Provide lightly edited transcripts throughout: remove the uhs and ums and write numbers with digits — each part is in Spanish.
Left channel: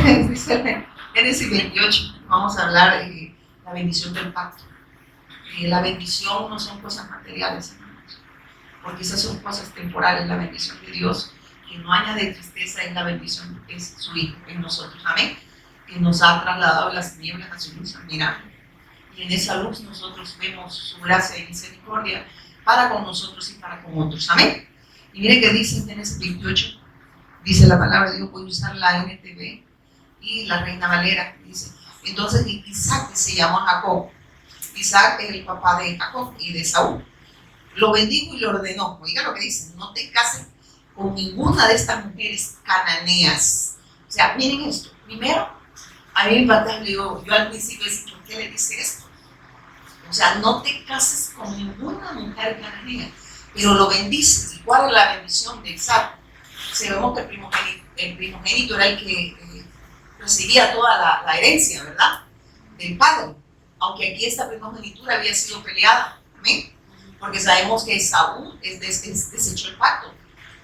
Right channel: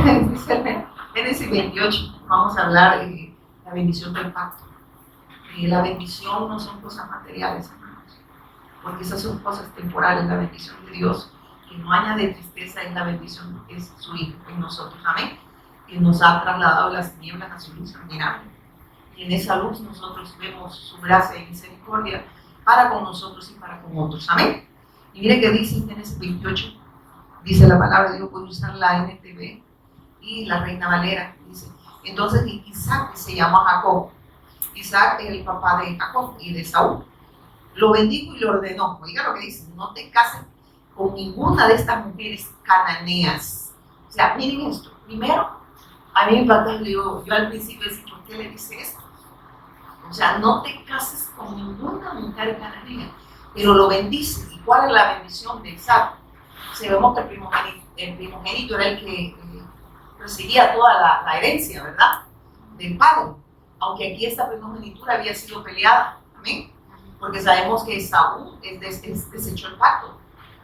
Dice en Génesis 28, vamos a hablar de la bendición del pacto. La bendición no son cosas materiales, hermanos, porque esas son cosas temporales. La bendición de Dios, que no añade tristeza, es la bendición, es su Hijo en nosotros, amén, que nos ha trasladado de las tinieblas a su luz admirable. Y en esa luz nosotros vemos su gracia y misericordia para con nosotros y para con otros, amén. Y mire que dice en Génesis 28, dice la palabra de Dios, voy a usar la NTV y la Reina Valera, dice, entonces Isaac se llamó Jacob. Isaac es el papá de Jacob y de Saúl. Lo bendijo y lo ordenó. Oiga lo que dice, no te cases con ninguna de estas mujeres cananeas. O sea, miren esto. Primero, a mí me impacta, yo al principio decía, ¿por qué le dice esto? O sea, no te cases con ninguna mujer cananea, pero lo bendices. ¿Y cuál es la bendición de Isaac? Sabemos que el primogénito era el que recibía toda la herencia, ¿verdad? Del padre. Aunque aquí esta primogenitura había sido peleada, ¿amén? Porque sabemos que Saúl desechó el pacto.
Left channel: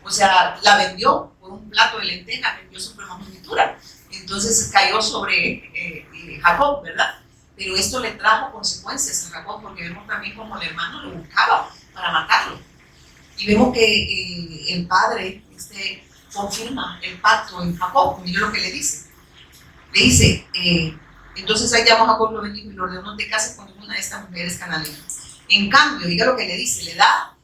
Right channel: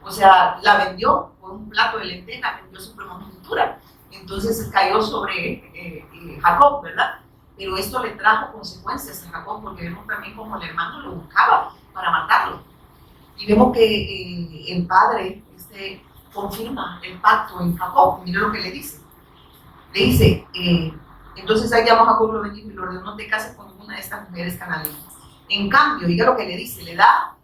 O sea, la vendió por un plato de lentejas, vendió su primogenitura. Entonces cayó sobre Jacob, ¿verdad? Pero esto le trajo consecuencias a Jacob, porque vemos también como el hermano lo buscaba para matarlo. Y vemos que el padre confirma el pacto en Jacob. Mire lo que le dice. Le dice, entonces ahí llamó a Jacob, lo bendijo y lo ordenó, no te cases con ninguna de estas mujeres cananeas. En cambio, diga lo que le dice, le da,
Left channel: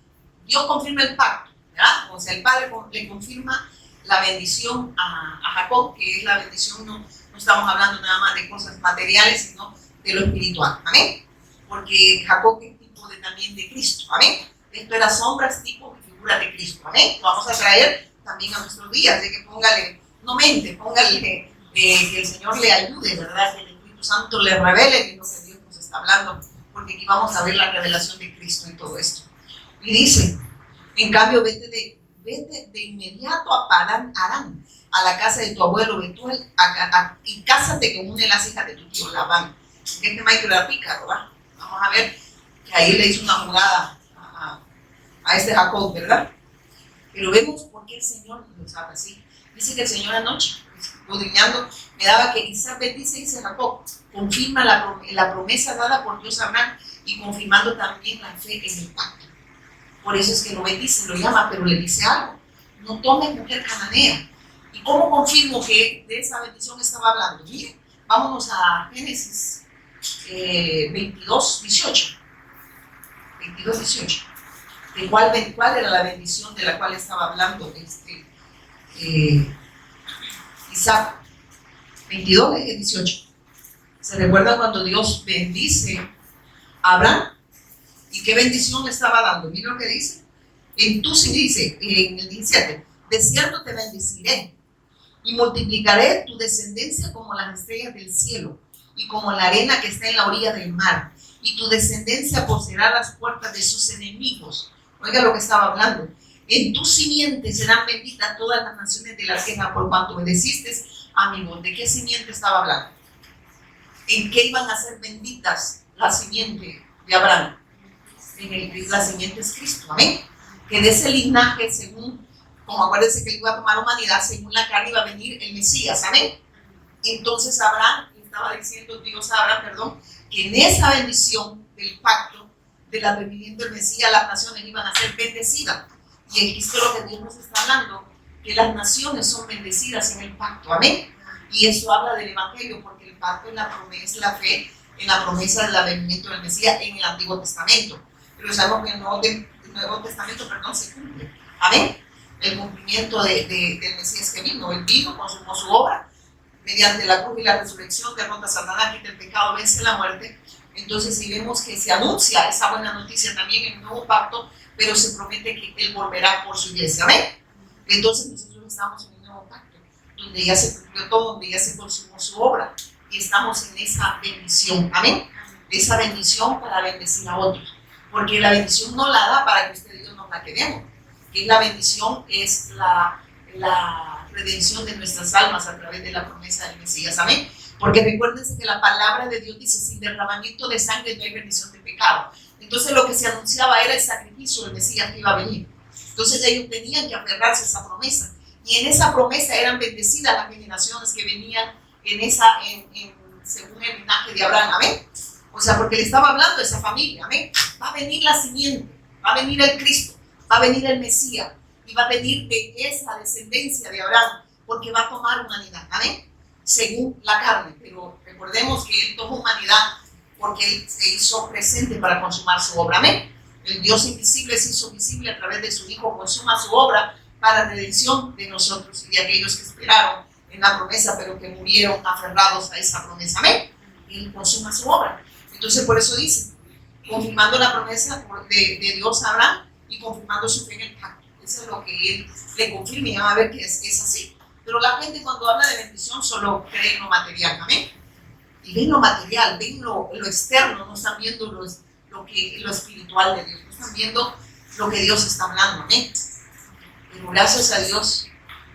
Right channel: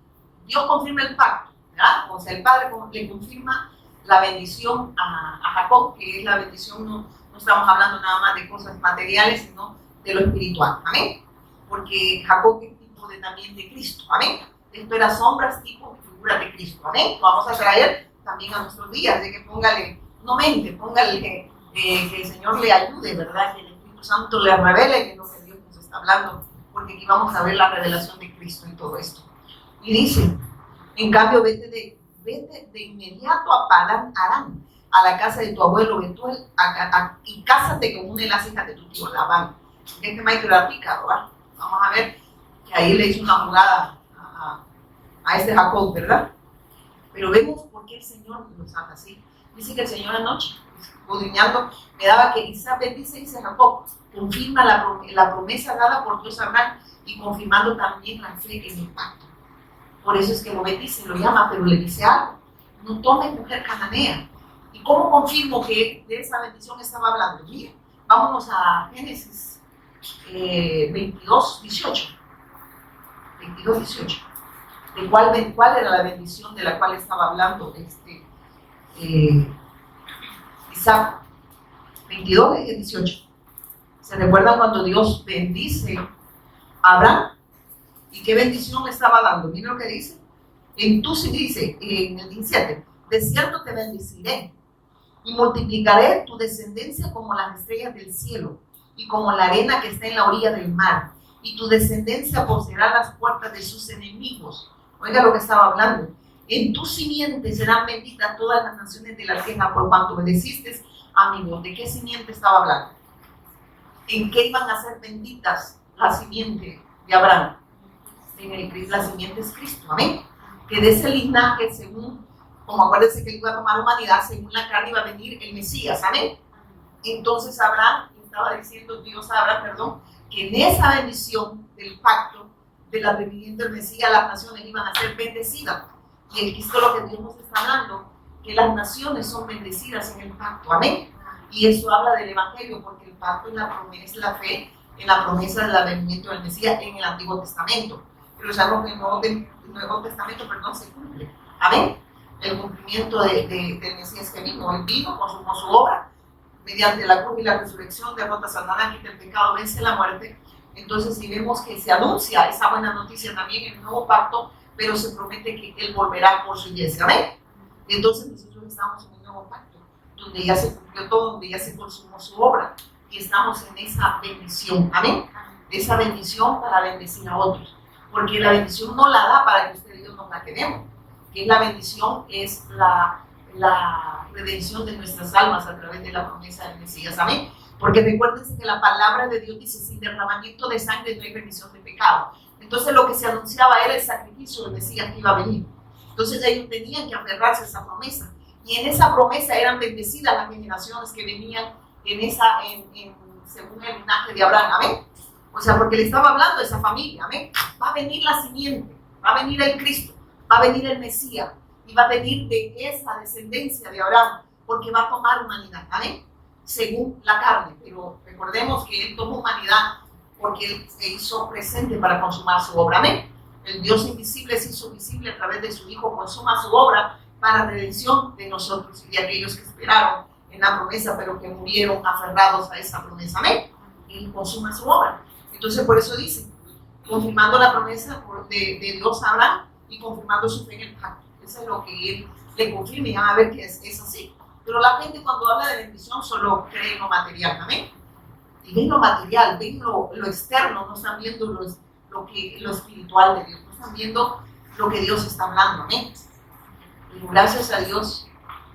Dios confirma el pacto, ¿verdad? O sea, el padre le confirma la bendición a Jacob, que es la bendición, no estamos hablando nada más de cosas materiales, sino de lo espiritual, amén. Porque Jacob es tipo también de Cristo, amén. Esto era sombras, tipo y figuras de Cristo, amén. Lo vamos a traer también a nuestros días, de que póngale, no mente, póngale que el Señor le ayude, ¿verdad? Que el Espíritu Santo le revele que es lo que Dios nos está hablando, porque aquí vamos a ver la revelación de Cristo y todo esto. Y dice, en cambio, vete de inmediato a Padán Aram, a la casa de tu abuelo Betuel, y cásate con una de las hijas de tu tío Labán. Este maestro era pícaro, ¿verdad? Vamos a ver que ahí le hizo una jugada a este Jacob, ¿verdad? Pero vemos por qué el Señor nos habla así. Dice que el Señor anoche, escudriñando, me daba que Isaac bendice, dice Jacob, confirma la promesa dada por Dios a Abraham y confirmando también la fe en el pacto. Por eso es que lo bendice, lo llama, pero le dice algo, no tomes mujer cananea. ¿Y cómo confirmo que de esa bendición estaba hablando? Miren, vámonos a Génesis 22, 18. ¿De cuál era la bendición de la cual estaba hablando Isaac? 22, 18. ¿Se recuerdan cuando Dios bendice a Abraham? ¿Y qué bendición le estaba dando? Miren lo que dice. Dice en el 17, de cierto te bendeciré y multiplicaré tu descendencia como las estrellas del cielo y como la arena que está en la orilla del mar, y tu descendencia poseerá las puertas de sus enemigos. Oiga lo que estaba hablando. En tu simiente serán benditas todas las naciones de la tierra por cuanto obedeciste a mi voz. ¿De qué simiente estaba hablando? ¿En qué iban a ser benditas la simiente de Abraham? La simiente es Cristo, amén. Que de ese linaje, según, como acuérdense que él iba a tomar humanidad, según la carne iba a venir el Mesías, amén. Entonces Abraham, estaba diciendo Dios a Abraham, perdón, que en esa bendición del pacto, del advenimiento del Mesías, las naciones iban a ser bendecidas. Y aquí es lo que Dios nos está hablando, que las naciones son bendecidas en el pacto, amén. Y eso habla del Evangelio, porque el pacto es la promesa, la fe, en la promesa del advenimiento del Mesías en el Antiguo Testamento. Pero sabemos que el Nuevo Testamento, se cumple, amén. El cumplimiento del Mesías que vino, él vino, consumó su obra, mediante la cruz y la resurrección, derrota a Satanás, quita el pecado, vence la muerte. Entonces, si vemos que se anuncia esa buena noticia también en el nuevo pacto, pero se promete que él volverá por su iglesia, amén. Entonces nosotros estamos en el nuevo pacto, donde ya se cumplió todo, donde ya se consumó su obra, y estamos en esa bendición, amén. Esa bendición para bendecir a otros, porque la bendición no la da para que usted y yo nos la quedemos, que la bendición es la redención de nuestras almas a través de la promesa del Mesías, amén. Porque recuérdense que la palabra de Dios dice, sin derramamiento de sangre no hay remisión de pecado. Entonces lo que se anunciaba era el sacrificio del Mesías que iba a venir. Entonces ellos tenían que aferrarse a esa promesa. Y en esa promesa eran bendecidas las generaciones que venían según el linaje de Abraham. Amén. O sea, porque le estaba hablando a esa familia. Amén. Va a venir la simiente, va a venir el Cristo, va a venir el Mesías y va a venir de esa descendencia de Abraham, porque va a tomar humanidad. Amén. Según la carne. Pero recordemos que él tomó humanidad porque él se hizo presente para consumar su obra. Amén. El Dios invisible se hizo visible a través de su Hijo, consuma su obra para redención de nosotros y de aquellos que esperaron en la promesa, pero que murieron aferrados a esa promesa. Amén. Él consuma su obra. Entonces, por eso dice, confirmando la promesa de Dios a Abraham y confirmando su fe en el pacto. Eso es lo que él le confirma y van a ver que es así. Pero la gente cuando habla de bendición solo cree en lo material. Amén. Y ven lo material, ven lo externo, no están viendo lo espiritual de Dios, no están viendo lo que Dios está hablando. Amén. Pero gracias a Dios,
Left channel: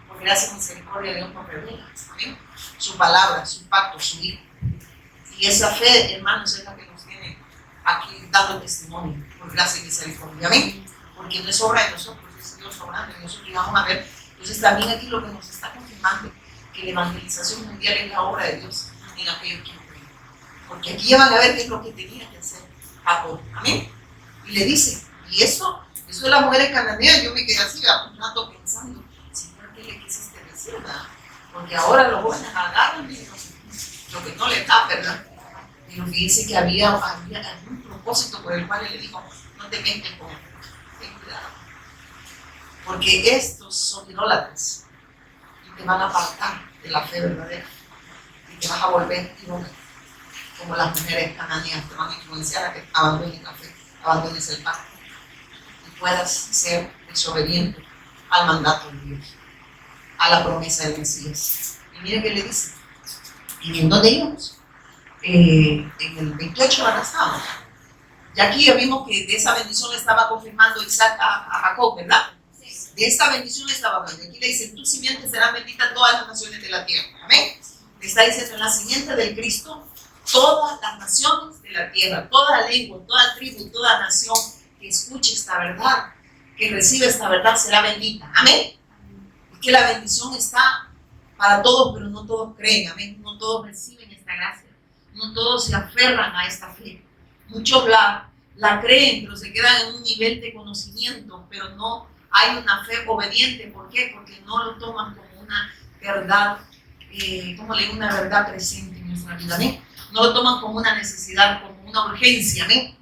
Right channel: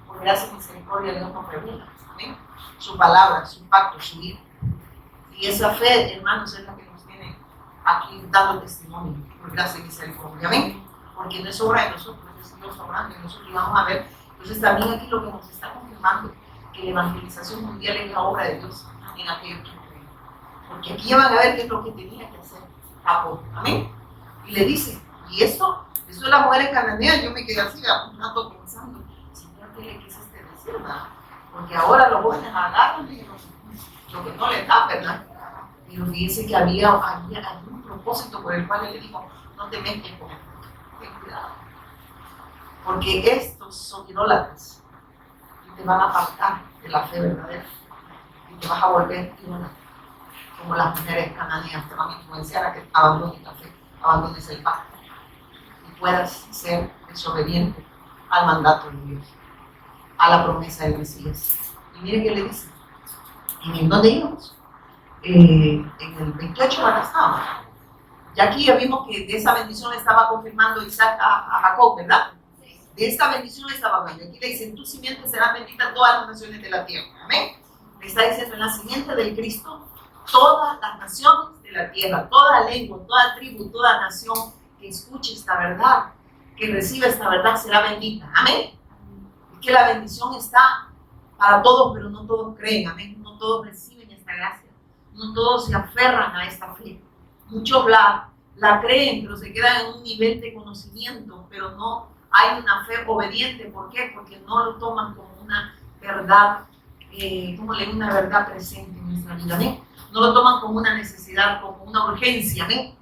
por gracia y misericordia, Dios nos revela. Amén. Su palabra, su pacto, su Hijo. Y esa fe, hermanos, es la que nos tiene aquí dando testimonio, por gracia y misericordia. Amén. Porque no es obra de nosotros, es Dios obrando en nosotros. Y vamos a ver, entonces también aquí lo que nos está confirmando, que la evangelización mundial es la obra de Dios en aquellos que creen. Porque aquí van a ver qué es lo que tenía que hacer Jacob. Amén. Y le dice, y eso de las mujeres cananeas, yo me quedé así un rato pensando, Señor, ¿qué le quisiste decir, verdad? Porque ahora los jóvenes agarran lo que no les da, ¿verdad? Pero fíjense que había algún propósito por el cual él le dijo, no te metas con él, ten cuidado. Porque estos son idólatras y te van a apartar de la fe verdadera y te vas a volver idólatra. Como las mujeres cananeas te van a influenciar a que abandones la fe, abandones el pacto y puedas ser desobediente al mandato de Dios, a la promesa del Mesías. Y miren qué le dice, ¿en dónde íbamos? En el 28 ahora estábamos. Ya aquí ya vimos que de esa bendición le estaba confirmando Isaac a Jacob, ¿verdad? De esta bendición le estaba hablando. Aquí le dice, en tu simiente serán benditas todas las naciones de la tierra. Amén. Le está diciendo, en la simiente del Cristo, todas las naciones de la tierra, toda lengua, toda tribu, toda nación que escuche esta verdad, que reciba esta verdad, será bendita. Amén. Que la bendición está para todos, pero no todos creen. Amén. No todos reciben esta gracia. No todos se aferran a esta fe. Muchos la creen, pero se quedan en un nivel de conocimiento, pero no hay una fe obediente. ¿Por qué? Porque no lo toman como una verdad, una verdad presente en nuestra vida. ¿Amén? No lo toman como una necesidad, como una urgencia. ¿Amén?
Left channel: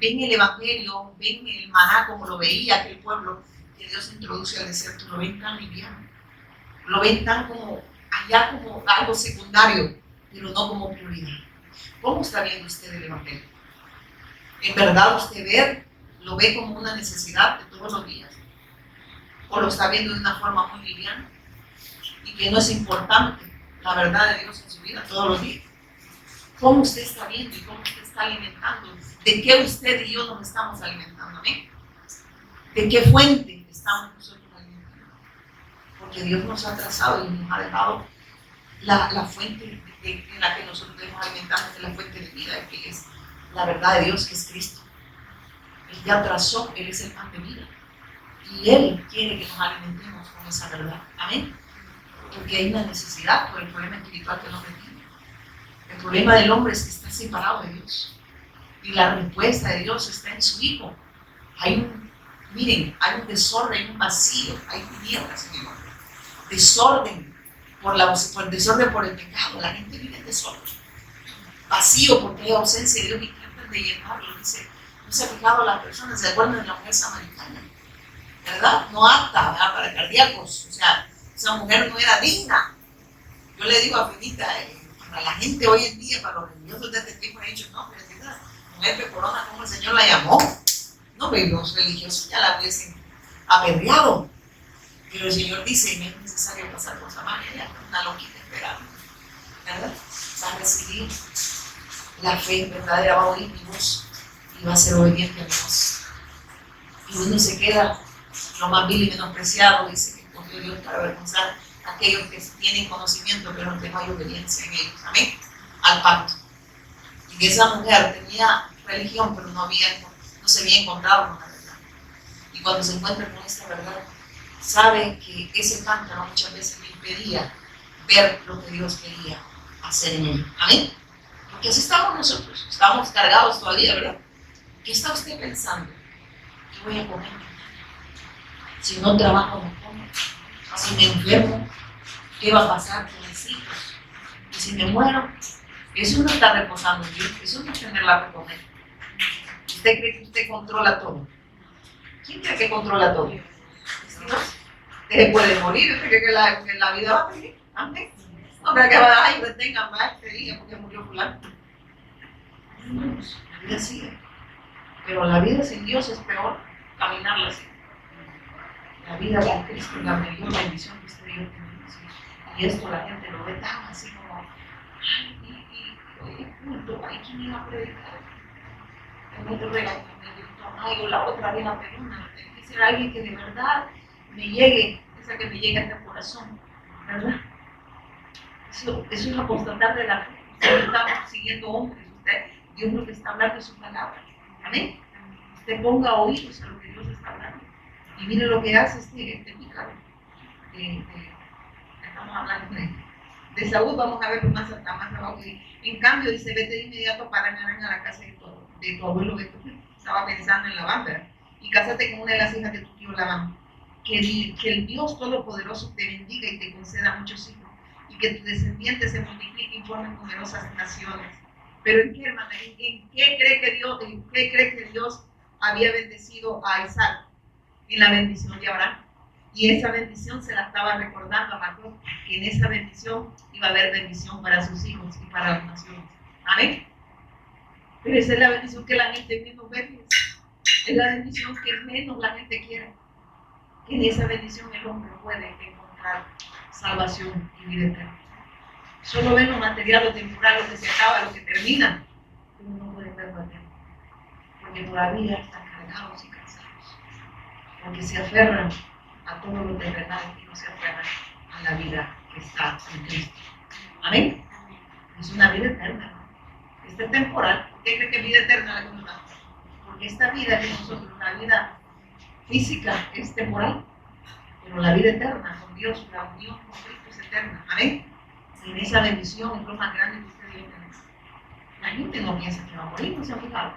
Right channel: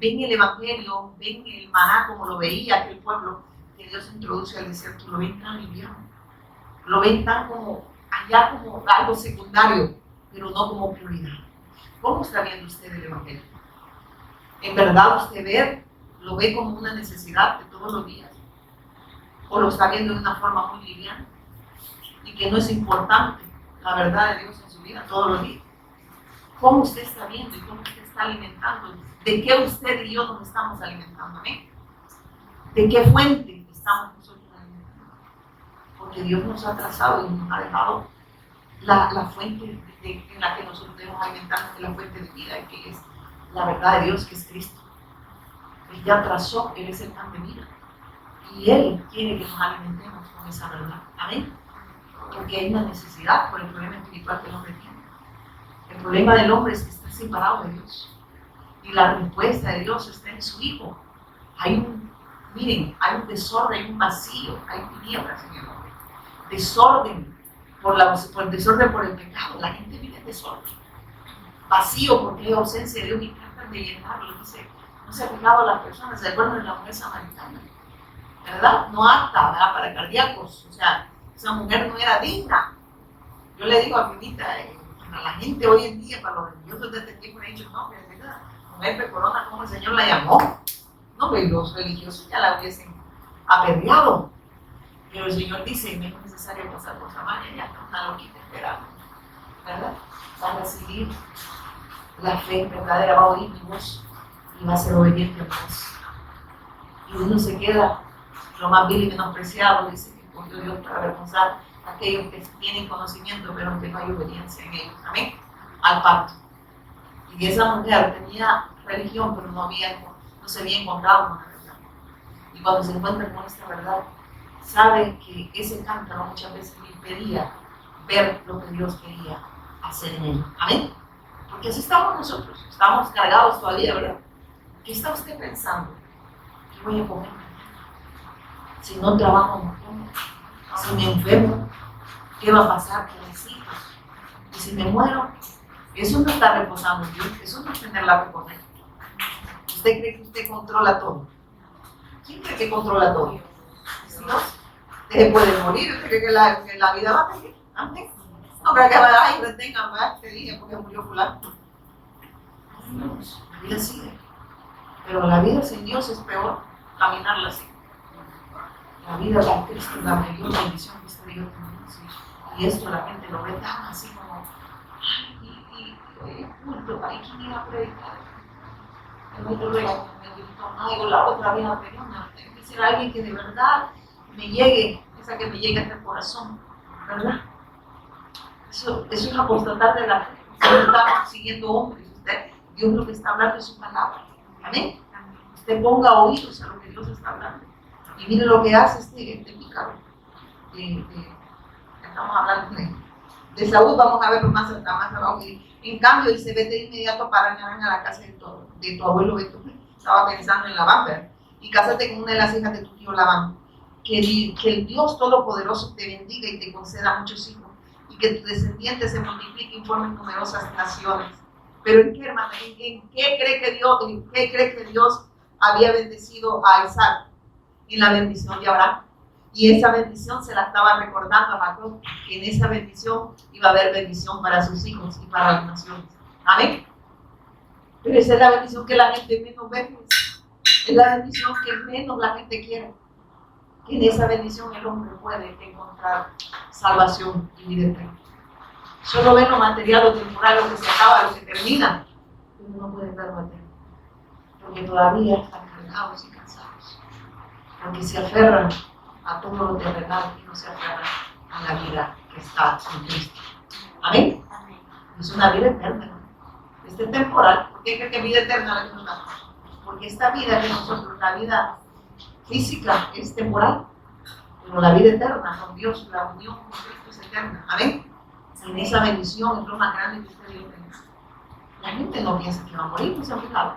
Ven el evangelio, ven el maná como lo veía aquel pueblo que Dios introduce al desierto, lo ven tan liviano, lo ven tan como allá como algo secundario, pero no como prioridad. ¿Cómo está viendo usted el evangelio? ¿En verdad usted lo ve como una necesidad de todos los días? ¿O lo está viendo de una forma muy liviana? Y que no es importante la verdad de Dios en su vida todos los días. ¿Cómo usted está viendo y cómo usted está alimentando? ¿De qué usted y yo nos estamos alimentando? ¿Eh? ¿De qué fuente estamos nosotros alimentando? Porque Dios nos ha trazado y nos ha dejado la fuente en la que nosotros debemos alimentarnos, de la fuente de vida, que es la verdad de Dios, que es Cristo. Él ya trazó, Él es el pan de vida. Y Él quiere que nos alimentemos con esa verdad. Amén. Porque hay una necesidad por el problema espiritual que el hombre tiene. El problema del hombre es que está separado de Dios. Y la respuesta de Dios está en su Hijo. Hay un desorden, hay un vacío, hay tinieblas en el hombre. Desorden por el pecado. La gente vive en desorden. Vacío porque hay ausencia de Dios y tratan de llenarlo. Dice, no se ha fijado las personas, ¿se acuerdan de la mujer samaritana? ¿Verdad? No apta, ¿verdad? Para cardíacos. O sea, esa mujer no era digna. Yo le digo a Finita, para la gente hoy en día, para los religiosos de este tiempo, he dicho, no, pero esa mujer pecorona, ¿cómo el Señor la llamó? No, pero los religiosos ya la hubiesen apedreado. Pero el Señor dice, no es necesario pasar por Samaria, ya una loquita esperando, ¿verdad? Va a recibir la fe verdadera, va a oír mi voz y va a ser obediente a mi voz. Y uno se queda lo más vil y menospreciado, dice que escogió Dios para avergonzar a aquellos que tienen conocimiento, pero que no hay obediencia en ellos. Amén. Al pacto. Y que esa mujer tenía religión, pero no se había encontrado con la verdad. Y cuando se encuentra con esta verdad, sabe que ese cántaro muchas veces me impedía ver lo que Dios quería hacer en ello. Amén. Porque así estamos nosotros, estamos cargados todavía, ¿verdad? ¿Qué está usted pensando? ¿Qué voy a comer? Si no trabajo, no como. Si me enfermo, ¿qué va a pasar con mis hijos? Y si me muero, eso no está reposando en Dios, eso no es tener la fe con Él. ¿Usted cree que usted controla todo? ¿Quién cree que controla todo? Dios. Usted se puede morir, usted cree que la vida va a seguir. Amén. No creo que va a dar, ay, detengan más este día porque murió fulano. La vida sigue. Pero la vida sin Dios es peor caminarla así. La vida con Cristo es la mayor bendición que usted y yo tenemos. Y esto la gente lo ve tan así como, ay, oye, culto, ay, ¿quién iba a predicar? El otro regaño me gritó, ay, o la otra vez la pegona. Tiene que ser alguien que de verdad me llegue, esa que me llegue hasta el corazón, ¿verdad? Eso es apostatar de la fe. Usted no está siguiendo hombres, Dios lo que está hablando es su palabra. Amén. Usted ponga oídos a lo que Dios está hablando. Y mire lo que hace este pícaro. Estamos hablando de Saúl, vamos a verlo más abajo. En cambio, dice, vete de inmediato para a la casa de tu abuelo Beto. Estaba pensando en Labán, ¿verdad? Y cásate con una de las hijas de tu tío Labán. Que el Dios Todopoderoso te bendiga y te conceda muchos hijos. Y que tu descendiente se multiplique y formen numerosas naciones. Pero ¿en qué, hermana? ¿En qué cree que Dios había bendecido a Isaac? En la bendición de Abraham. Y esa bendición se la estaba recordando a Jacob, que en esa bendición iba a haber bendición para sus hijos y para las naciones. Amén. Pero esa es la bendición que la gente menos ve. Es la bendición que menos la gente quiere. Que en esa bendición el hombre puede encontrar salvación y vida eterna. Solo ven lo material, lo temporal, lo que se acaba, lo que termina. Pero no pueden ver lo eterno. Porque todavía están cargados y cansados. Porque se aferran a todo lo terrenal y no se aferran a la vida que está en Cristo. Amén. Es una vida eterna, ¿no? Esta es temporal. ¿Por qué cree que vida eterna le gusta? Porque esta vida que nosotros, la vida física es temporal, pero la vida eterna con Dios, la unión con Cristo es eterna. Amén. En esa bendición es lo más grande que usted y yo tenemos. La gente no piensa que va a morir, no se ha fijado.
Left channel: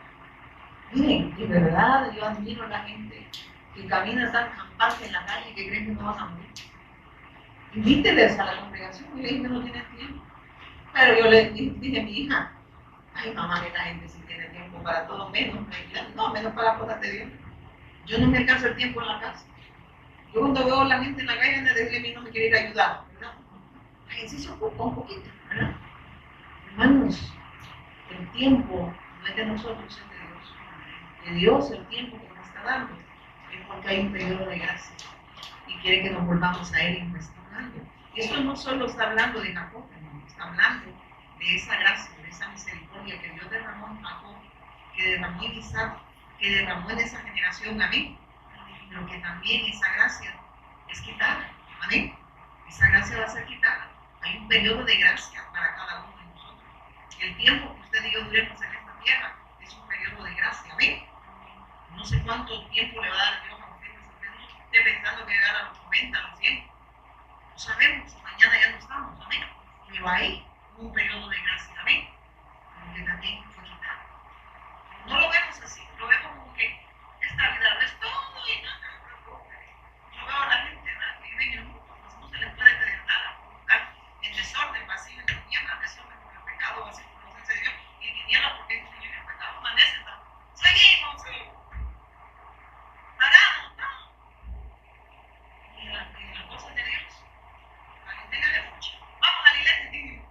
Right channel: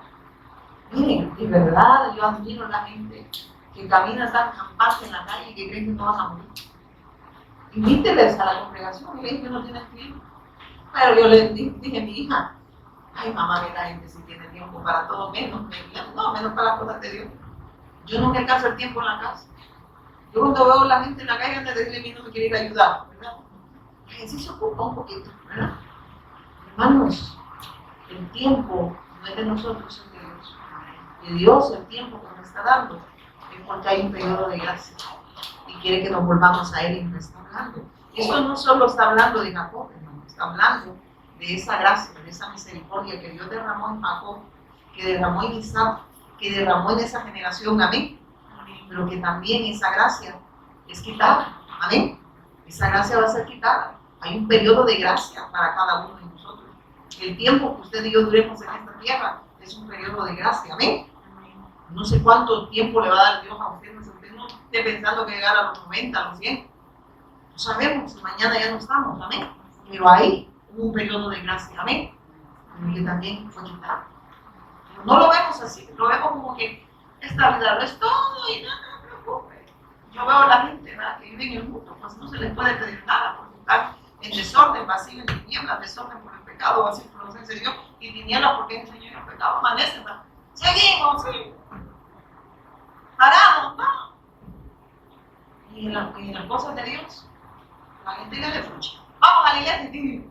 Miren, de verdad yo admiro a la gente que camina tan campante en la calle y que creen que no van a morir. Invíteles a la congregación y le dije que no tienen tiempo. Pero yo le dije a mi hija, ay mamá, que la gente sí tiene tiempo para todo, menos para las cosas de Dios. Yo no me alcanzo el tiempo en la casa. Yo cuando veo a la gente en la calle, antes de decirle a mí no me quiere ir a ayudar, ¿verdad? La gente sí se ocupa un poquito, ¿verdad? Hermanos, el tiempo no es de nosotros, es de Dios. De Dios el tiempo que nos está dando es porque hay un periodo de gracia y quiere que nos volvamos a Él y nos está hablando. Eso no solo está hablando de Jacob, hermano, está hablando de esa gracia, de esa misericordia que Dios derramó en Jacob, que derramó en Isaac, que derramó en esa generación, amén. Pero que también esa gracia es quitada, amén. Esa gracia va a ser quitada. Hay un periodo de gracia para cada uno de nosotros. El tiempo que usted y yo duremos en esta tierra es un periodo de gracia, amén. No sé cuánto tiempo le va a dar Dios a usted, usted no esté pensando que llegar a los 90, a los 100. No sabemos si mañana ya no estamos, amén. Pero ahí hubo un periodo de gracia, amén. Que también fue quitado. Pero no lo vemos así, lo vemos como que esta vida lo es todo y no se preocupe. Yo veo a la gente, ¿verdad?, que vive en el mundo, pues no se les puede pedir nada porque están en desorden, vacío, en tinieblas, desorden por el pecado, vacío por la ausencia de Dios y tinieblas porque es el pecado, amanecen, ¿verdad? Seguimos, paramos, ¿no? Y en las cosas de Dios, la gente le refugia. Vamos a la iglesia y digo,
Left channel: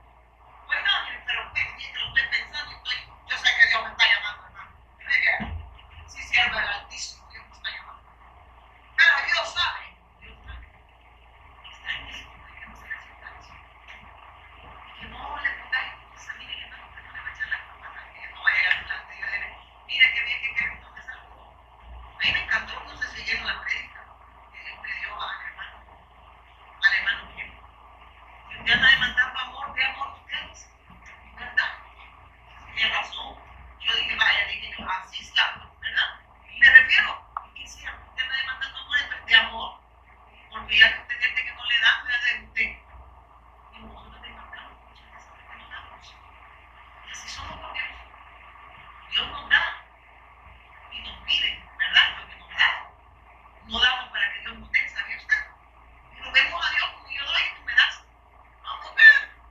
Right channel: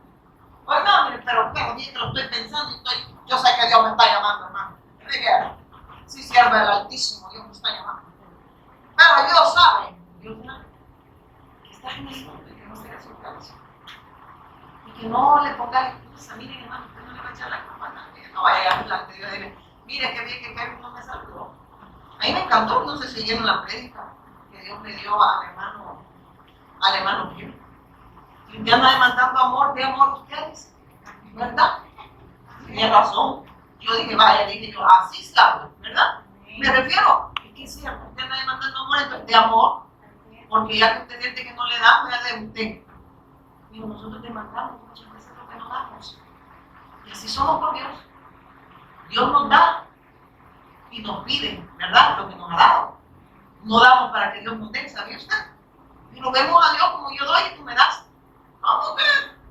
pues no, mire, pero mientras lo estoy pensando y yo sé que Dios me está llamando, hermano. Sí, sierva del Altísimo, Dios me está llamando. Pero Dios sabe que está en eso, que no se resulta eso. Y que no le ponga excusa, mire, hermano, usted no le va a echar la culpa a nadie, no vaya a llegar delante y decirle, mire, qué bien que Kevin no me saludó. A mí me encantó, no sé si oyeron la prédica que Dios le dio al hermano Kim. Y usted anda demandando amor, de amor a ustedes, ¿verdad? Tiene razón. Yo dije, vaya, así es, claro, ¿verdad? Me refiero, es que es cierto, usted anda demandando amor, entonces, de amor. porque ya que usted siente que no le da, me da de usted. Digo, nosotros demandamos muchas veces lo que no damos. Y así somos con Dios. Dios nos da y nos pide, ¿verdad? Lo que nos ha dado. No damos para que Dios nos dé, ¿sabía usted? Y lo vemos a Dios como yo doy y tú me das. No, porque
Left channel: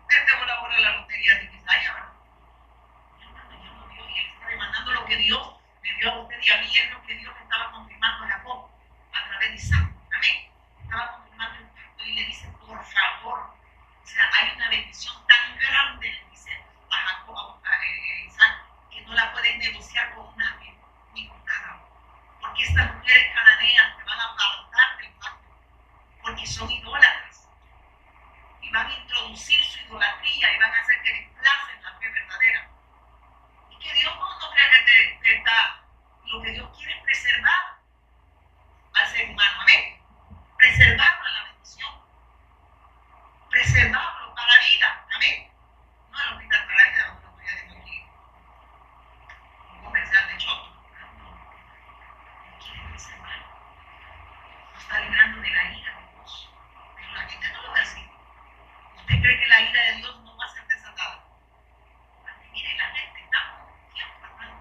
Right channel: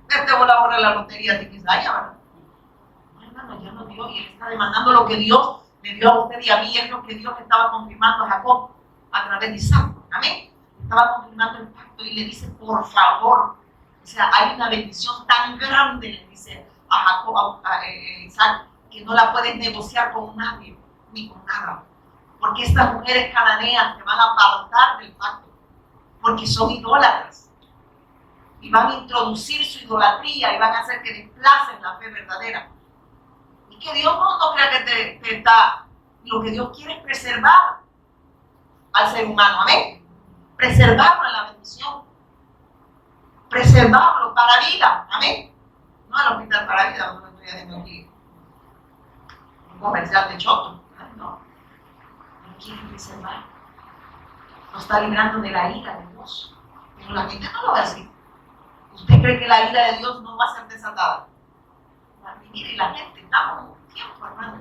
te voy a borrar la lotería de Isaías, ¿verdad? Mi hermano, Dios nos dio y Él está demandando lo que Dios me dio a usted y a mí. Es lo que Dios le estaba confirmando a Jacob a través de Isaac. Amén. Estaba confirmando el pacto y le dice, por favor. O sea, hay una bendición tan grande, le dice a Jacob, a Isaac, que no la puedes negociar con nadie, ni con nada. Porque estas mujeres cananeas te van a apartar del pacto, porque son idólatras. Y van a introducir su idolatría y van a hacer que desplacen la fe verdadera. Y que Dios no crea que te está... Lo que Dios quiere es preservar al ser humano, amén. Preservarlo en la bendición. Preservarlo para vida, amén. No al hospital para vida, donde estoy haciendo aquí un comercial de choto. No. Él quiere preservar. Lo está librando de la ira de Dios. Pero la gente no lo ve así. ¿Usted cree que la ira de Dios no va a ser desatada? Y mire, la gente, estamos en un tiempo, hermano,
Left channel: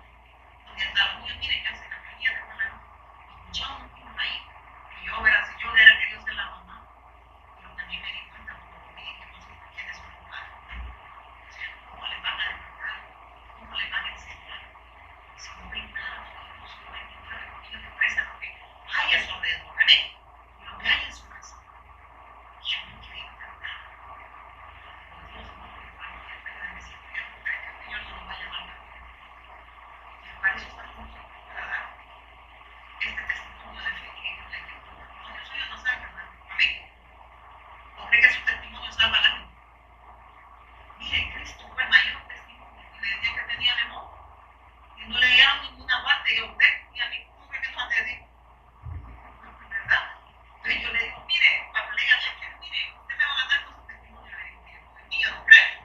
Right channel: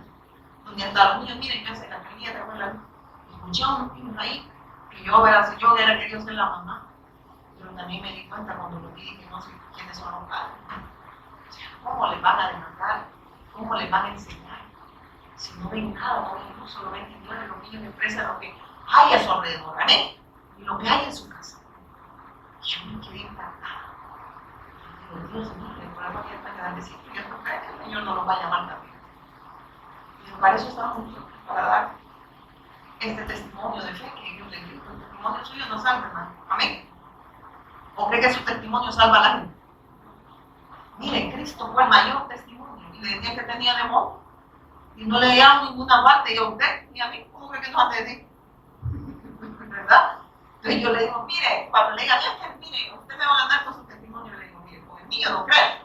donde hasta los niños, miren, yo sé la calidad de la escuché a unos niños ahí, que yo, si yo hubiera querido ser la mamá, pero también me di cuenta cuando lo vi que no sé quiénes son los padres. ¿Cómo les van a demandar? ¿Cómo les van a enseñar? Si no ven nada, no ven luz, solo ven que Dios, los niños desprecian lo que hay a su alrededor, amén, y lo que hay en su casa. Yo me quedé impactada. Dios mío, el problema que es tan grandecito, yo no creo que el Señor no nos va a llamar también. Y para eso estamos nosotros, para dar este testimonio de fe que Dios le dio. El testimonio suyo no salva, hermano. Amén. ¿O cree que su testimonio salva a la gente? Mire, Cristo fue el mayor testimonio. Y le decían que tenía demonio. Y no le dieron ninguna parte. Y a usted y a mí, ¿cómo cree que nos hace decir? ¿Verdad? Entonces yo le digo, mire, cuando le digan, es que mire, usted me va a ganar con su testimonio, le digo, mire, pues el mío no cree,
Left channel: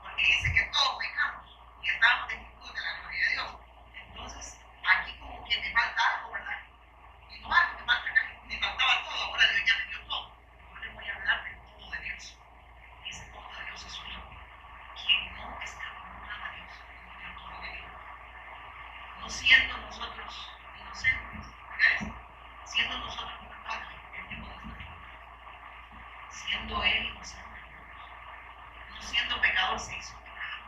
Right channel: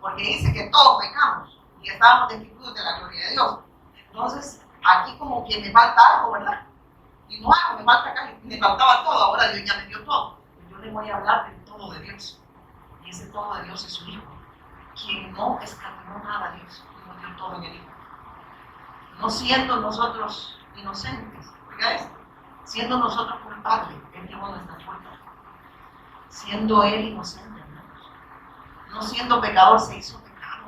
porque dice que todos pecamos y estábamos destituidos de la gloria de Dios. Entonces, aquí como que me falta algo, ¿verdad? Y no algo, me falta acá, me faltaba todo, ahora Dios ya me dio todo. Y yo le voy a hablar del todo de Dios. Y ese todo de Dios es su Hijo, quien no escatimó nada a Dios, y nos dio todo de Dios. No siendo nosotros inocentes, oiga esto, siendo nosotros culpables, Él llevó nuestra culpa. Siendo Él inocente, hermanos. No siendo pecador, se hizo pecado.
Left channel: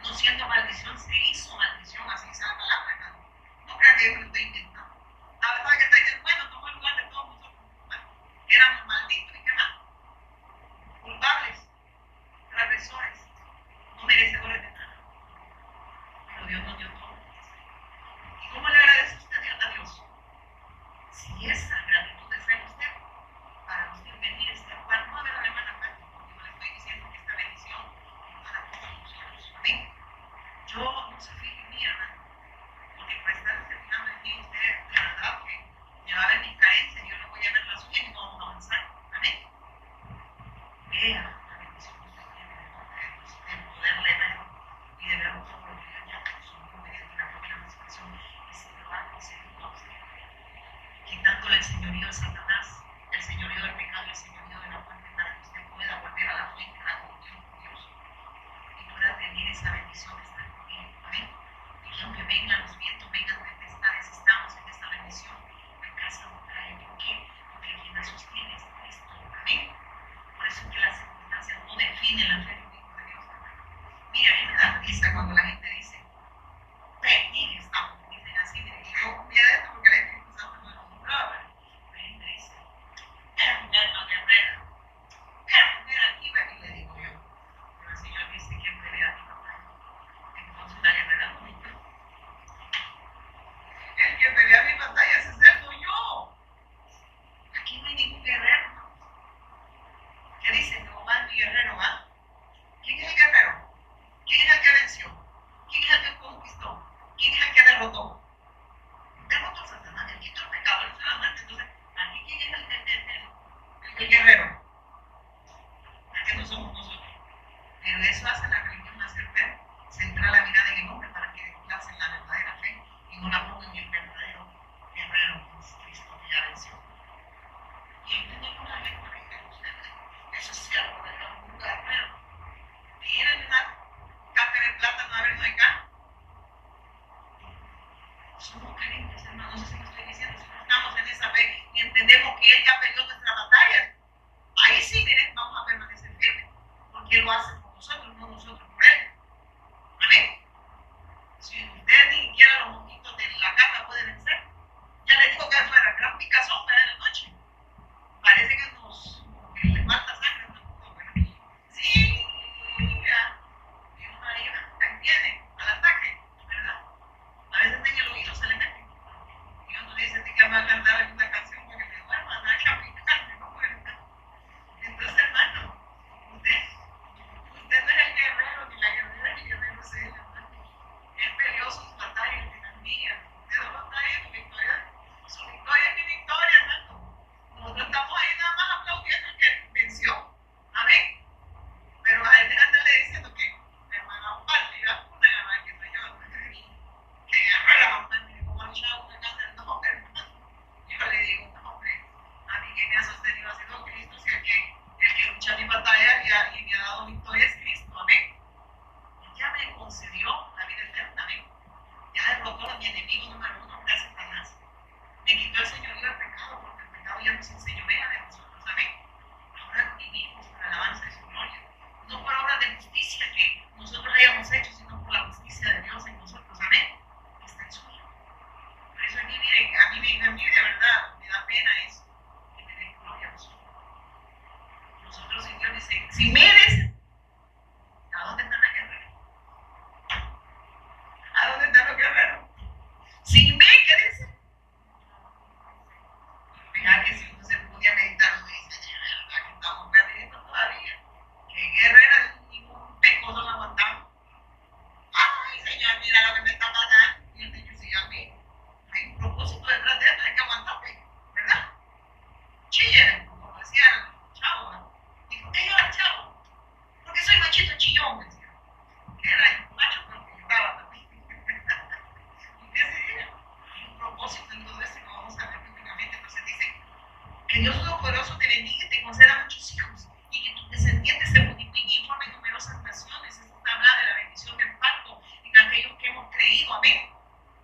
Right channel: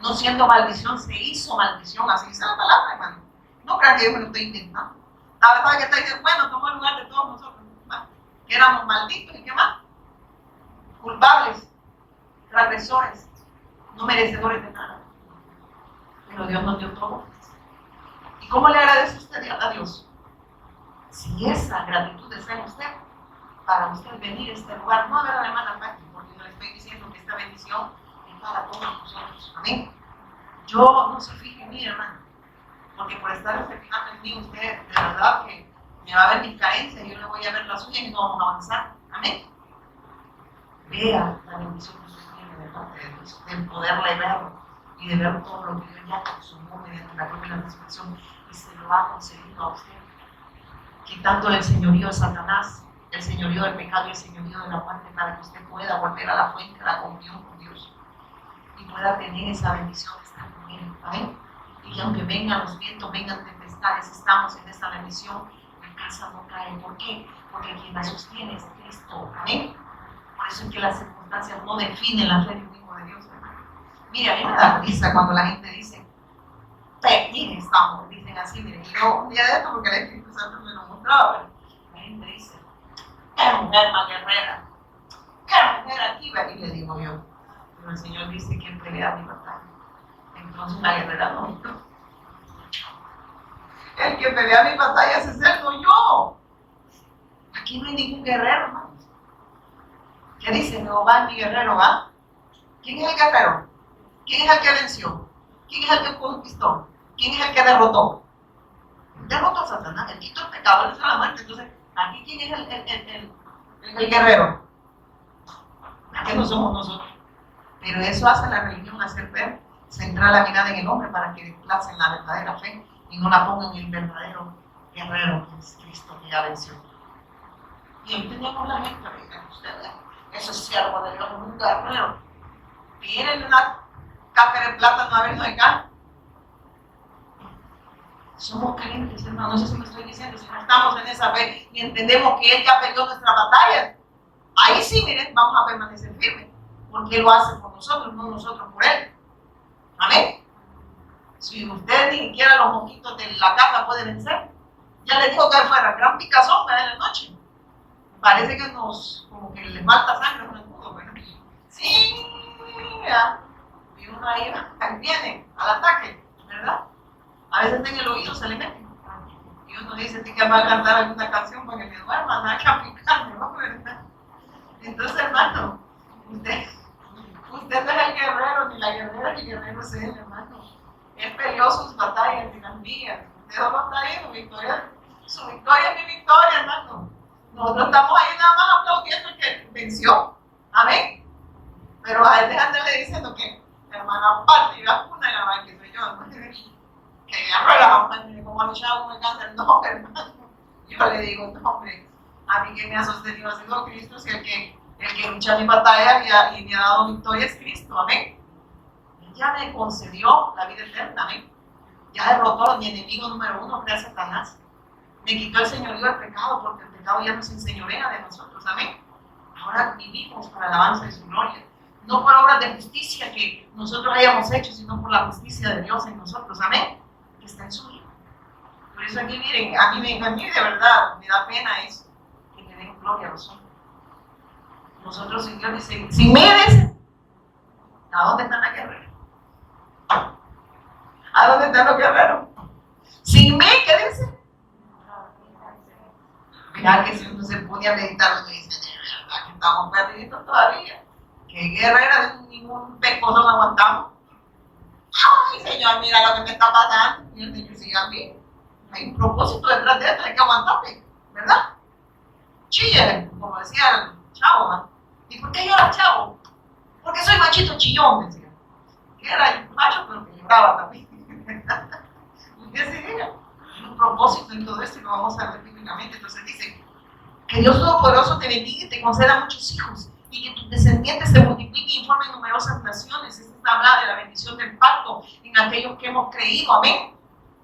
No siendo maldición, se hizo maldición. Así dice la palabra, hermano. No crean que yo me lo estoy inventando. La verdad es que está diciendo, bueno, tomó el lugar de todos nosotros. Bueno, que éramos malditos y qué más. Culpables, transgresores, no merecedores de nada. Pero Dios nos dio todo. ¿Y cómo le agradece usted a Dios? Si esa gratitud está en usted, para usted venir a este lugar, no a ver a la hermana Pati, porque no le estoy diciendo que esta bendición es para todos nosotros. Amén. Yo no se fije en mí, hermano, porque por estar fijando en mí, usted de verdad que me va a ver mis carencias, yo le voy a ver las suyas y no vamos a avanzar. Amén. Vea la bendición que usted tiene de parte de Dios, de poderle ver y de ver todo lo que Dios ya consumió mediante la propia resurrección y se lo ha concedido a usted, quitándole el señorío de Satanás, el señorío del pecado y el señorío de la muerte, para que usted pueda volver a la fuente de la comunión con Dios y pueda tener esa bendición que está con Él. Amén. Y que aunque vengan los vientos, vengan tempestades, estamos en esta bendición, la casa no cae. ¿Por qué? Porque quien la sostiene es Cristo. Amén. Por eso es que las circunstancias no definen la fe de un hijo de Dios, hermano. Mira, a mí me da risa cuando la gente dice, miren, estamos, dicen así, miren, y yo un día de esto, porque el Espíritu Santo me lo mostraba, pero la gente dice, qué mujer más guerrera, qué mujer aquí, y le digo yo, pero el Señor dice que Él pelea mi batalla, entonces la guerrera no yo. El que pelea mi batalla ese ser soy yo. Aquí no hay ningún guerrero, hermano. ¿Qué dice? Jehová es mi guerrero, ¿va? ¿Quién es el guerrero? ¿Quién es el que venció? ¿Quién es el que conquistó? ¿Quién es el que derrotó? Derrotó a Satanás, el quito el pecado, el la muerte. Entonces, aquí ¿quién es el guerrero? Aquí no somos nosotros. Pero eso hace la religión, hacer ver, centrar la mirada en el hombre para que desplacen la verdadera fe y no la pongan en el verdadero guerrero, que es Cristo, que ya venció. Y entendemos la gente, ustedes, esos siervos de Dios, un guerrero, tienen una caja de plata, a ver, no hay acá. Somos creyentes, hermano, no sé si me estoy diciendo, si no estamos en esa fe y entendemos que Él ya peleó nuestra batalla, ahí sí, miren, vamos a permanecer firmes, porque Él lo hace por nosotros, no nosotros por Él. Amén. Si usted ni siquiera los mosquitos de la casa puede vencer, ya le dijo que fuera gran picazón de la noche. Parece que como que le falta sangre en el escudo, ¿verdad? Sí, ya. Y uno ahí viene al ataque, ¿verdad? A veces en el oído se le mete. Y uno dice que va a cantar alguna canción para que me duerma, no hay que aplicarme, ¿no? ¿Verdad? Entonces, hermano, usted no es el guerrero, ni la guerrera, ni el guerrero es él, hermano. Él peleó sus batallas y las mías. Usted no está ahí, su victoria es mi victoria, hermano. Nosotros estamos ahí nada más aplaudiendo el que venció. Amén. Pero a él dejándole diciendo que la hermana Pati iba una y la verdad que soy yo, hermano. Que agarró la mamá y me como ha luchado con el cáncer. No, hermano. Yo le digo, no, hombre, a mí que me ha sostenido ha sido Cristo, si el que lucha mi batalla y me ha dado victoria es Cristo. Amén. Ya me concedió la vida eterna, amén. Ya derrotó a mi enemigo número 1, que era Satanás. Me quitó el señorío del pecado, porque el pecado ya nos enseñorea de nosotros, amén. Ahora vivimos para la alabanza de su gloria. No por obras de justicia que nosotros hayamos hecho, sino por la justicia de Dios en nosotros, amén. Que está en su Hijo. Por eso aquí, miren, a mí de verdad me da pena eso, que me den gloria a los hombres. Nosotros, si Dios dice, sin mí, dice, ¿a dónde están las guerreras? ¿A dónde están los guerreros? Sin mí, ¿qué dice? Mira que si uno se pone a meditar, uno dice, de verdad que estamos perdidos todavía. ¿Qué guerreras? Ningún pecozón aguantamos. Ay, Señor, mira lo que me está pasando. Y el Señor sigue a mí. Hay un propósito detrás de esto, hay que aguantarme, ¿verdad? Chille, como decía el chavo, ¿no? ¿Y por qué llora el chavo? Porque soy machito chillón, decía. Que era macho, pero que lloraba también. ¿Y qué se diga? Hay un propósito en todo esto y lo vamos a ver bíblicamente. Entonces dice que Dios Todopoderoso te bendiga y te conceda muchos hijos y que tus descendientes se multipliquen y formen numerosas naciones. Esta es habla de la bendición del pacto en aquellos que hemos creído, amén.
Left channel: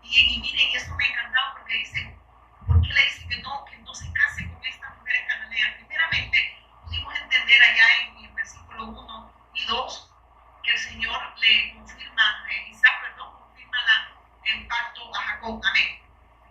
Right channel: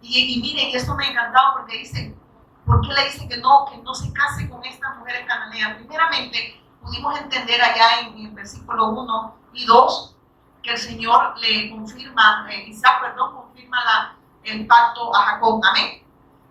Y miren, y esto me ha encantado porque dice, ¿por qué le dice que no se case con estas mujeres cananeas? Primeramente, pudimos entender allá en el versículo 1 y 2 que el Señor le confirma, Isaac, confirma el pacto a Jacob, amén,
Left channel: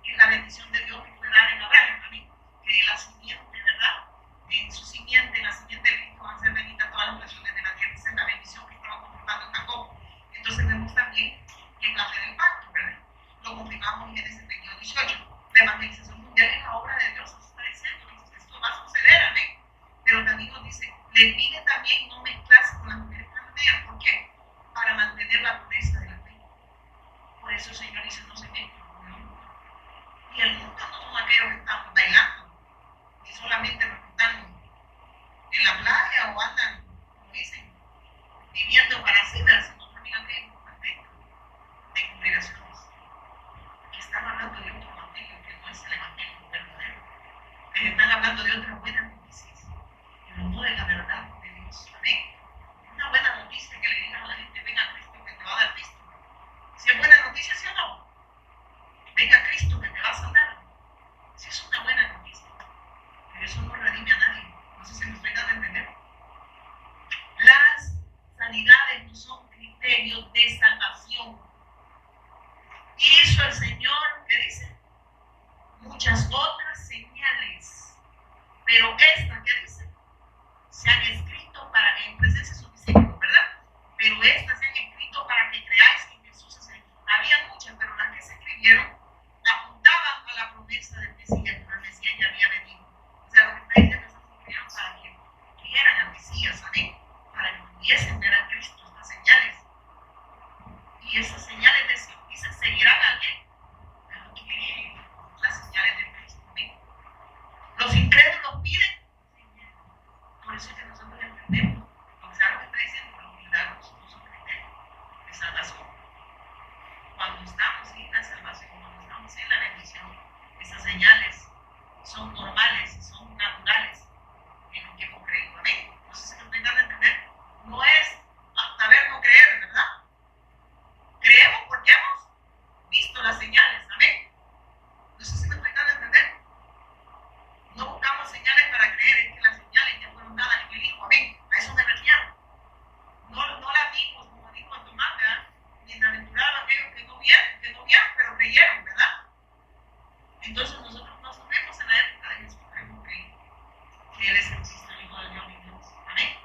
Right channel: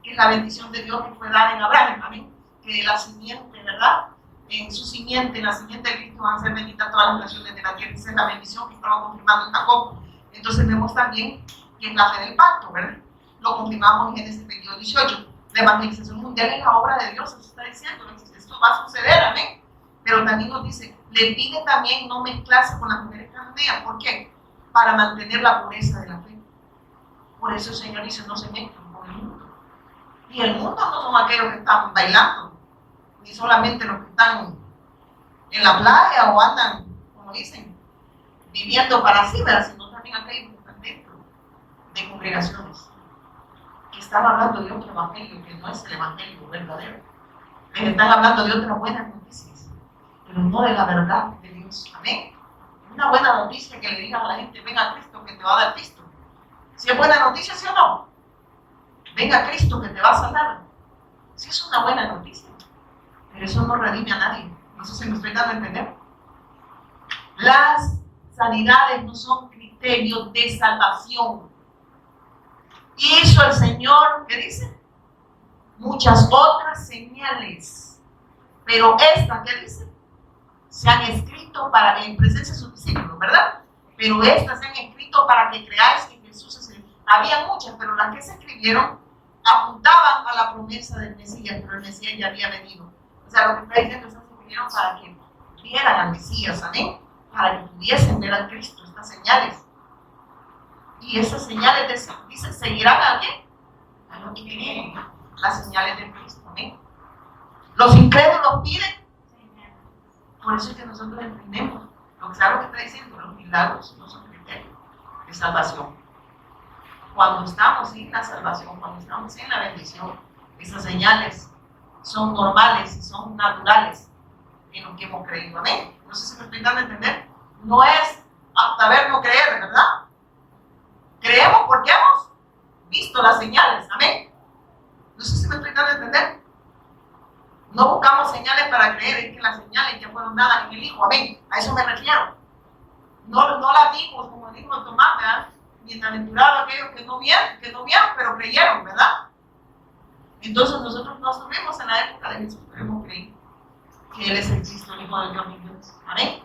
que es la bendición de Dios que fue dada en Abraham, amén, que la simiente, ¿verdad? En su simiente, en la simiente de Cristo van a ser benditas todas las naciones de la tierra. Esa es la bendición que estaba confirmando en Jacob. Entonces vemos también que en la fe del pacto, ¿verdad? Lo confirmamos en Génesis 22:18. La evangelización mundial es la obra de Dios, eso está diciendo, esto va a suceder, amén. Pero también nos dice, le pide también no mezclarse con las mujeres cananeas. ¿Por qué? Para mantener la pureza de la fe. Por eso el Señor dice, no se mezclen con el mundo. Y el mundo no son aquellos que están bailando, ni solamente los que están en la playa o andan, como dicen, viviendo para sí, sino también aquellos que están dentro de congregaciones, que están hablando de otro evangelio que no es el evangelio verdadero. Les están hablando de otras buenas noticias, pero no de la verdad de Dios. Amén. Una buena noticia que le digan a la gente, venga a Cristo que te va a dar Cristo. Si es buena noticia, ¿sí o no? Venga a Cristo que te va a sanar. Sí es una buena noticia, pero eso no redime a nadie. No sé si me estoy dando a entender. Las sanidades no son criterios de salvación. Hizo el Señor, ¿qué dice? Muchas otras señales, pero esta, ¿qué dice? Se han escrito para en presencia de sus discípulos, ¿verdad? Pero estas se han escrito para que creáis que Jesús es el... Había muchas, pero las que se escribieron apuntaban a la promesa del Mesías, pero el Mesías ya había venido. O sea, lo que está diciendo es que se escribieron para que vieran al Mesías, ¿amén? Para que pudiesen ver a Cristo, estas señales. Y esas señales dice, seguirán a quién? A los que creen, las señales de Cristo, amén. Los incrédulos piden. Por eso es que nosotros entendemos lo que está diciendo, los milagros no son criterios de salvación. Cuando estamos en la salvación, cuando estamos en la bendición, esas señales son normales y son naturales en lo que hemos creído. Amén. No sé si me estoy dando a entender. No es saber no creer, ¿verdad? Creemos porque hemos visto las señales. Amén. No sé si me estoy dando a entender. No buscamos señales para creer, es que las señales ya fueron dadas en el Hijo. Amén. A eso me refiero. No las vimos, como dijo Tomás, ¿verdad? Bienaventurados aquellos que no vieron, pero creyeron, ¿verdad? Entonces nosotros no estuvimos en la época de Jesús, pero hemos creído que Él es el Cristo, el Hijo de Dios y Dios. Amén.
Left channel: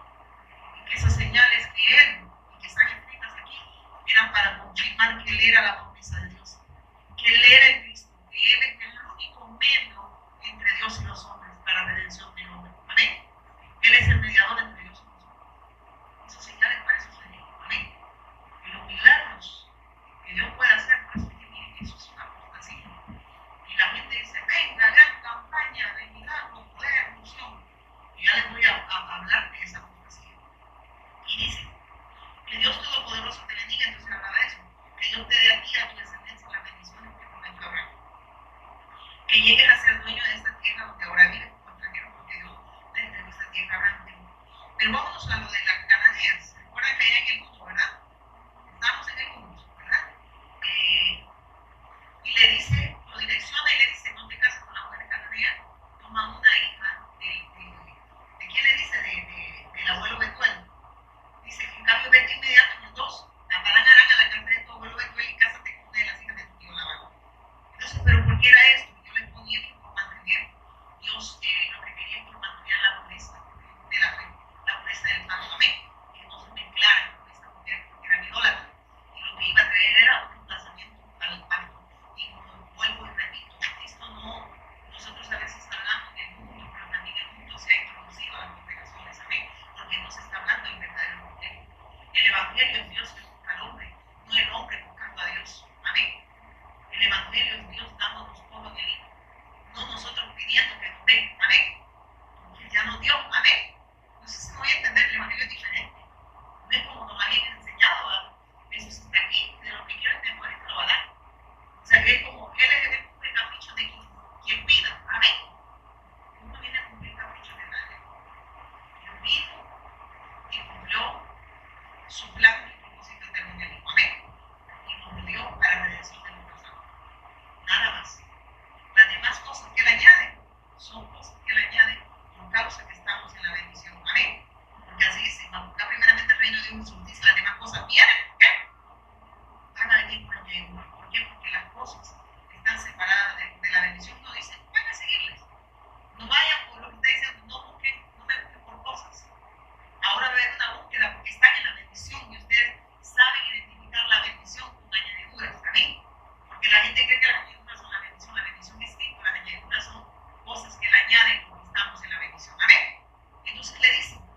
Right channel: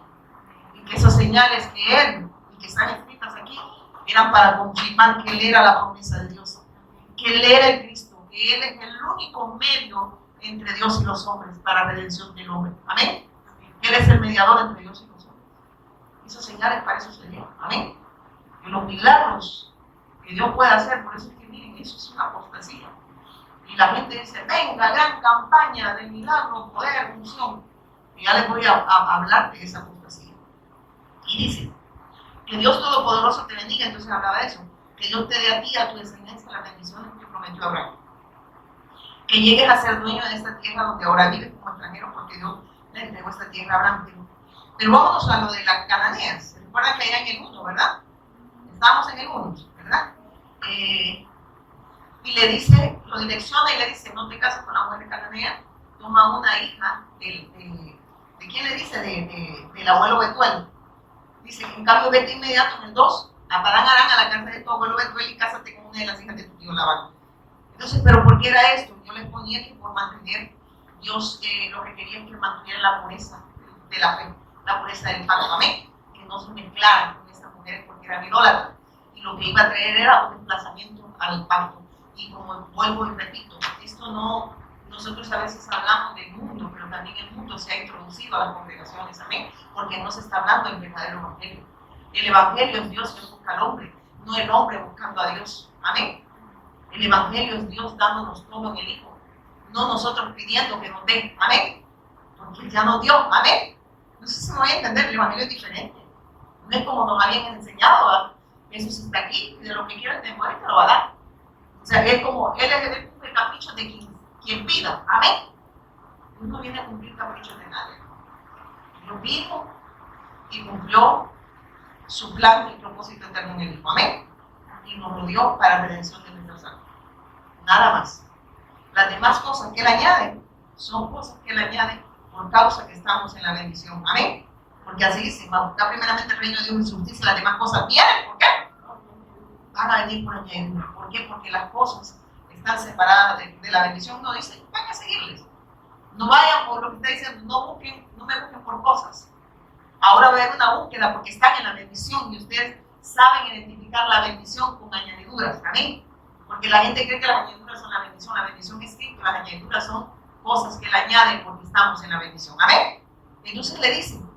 Y que esas señales que Él, y que están escritas aquí, eran para confirmar que Él era la promesa de Dios, que Él era el Cristo, que Él es el único medio entre Dios y los hombres para la redención del hombre. Amén. Él es el mediador entre Dios y los hombres. Esas señales para eso se dieron. Amén. Y los milagros que Dios puede hacer, por eso es que miren, eso es una apostasía. Y la gente dice, venga, gran campaña de milagros, poder, unción. Y ya les voy a hablar de esa apostasía. Y dice, que Dios Todopoderoso te bendiga, entonces hablaba de eso, que Dios te dé a ti y a tu descendencia las bendiciones que prometió Abraham. Que llegues a ser dueño de esta tierra donde ahora vives como extranjero, porque Dios le entregó esta tierra a Abraham. Pero vámonos a lo de las cananeas. ¿Se recuerdan que allá en el 1, verdad? Estábamos en el 1, ¿verdad? Y le dice, lo direcciona y le dice, no te cases con la mujer cananea, toma una hija ¿de quién le dice? Del abuelo Betuel. Dice, en cambio vete inmediato en el 2, a Padán Aram, a la casa de tu abuelo Betuel y cásate con una de las hijas de tu tío Labán. Entonces, ¿pero por qué era esto? Yo les ponía que por mantener, Dios lo que quería es que mantuviera la pureza de la fe, la pureza del pacto. Amén. Que no se mezclaran con estas mujeres porque eran idólatras. Y lo que iba a traer era un desplazamiento al pacto. Y como vuelvo y repito, esto no, nosotros a veces hablamos del mundo, pero también el mundo se ha introducido a las congregaciones. Amén. Porque no se está hablando del verdadero evangelio. El evangelio es Dios que busca al hombre, no el hombre buscando a Dios. Amén. El evangelio es Dios dándonos todo en el Hijo, no nosotros pidiendo que nos den. Amén. Porque ya nos dio. Amén. No sé si me voy a entender, el evangelio es diferente. No es como nos habían enseñado, ¿verdad? Jesús está aquí, de lo que quieras te muere, te lo va a dar. O sea, es como, Él es el capricho de quien pida. Amén. Dios no viene a cumplir caprichos de nadie. Dios vino y cumplió su plan y propósito eterno en el Hijo. Amén. Y nos lo dio para la redención de nuestras almas. Nada más. Las demás cosas que Él añade son cosas que Él añade por causa que estamos en la bendición. Amén. Porque así dice, va a buscar primeramente el reino de Dios y su justicia, las demás cosas vienen. ¿Por qué? Van a venir por añadidura. ¿Por qué? Porque las cosas están separadas de la bendición. No dice, van a seguirles. No vayan por lo que está diciendo, no me busquen por cosas. Ahora va a haber una búsqueda porque están en la bendición y ustedes saben identificar la bendición con añadiduras. Amén. Porque la gente cree que las añadiduras son la bendición es Cristo, las añadiduras son cosas que le añaden porque estamos en la bendición. Amén. Entonces le dicen,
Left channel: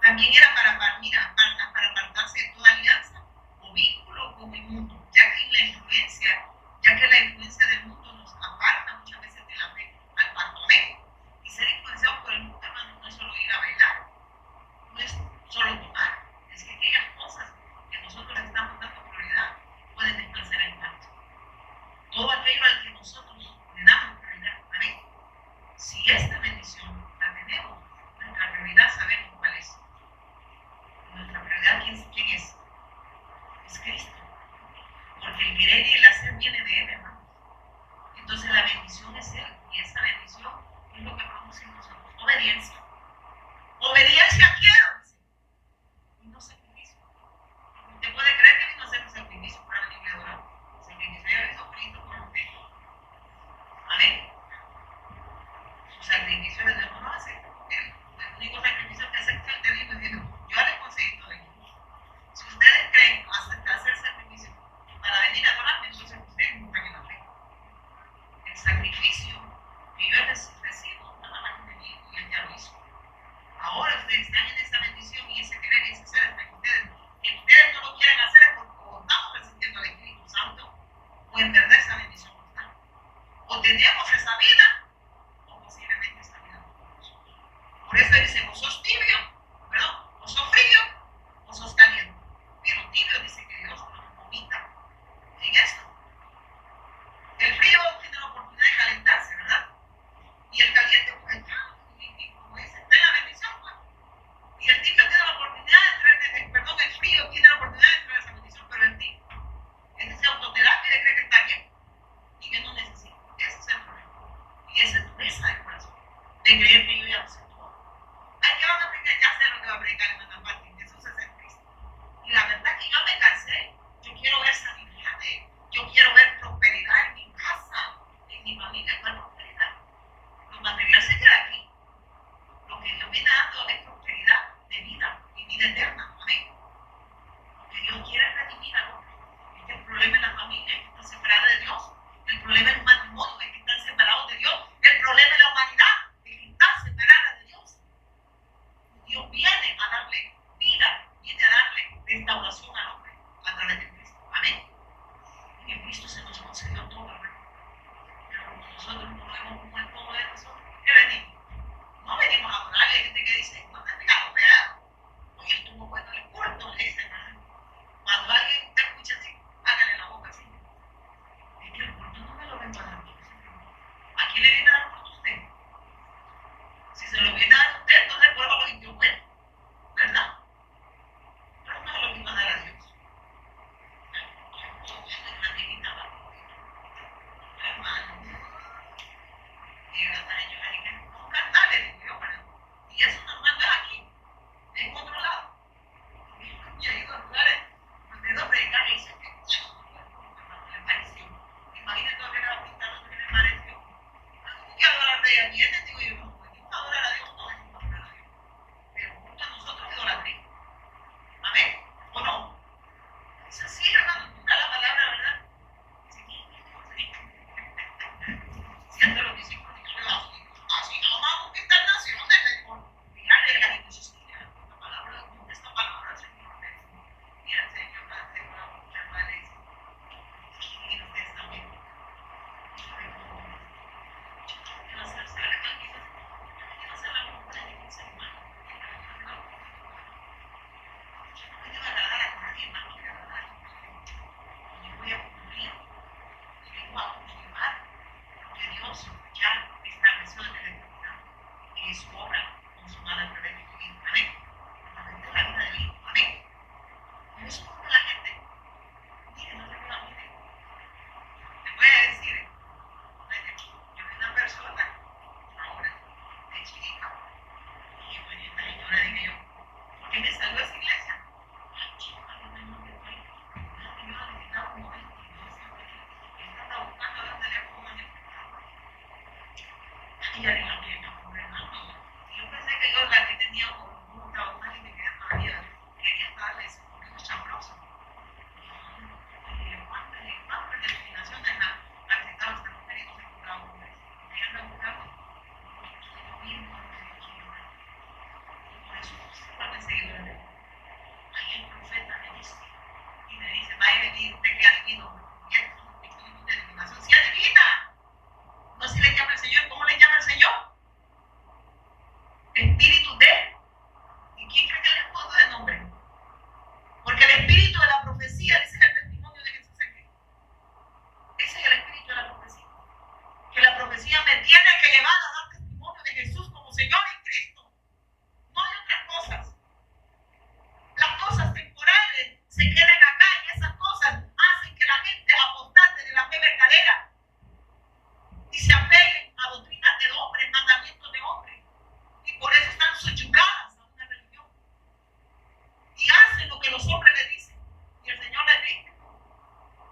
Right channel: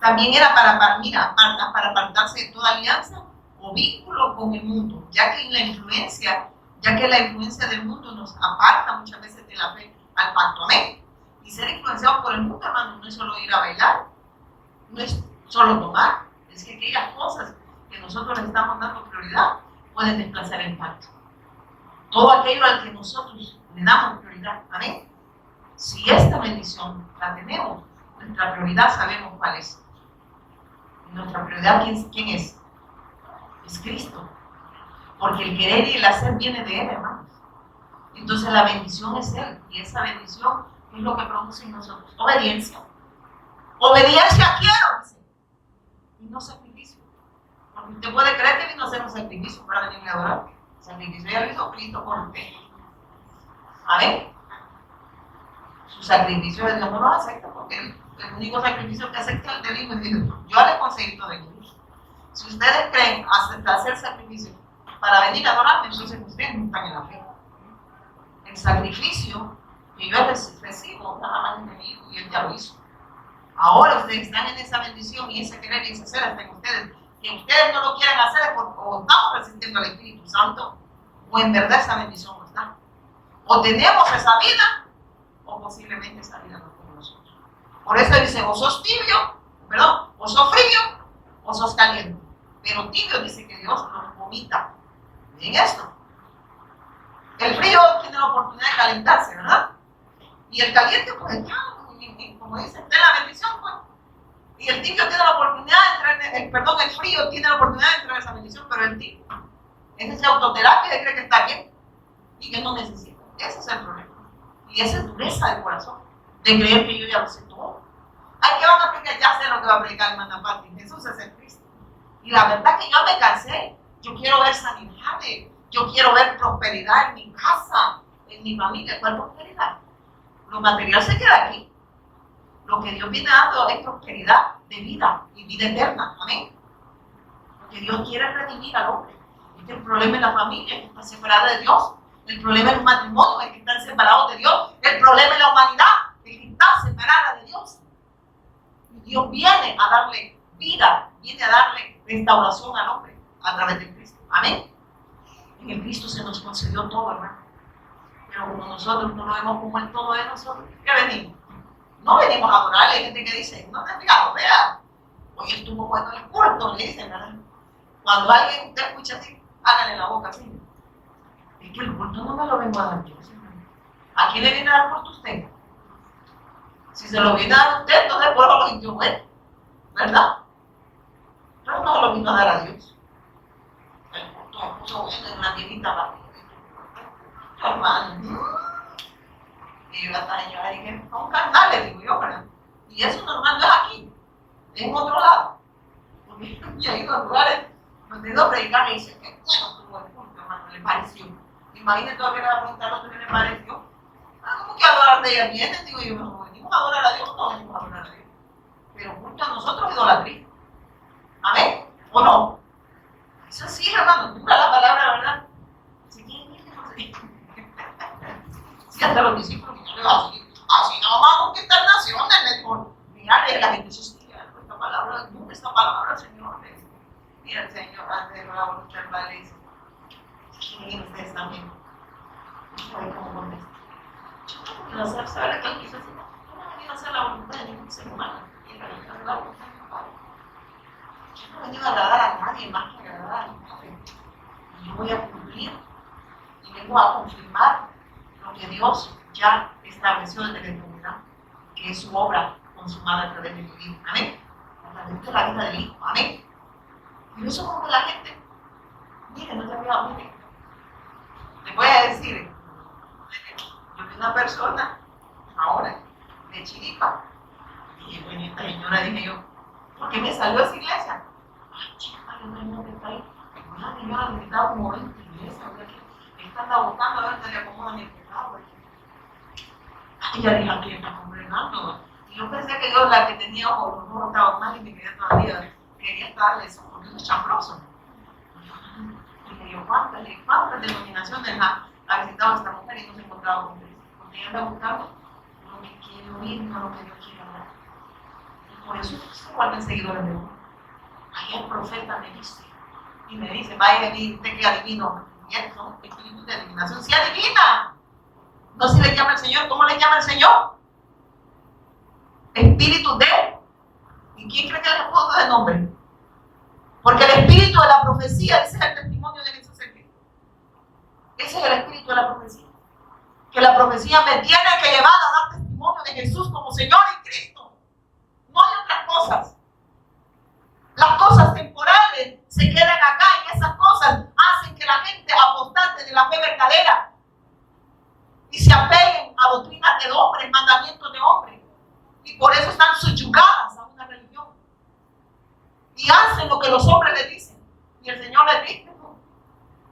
también era para apartarse de toda alianza o vínculo con el mundo, ya que la influencia del mundo nos aparta muchas veces de la fe al pacto. Amén. Y ser influenciado por el mundo, hermano, no es solo ir a bailar, no es solo tomar, es que aquellas cosas que nosotros le estamos dando prioridad pueden desplazar el pacto. Todo aquello al que nosotros le damos prioridad. Amén. Si esta bendición la tenemos, nuestra prioridad sabemos cuál es. Nuestra prioridad, ¿quién es? Es Cristo. Porque el querer y el hacer viene de Él, hermanos. Entonces la bendición es Él. Y esa bendición es lo que produce en nosotros. Obediencia. Obediencia quiero, dice. Y no sacrificio. Porque usted puede creer que vino a hacer un sacrificio para venir a adorar. Sacrificio ya lo hizo Cristo por usted. Amén. Su sacrificio de Dios no lo acepta porque el único sacrificio que acepta es el del Hijo. Es decir, yo le conseguí todo el Hijo. Si ustedes creen hacer sacrificio para venir a adorarme, entonces ustedes no están en la fe. El sacrificio que yo recibo nada más en el Hijo y Él ya lo hizo. Ahora ustedes están en esa bendición y ese querer y ese hacer hasta que ustedes no lo quieran hacer o estamos resistiendo al Espíritu Santo o en verdad esa bendición no está. O tenemos esa vida o posiblemente esa vida no con nosotros. Por eso dice, o sos tibio, o sos frío o sos caliente. Pero tibio dice que Dios los vomita. Miren esto. El frío tiene la oportunidad de calentarse, ¿verdad? Y el el frío tiene la oportunidad de entrar a esa bendición, pero el tipo es esa autoterapia de cree que está bien y que no necesita. Ese es el problema. Y esa es dureza de corazón, de creer que yo ya lo sé todo. Ay, ¿qué van a predicar? Ya sé lo que va a predicar el Manapati. Jesús es el Cristo. Y la verdad que yo me cansé. Yo quiero ver sanidades. Yo quiero ver prosperidad en mi casa, en mi familia. ¿Cuál prosperidad? Lo material se queda aquí. Lo que Dios viene dando es prosperidad de vida y vida eterna. Amén. Porque Dios quiere redimir al hombre. El problema en la familia es que está separada de Dios. El problema en los matrimonios es que están separados de Dios. El problema en la humanidad es que está separada de Dios. Y Dios viene a darle vida, viene a darle restauración al hombre a través de Cristo. Amén. En el Cristo se nos concedió todo, hermano. Pero como nosotros no lo vemos como el todo de nosotros, ¿qué venimos? No venimos a adorar. Hay gente que dice, no te has fijado, vea, hoy estuvo bueno el culto, le dicen, ¿verdad? Cuando alguien usted escucha así, hágale la boca así. Es que el culto no me lo vengo a dar yo. ¿A quién le viene a dar culto usted? Si se lo viene a dar usted, entonces por eso lo sintió bueno, ¿verdad? Pero no lo vino a dar a Dios. El culto se puso bueno en la divita para hermano. Y yo hasta yo dije, son carnales, digo yo, ¿verdad? Y eso normal no es aquí, es en otro lado. Y he ido a lugares donde he ido a predicar y dice, qué bueno estuvo el culto, hermano, le pareció. Imagínate todavía que le va a preguntar a otro que le pareció. ¿Cómo que adorar de ella viene? Digo yo, no venimos a adorar a Dios, no venimos a adorar a Dios. Pero junto a nosotros idolatría. ¿Amén? ¿O no? Eso sí, hermano, dura la palabra, ¿verdad? Si hasta los discípulos no le va a decir, así no vamos a conquistar naciones, por mirarle la gente social, esta palabra, esta palabra, Señor. Mira el Señor, antes de la voluntad del Padre, dice, ¿quién es ustedes también? ¿Sabe cómo contesta? Yo no quiero saber qué él quiso decir. Yo no quiero hacer la voluntad de ningún ser humano. Yo quiero hacer la voluntad del Padre. Yo no he venido a agradar a nadie más que agradar a mi Padre. Y yo voy a cumplir y vengo a confirmar lo que Dios ya estableció desde la eternidad, que es su obra consumada a través de tu vida. Amén. A través de la vida del Hijo. Amén. Y eso como que la gente, miren, no te olvides, miren. Les voy a decir, yo vi una persona ahora de Chiripa y bueno, esta señora dije yo, ¿por qué me salió esa iglesia? Ay, chica, yo no que está ahí. Una señora le quitaba como 20 iglesias, esta anda buscando a ver si le acomodan el pecado. Y ya dije, aquí está congregando. Y yo pensé que yo, la que tenía ojos, los ojos estaban mal y me quería todavía, quería estarle eso, porque es chambroso. Dije yo, ¿cuántas denominaciones ha visitado esta mujer y no se ha encontrado con Cristo? Porque ella anda buscando lo que quiere oír, no lo que Dios quiere hablar. Y por eso se vuelven seguidores de uno. Ahí el profeta me dice, y me dice, va a venir, usted que adivino. Y eso son espíritus de adivinación. ¡Sí adivina! No se le llama el Señor. ¿Cómo le llama el Señor? Espíritu de. ¿Y quién cree que le pongo de nombre? Porque el espíritu de la profecía, ese es el testimonio de Jesús en Cristo. Ese es el espíritu de la profecía. Que la profecía me tiene que llevar a dar testimonio de Jesús como Señor y Cristo. No hay otras cosas. Las cosas temporales se quedan acá y esas cosas hacen que la gente apostate de la fe verdadera y se apeguen a doctrinas de hombres, mandamientos de hombres. Y por eso están subyugadas a una religión. Y hacen lo que los hombres les dicen. Y el Señor les dice, no,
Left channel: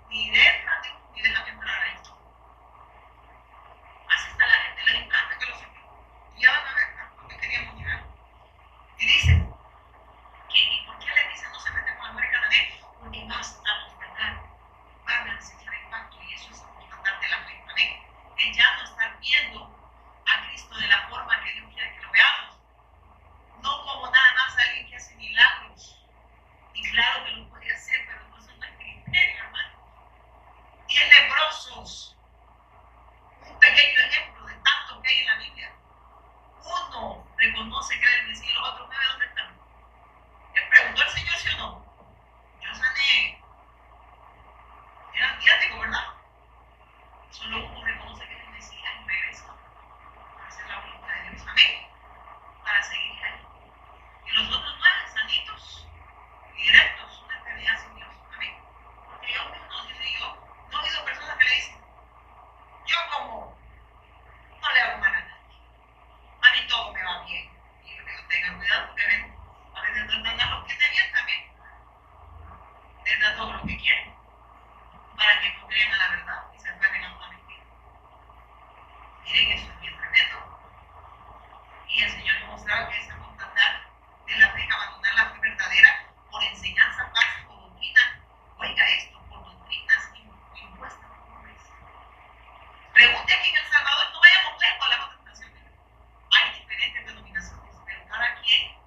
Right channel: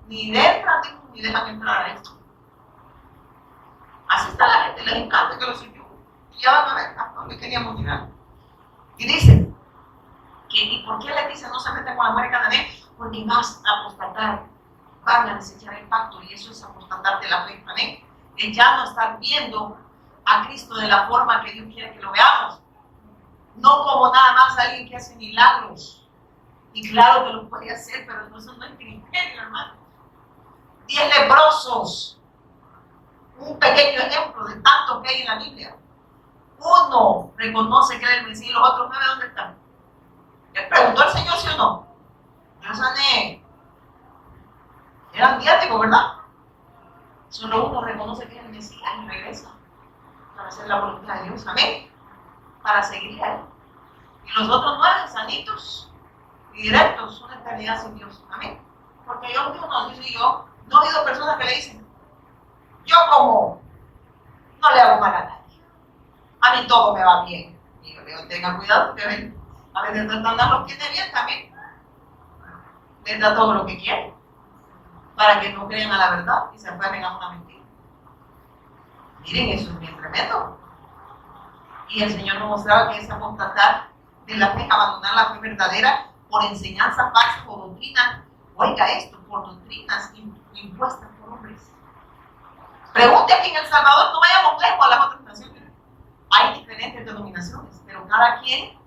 ni entran ni dejan entrar a esto. Así está la gente, les encanta que los subyuguen. Y ya van a ver a dónde queríamos llegar. Y dicen, ¿y por qué les dicen no se meten con la mujer cananea? Porque vas a apostatar, van a desechar el pacto y eso es apostatar de la fe. Amén. El ya no estar viendo a Cristo de la forma que Dios quiere que lo veamos. No como nada más alguien que hace milagros. Y claro que lo puede hacer, pero eso no es criterio, hermano. 10 leprosos. Un pequeño ejemplo de tantos que hay en la Biblia. Uno reconoce que era el Mesías y los otros 9, ¿dónde están? Le preguntó al Señor sí o no. Yo sané. Eran diáticos, ¿verdad? Solo uno reconoce que es el Mesías y regresa para hacer la voluntad de Dios. Amén. Para seguir a Él. Y los otros 9 sanitos. Y y directos una eternidad sin Dios. Amén. Porque yo mismo no sé si yo no he oído personas que le dicen, yo como no le hago mal a nadie, a mí todo me va bien. Y yo digo, tengan cuidado porque ven, a veces Satanás lo tiene bien también, les da todo lo que quiere para que no crean a la verdad y se aferren a una mentira. Miren, eso es bien tremendo. Y el Señor nos mostraba que es apostatar de la fe, abandonar la fe verdadera por enseñanza falsa o doctrina. Oiga esto, por doctrinas impuestas por hombres. Pregunte aquí en El Salvador, no vayamos lejos a las otras naciones. Hay diferentes denominaciones, pero cada quien,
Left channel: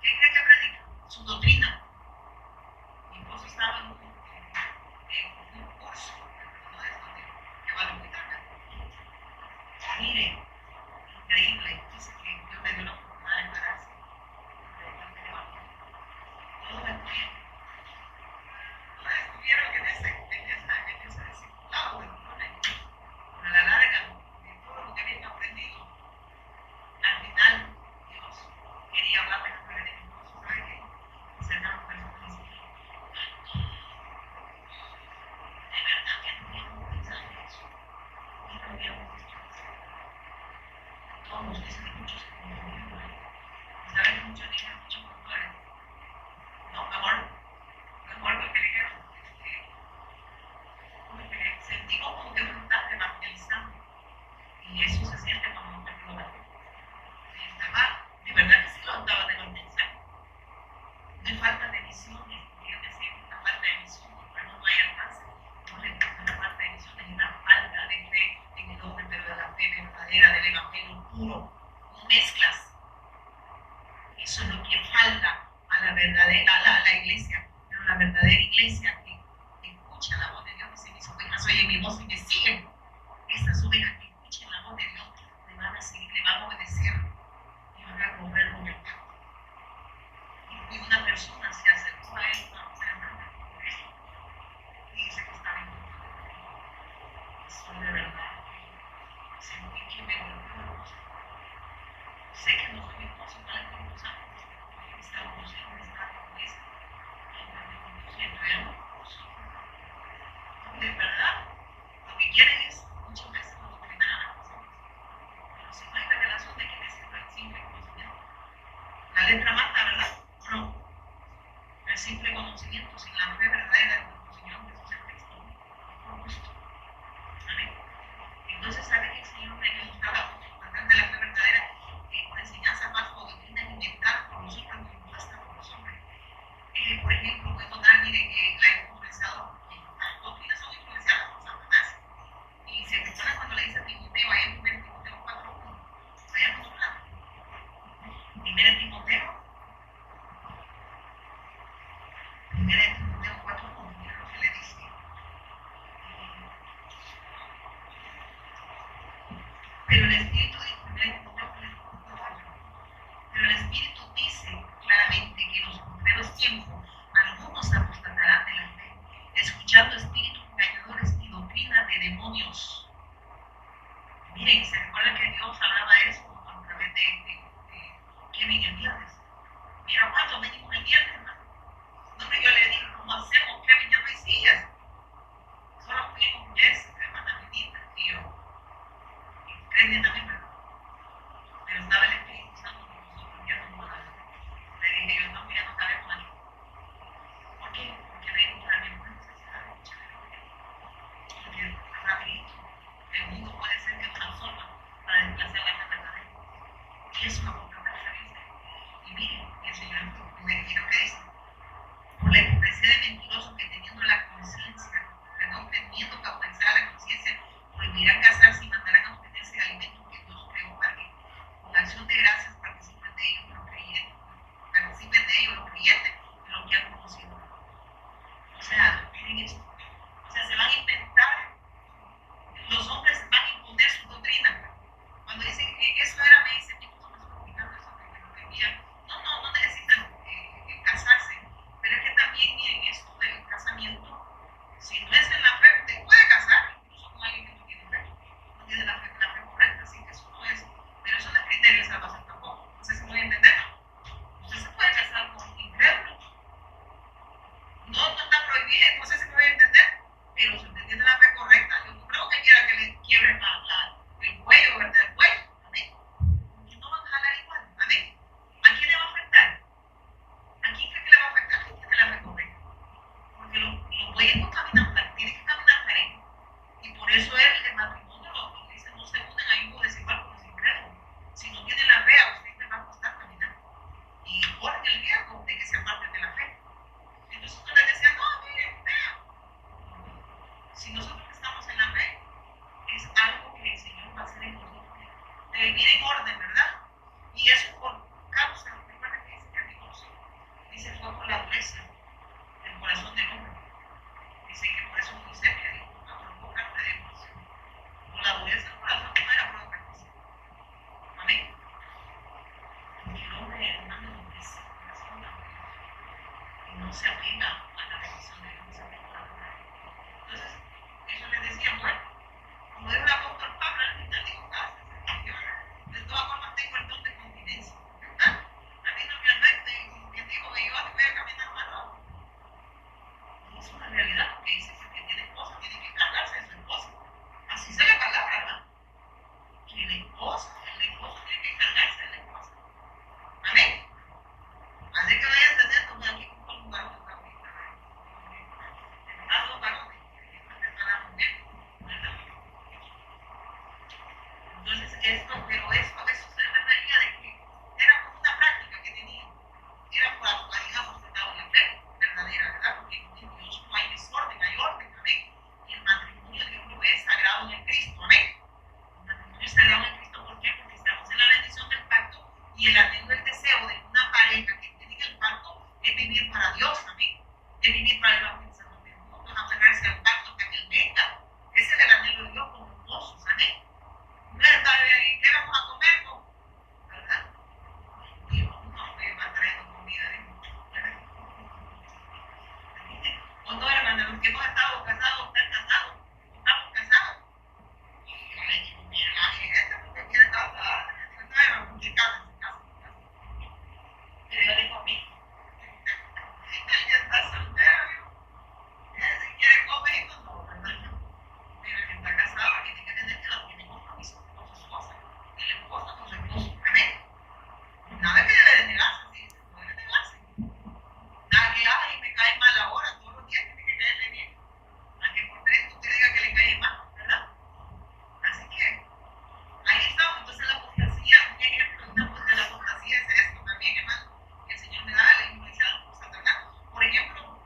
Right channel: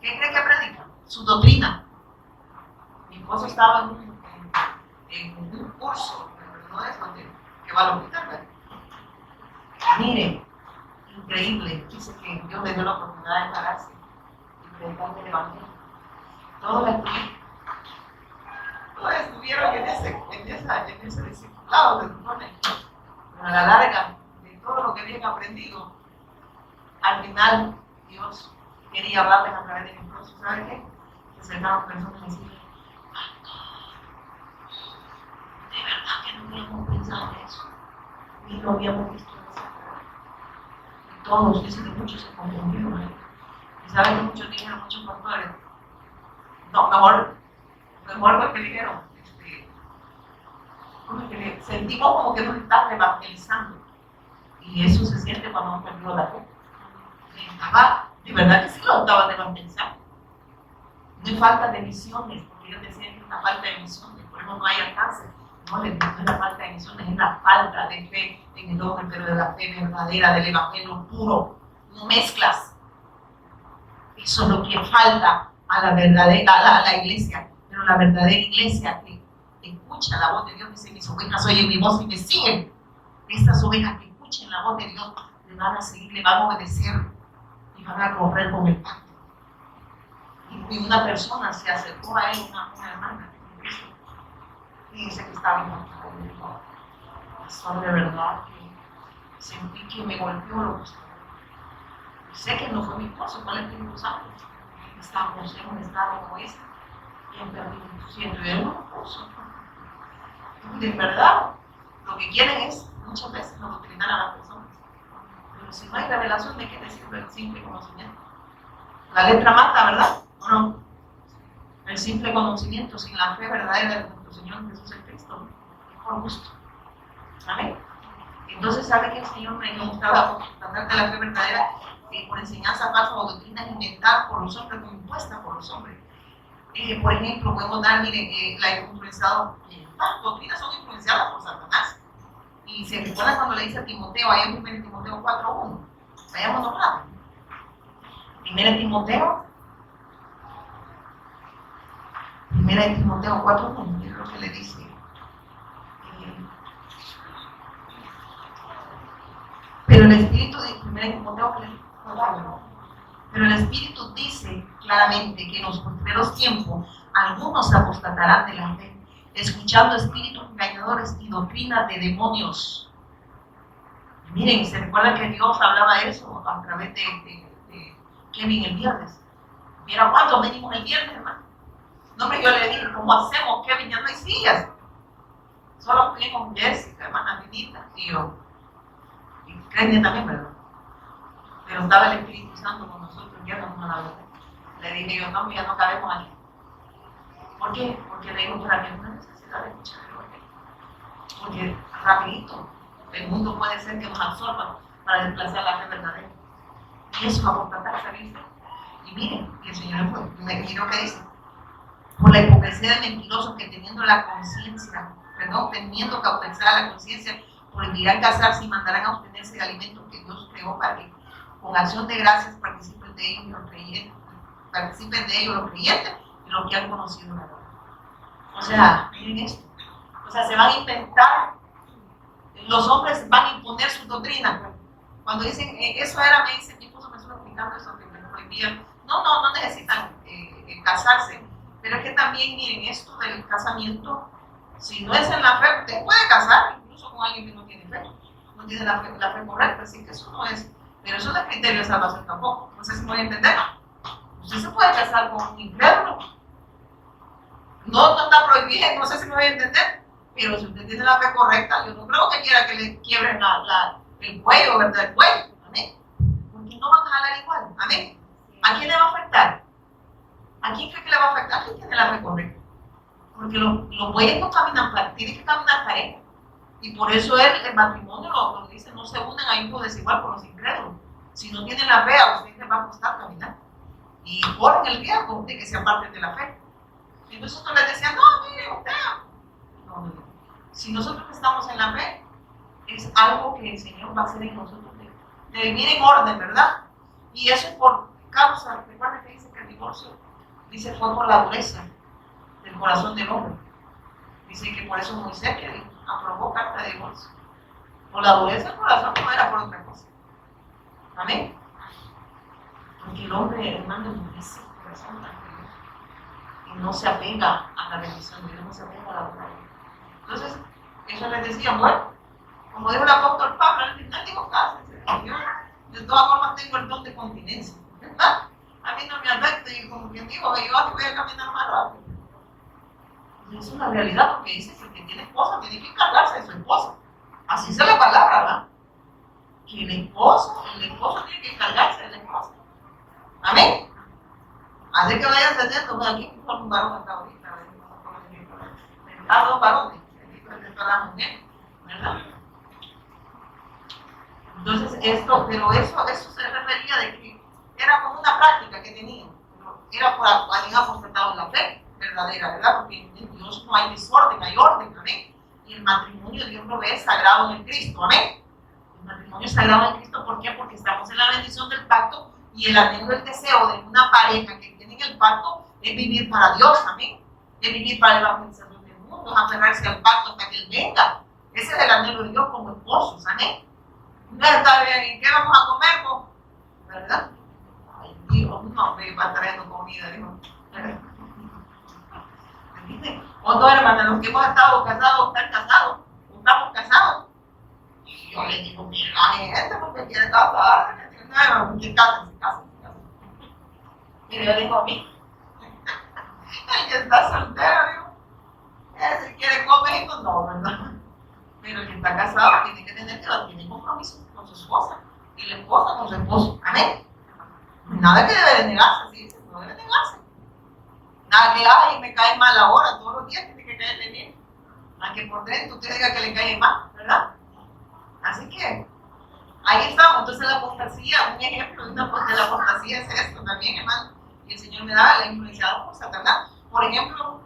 ¿qué cree que predica? Su doctrina. Mi esposo estaba en un curso, no es que va a la hospital. Mire, increíble, dice que Dios le dio la oportunidad de pararse y predicar el Evangelio. Todos estuvieron en ese discipulado de supone, a la larga de todo lo que habían aprendido. Al final, Dios quería hablarles a través de mi esposo. ¿Sabe qué? Se acercaron personas y decían, de verdad que no habíamos pensado en eso, ni lo habíamos visto en esa cara. Todos dicen que muchos se confundieron. Y saben que muchos dijeron, muchos pastores, no, mejor porque dijeron, sentimos como que nos está evangelizando. Y eso se siente cuando hemos perdido la fe. De verdad que sí lo estaban evangelizando. No hay falta de misiones, porque ellos decían que es una falta de misiones, por eso no hay alcance. No es la falta de misiones, es la falta de fe en el hombre, pero de la fe verdadera, del evangelio puro. No mezclas. Eso es lo que falta a la verdadera, a la iglesia. Pero la verdadera iglesia que escucha la voz de Dios, dice, mis ovejas oyen mi voz y me siguen. Estas ovejas que escuchen la voz de Dios le van a seguir, le van a obedecer y van a correr con el pacto. Y una persona se acercó a él, una hermana, y dice que estaba impactada. Y dijo, pastor, de verdad que sentí que me golpeó lo que usted. Sé que no fue mi esposo, fue el Espíritu Santo. Estábamos en un estado como ese. Y en verdad, y él no lo puso. De verdad, lo que quieren es muchas veces adoctrinar a las personas. Pero si no hay revelación, ¿de qué sirve el simple conocimiento? La letra mata, ¿verdad? ¿O no? El simple conocimiento sin la fe verdadera de nuestro Señor Jesús el Cristo, por gusto. Amén. Entonces, ¿sabe que el Señor me gustaba tratar de la fe verdadera por enseñanza falsa o doctrinas inventadas por los hombres o impuestas por los hombres? Por ejemplo, podemos dar, miren, la influenciado, las doctrinas son influenciadas por Satanás. Y se recuerda cuando le dice a Timoteo, ahí en 1 Timoteo 4:1, vayámonos rápido. 1 Timoteo 4:1, es lo que le dice. Pero el Espíritu de 1 Timoteo, pero el Espíritu dice claramente que en los postreros tiempos algunos apostatarán de la fe, escuchando espíritus engañadores y doctrinas de demonios. Miren, se recuerda que Dios hablaba de eso a través de Kevin el viernes. Mira cuánto venimos el viernes, hermano. No me yo le dije, ¿cómo hacemos, Kevin? Ya no hay sillas. Solo fui con Jessica, hermana Benita, y yo. Y Kevin también, ¿verdad? Pero estaba el Espíritu Santo con nosotros guiándonos a la verdad. Le dije yo, no, ya no cabemos aquí. ¿Por qué? Porque le digo, para que no hay necesidad de escuchar el Evangelio. Porque rapidito, el mundo puede ser que nos absorba para desplazar la fe verdadera. Y eso va a contratar a salirse. Y miren, el Señor me miró que dice, por la hipocresía de mentirosos que teniendo que ofrecer a la conciencia, prohibirán casarse y mandarán a obtenerse de alimentos que Dios creó para que con acción de gracias participen de ellos los creyentes y los que han conocido la verdad. O sea, miren esto. O sea, se van a inventar, los hombres van a imponer su doctrina. Cuando dicen, eso era, me dice, mi esposo me estuvo explicando eso, que me prohibían. No necesitan casarse. Pero es que también, miren, esto del casamiento, si no es en la fe, usted puede casar incluso con alguien que no tiene fe, no tiene la fe correcta, así que eso no es, pero eso no es criterio de salvación tampoco. No sé si me voy a entender. Usted se puede casar con un incrédulo, No está prohibido, no sé si me voy a entender, pero si usted tiene la fe correcta, yo no creo que quiera que le quiebren el cuello, ¿verdad? El cuello, amén. Porque no van a jalar igual, amén. ¿A quién le va a afectar? ¿A quién cree que le va a afectar? ¿Quién tiene la fe correcta? Porque los bueyes no caminan parejo, tienen que caminar parejo. Y por eso el matrimonio lo dice, no se unen a hijo desigual con los incrédulos. Si no tienen la fe, a usted le va a costar caminar. Y corren el riesgo de que se aparten de la fe. Entonces nosotros les decía, no, mire, usted. No. Si nosotros estamos en la fe, es algo que el Señor va a hacer en nosotros. De vivir en orden, ¿verdad? Y eso por causa, recuerden que dice que el divorcio, dice, fue por la dureza del corazón del hombre. Dice que por eso Moisés aprobó carta de divorcio. Por la dureza del corazón, no era por otra cosa. Amén. Porque el hombre, hermano, endurece el corazón también. Y no se apega a la bendición de Dios, no se apega a la verdad. Entonces, eso les decía, bueno, como dijo el apóstol Pablo, al final digo, cásense. Yo de todas formas tengo el don de continencia. ¿Verdad? A mí no me afecta y como quien digo, yo voy a caminar más rápido. Y es una realidad porque dice que el que tiene esposa tiene que encargarse de su esposa. Así se la palabra, ¿verdad? Que el esposo tiene que encargarse de la esposa. Amén. Así que vayan entendiendo, aquí con un varón hasta ahorita, ¿verdad? Dos varones, aquí presentó a la mujer, ¿verdad? Entonces pero eso se refería de que era como una práctica que tenían, era por habían apostatado en la fe verdadera, ¿verdad? Porque en Dios no hay desorden, hay orden, amén. Y el matrimonio Dios lo ve sagrado en Cristo, amén. El matrimonio es sagrado en Cristo, ¿por qué? Porque estamos en la bendición del pacto y el anhelo del deseo de una pareja que tiene el pacto es vivir para Dios, amén. Es vivir para el evangelización del mundo, es aferrarse al pacto hasta que Él venga. Ese es el anhelo de Dios como esposos, amén. No está bien, ¿qué vamos a comer? ¿Verdad? Ay, Dios, no, me va trayendo comida, dijo. O no, hermana, los que hemos estado casados, están casados, estamos casados. Y yo le digo, mira, hay gente porque quiere casar, que cásense. Y yo digo a mí, el que está soltero, digo, si quiere comer, no, ¿verdad? Pero el que está casado tiene que tener tiene compromiso con su esposa y la esposa con su esposo. Amén. Nada que debe de negarse, ¿sí? No debe negarse. Nada que, ay, me cae mal ahora, todos los días tiene que caerle bien. Aunque por dentro usted diga que le cae mal, ¿verdad? Así que ahí estamos. Entonces la apostasía, un ejemplo de la apostasía es esto también, hermano. Y el Señor me da la influenciada por Satanás. Por ejemplo,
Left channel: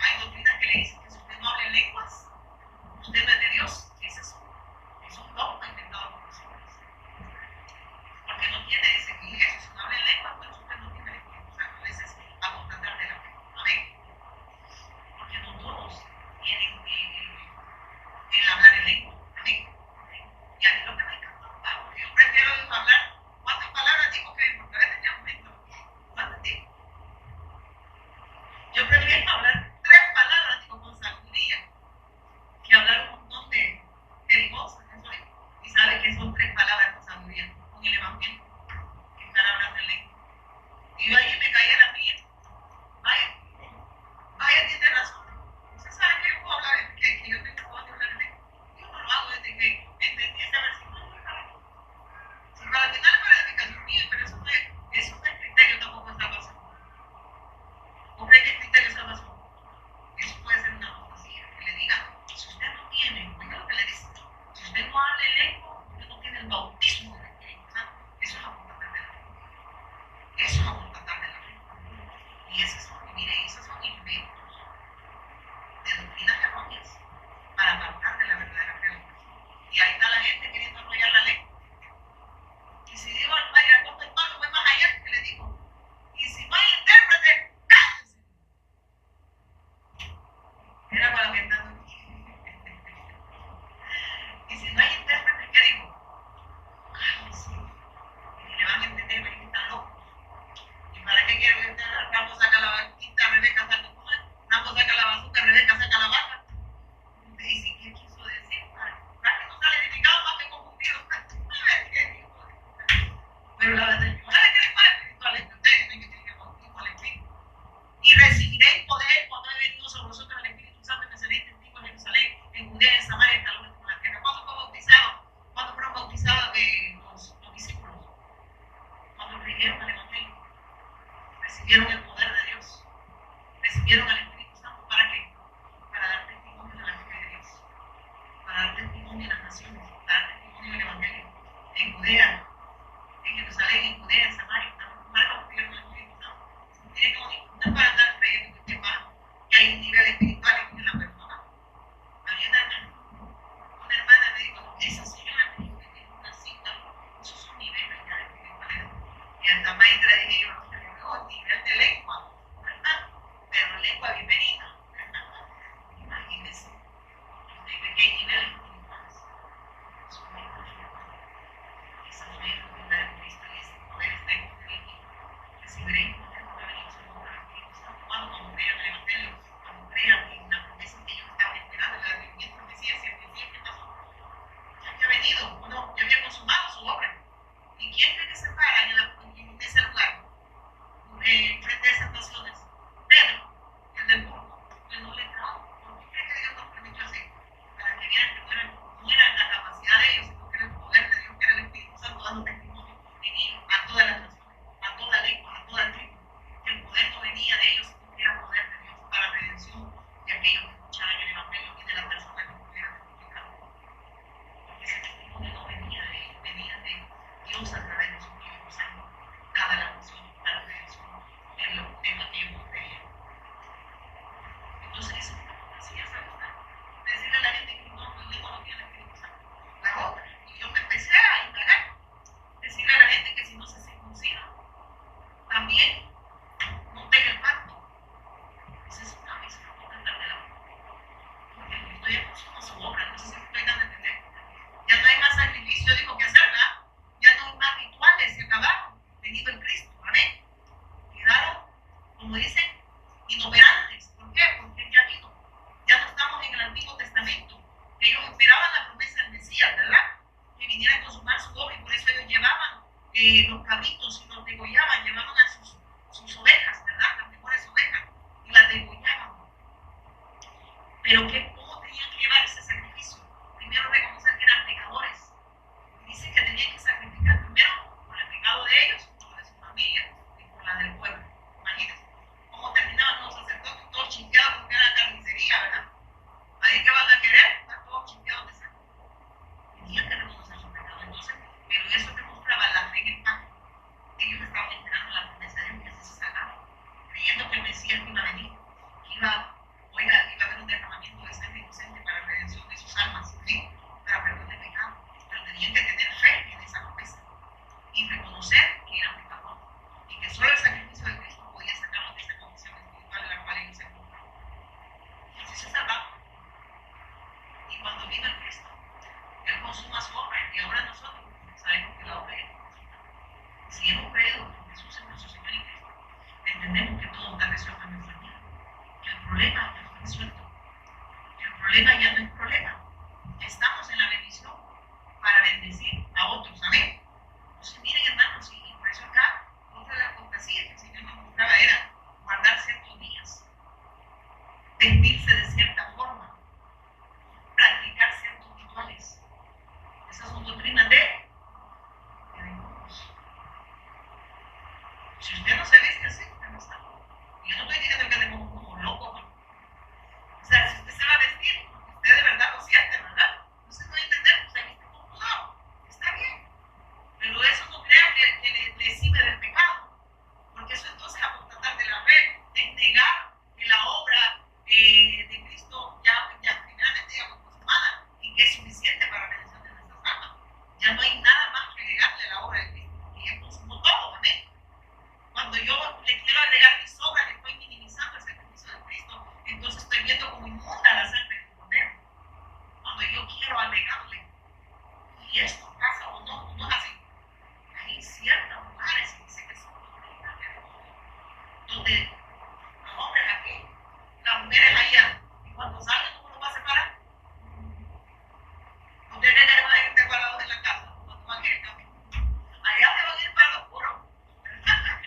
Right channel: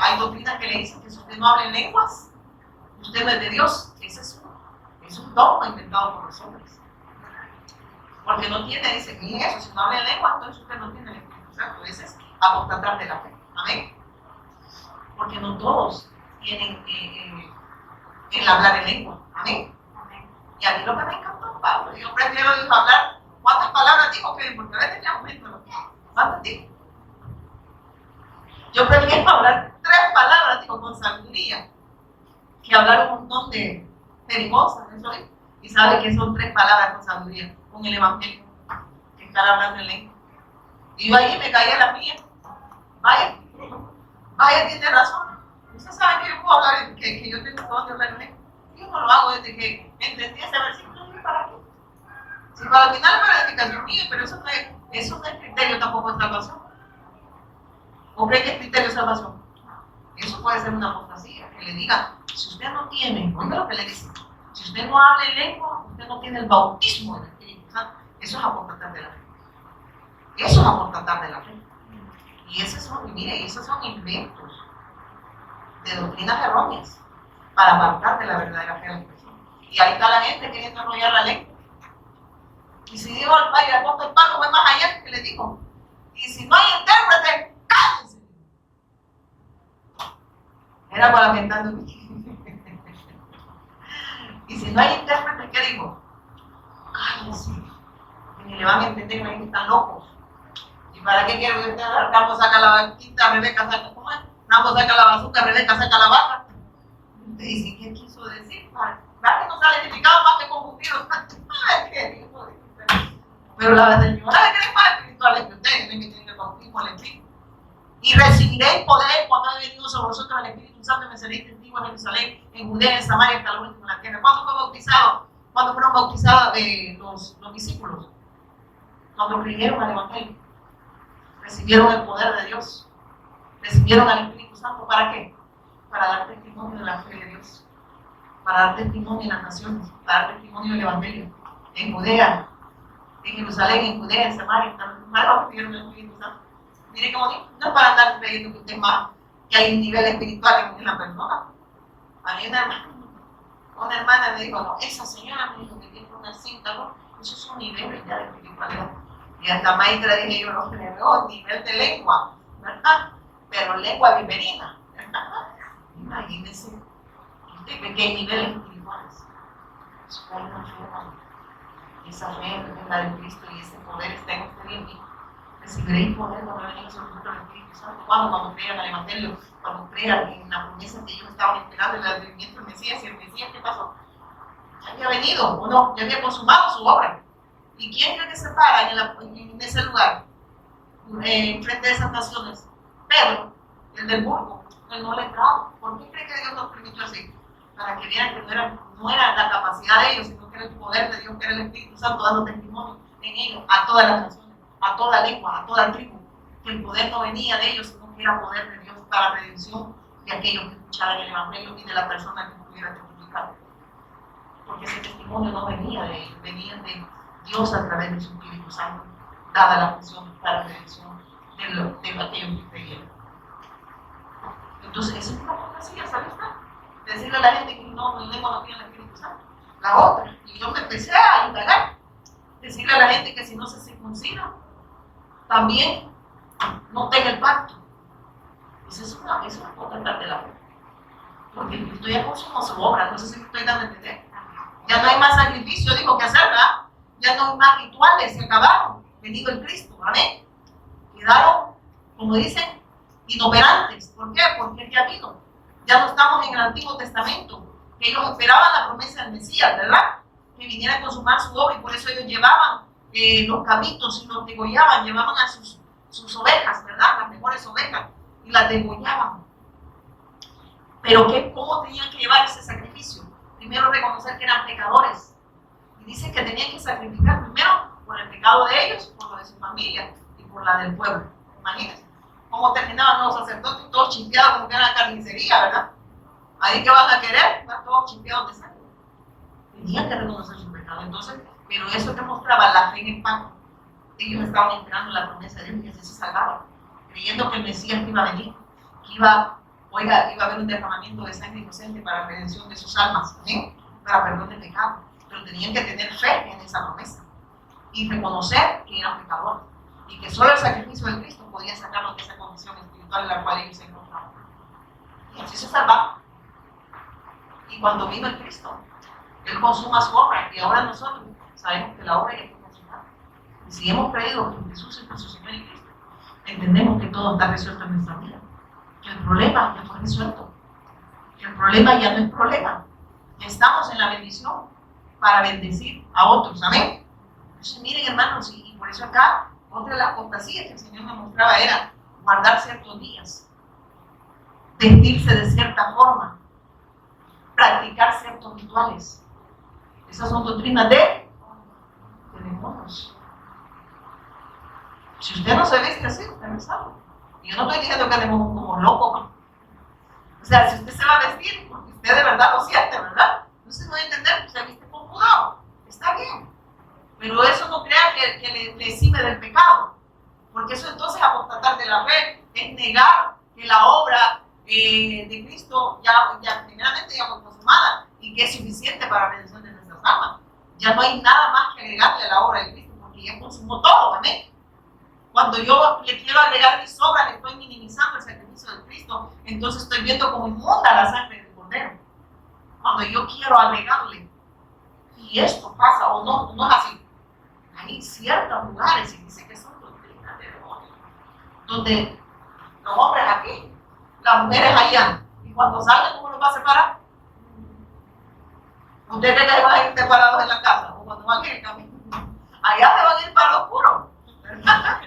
hay doctrinas que le dicen que si usted no habla en lenguas, usted no es de Dios. Ese es un dogma inventado por los hombres. Porque no tiene, dice, ni eso, si no habla en lengua, entonces usted no tiene el Espíritu Santo. Ese es apostatar de la fe. Amén. Porque no todos tienen el hablar en lengua. Amén. Y a mí lo que me encantó, Pablo, yo prefiero hablar, ¿cuántas palabras dijo que? Porque a veces ya aumento. ¿Cuántas dijo? Yo prefiero hablar 3 palabras, digo, con sabiduría, que hablar un montón de jerigosas, ¿eso es? Y sabe que son 3 palabras con sabiduría, con el evangelio, que estar hablando en lengua. Y yo ahí me caía la mía. Vaya, tiene razón. Usted sabe que yo puedo hablar, que yo tengo todo de hablar en lengua. Yo no lo hago desde que entendí ese versículo, no es para qué. Si para el final es para edificación mía, pero eso no es criterio tampoco de salvación. ¿O cree que es criterio de salvación? Eso puede ser una apostasía, que le diga, si usted no tiene, oiga lo que le dice, si usted no habla en lengua, usted no tiene el bautismo del Espíritu Santo. Eso es apostatar de la fe. Eso es apostatar de la fe. Y esos son inventos de doctrinas erróneas para apartar de la verdadera fe a la persona. Y ahí está la gente queriendo enrollar la lengua. Y si digo el padre, el apóstol Pablo fue más allá que le dijo, y si no hay intérprete, cállense. Era para aumentando. Y si no hay intérprete, ¿qué digo? Cállense. Y le van a entender, me dicen que están locos. ¿Y para qué quiero que usted Rambo saca la vaquita, Rebeca saca, ¿cómo es? Rambo saca la bazooka, Rebeca saca la vaca? Usted dice, ¿qué quiso decir? ¿Para que no sale edificado más que confundido? ¿Qué quiso decir? Pero la señora le cree más espiritual que ustedes, ven que tienen el bautismo al Espíritu. Y recibiréis poder cuando haya venido sobre vosotros el Espíritu Santo y me seréis testigos en Jerusalén, en Judea, en Samaria, hasta lo último de la tierra. ¿Cuándo fue bautizado? ¿Cuándo fueron bautizados los discípulos? Cuando creyeron al Evangelio. Recibieron el poder de Dios. Recibieron al Espíritu Santo. ¿Para qué? Para dar testimonio de la fe de Dios. Para dar testimonio en las naciones. Para dar testimonio del Evangelio. En Judea, en Jerusalén, en Judea, en Samaria, hasta lo último recibieron el Espíritu Santo. Mire cómo digo, no es para andar creyendo que usted más, que hay un nivel espiritual en la persona. A mí una hermana me dijo, no, esa señora me dijo que tiene una cinta, ¿no? Esos son niveles ya de espiritualidad. Y hasta maestra dije yo, no, pero nivel de lengua, ¿verdad? Pero lengua viverina, ¿verdad? Imagínense, usted ve que hay niveles espirituales. Eso hay una fe, esa fe es la de Cristo y ese poder está en usted mismo. Recibiréis poder cuando venga sobre vosotros el Espíritu Santo. Cuando crean el Evangelio, cuando crean en la promesa que ellos estaban esperando, el advenimiento del Mesías. Y el Mesías, ¿qué pasó? Ya había venido, ¿o no? Ya había consumado su obra. ¿Y quién cree que se para en ese lugar? Frente a esas naciones. Pedro, el del burgo, el no letrado. ¿Por qué cree que Dios nos permitió así? Para que vieran que no era la capacidad de ellos, sino que era el poder de Dios, que era el Espíritu Santo dando testimonio en ellos a todas las naciones, a toda lengua, a toda tribu. Que el poder no venía de ellos, sino que era poder de Dios para redención de aquellos que escucharan el Evangelio y de la persona que pudiera testificar. Porque ese testimonio no venía de ellos, venía de Dios a través de su Espíritu Santo, dada la función para la redención de aquellos que creyeron. Entonces, esa es una fantasía, ¿sabe usted? Decirle a la gente que no, mi lengua no tiene el Espíritu Santo. La otra, y yo me empecé a indagar, decirle a la gente que si no se circuncida, también no tenga el pacto. Pues es una potestad de la fe. Porque el Cristo ya consumó su obra, no sé si me estoy dando a entender. Ya no hay más sacrificio, dijo que hacer, ¿verdad? Ya no hay más rituales, se acabaron. Venido el Cristo, amén. Quedaron, como dicen, inoperantes. ¿Por qué? Porque ya vino. Ya no estamos en el Antiguo Testamento. Ellos esperaban la promesa del Mesías, ¿verdad? Que viniera a consumar su obra y por eso ellos llevaban los cabritos y los degollaban, llevaban a sus ovejas, ¿verdad? Las mejores ovejas y las degollaban. Pero ¿cómo tenían que llevar ese sacrificio? Primero reconocer que eran pecadores. Y dice que tenían que sacrificar primero por el pecado de ellos, por lo de su familia y por la del pueblo. Imagínense cómo terminaban los sacerdotes todos chispeados como que era la carnicería, ¿verdad? Ahí que van a querer, están todos chispeados de sangre. Tenían que reconocer su pecado. Entonces, pero eso demostraba la fe en el pacto. Ellos estaban esperando la promesa de Dios y que así se salvaban, creyendo que el Mesías iba a venir, que iba a haber un derramamiento de sangre inocente para la redención de sus almas, ¿sí? Para perdón de pecado. Pero tenían que tener fe en esa promesa y reconocer que eran pecadores y que solo el sacrificio de Cristo podía sacarlos de esa condición espiritual en la cual ellos se encontraban. Y así se salvaban. Y cuando vino el Cristo, Él consuma su obra y ahora nosotros sabemos que la obra ya está consumada. Y si hemos creído que Jesús es nuestro Señor y Cristo, entendemos que todo está resuelto en nuestra vida. Que el problema ya fue resuelto. Que el problema ya no es problema. Ya estamos en la bendición para bendecir a otros. Amén. Entonces, miren, hermanos, y por eso acá, otra de las apostasías que el Señor me mostraba era guardar ciertos días, vestirse de cierta forma, practicar ciertos rituales. Esas son doctrinas de demonios. Si usted no se viste así, usted no es salvo. Y yo no estoy diciendo que andemos como locos. O sea, si usted se va a vestir, porque usted de verdad lo siente, ¿verdad? Entonces no va a entender que se viste con cuidado. Está bien. Pero eso no crea que le exime del pecado. Porque eso entonces apostatar de la fe es negar que la obra de Cristo ya primeramente ya fue consumada y que es suficiente para la redención de nuestras almas. Ya no hay nada más que agregarle a la obra de Cristo porque ya consumó todo, amén. Cuando yo le quiero agregar mis obras, le estoy minimizando el sacrificio de Cristo, entonces estoy viendo como inmunda la sangre del Cordero. Cuando yo quiero agregarle, y esto pasa o no, no es así. Hay ciertos lugares, y dice que son doctrinas de demonios, donde los hombres aquí, las mujeres allá, y cuando salgan, ¿cómo los va a separar? ¿Ustedes creen que van a ir separados en la casa? ¿O cuando van a ir en camino? Allá se van a ir para lo oscuro, ¿verdad?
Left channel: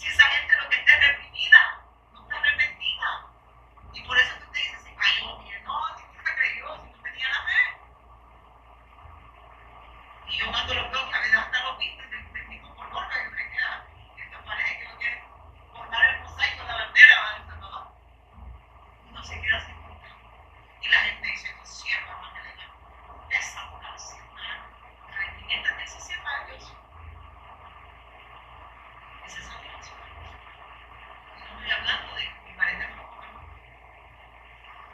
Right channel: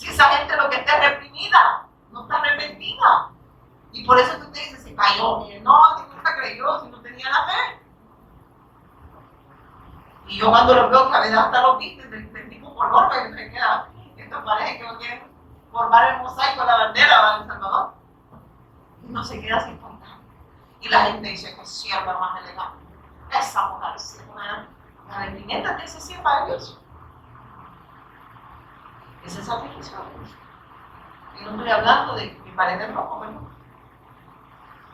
Si esa gente lo que está es reprimida, no está arrepentida. Y por eso que usted dice, se cayó. Y él, no, si nunca creyó, si no tenía la fe. Y yo cuando los veo que a veces hasta los visten del mismo color, que me queda, esto parece que no quieren formar el mosaico de la bandera de El Salvador. Y no se queda sin contar. Y la gente dice que sierva más elegante. Esa mujer es una vestimenta de esa sierva de Dios. Ese sacrificio de Dios. Y no estoy hablando de mi pared rojo, ¿verdad?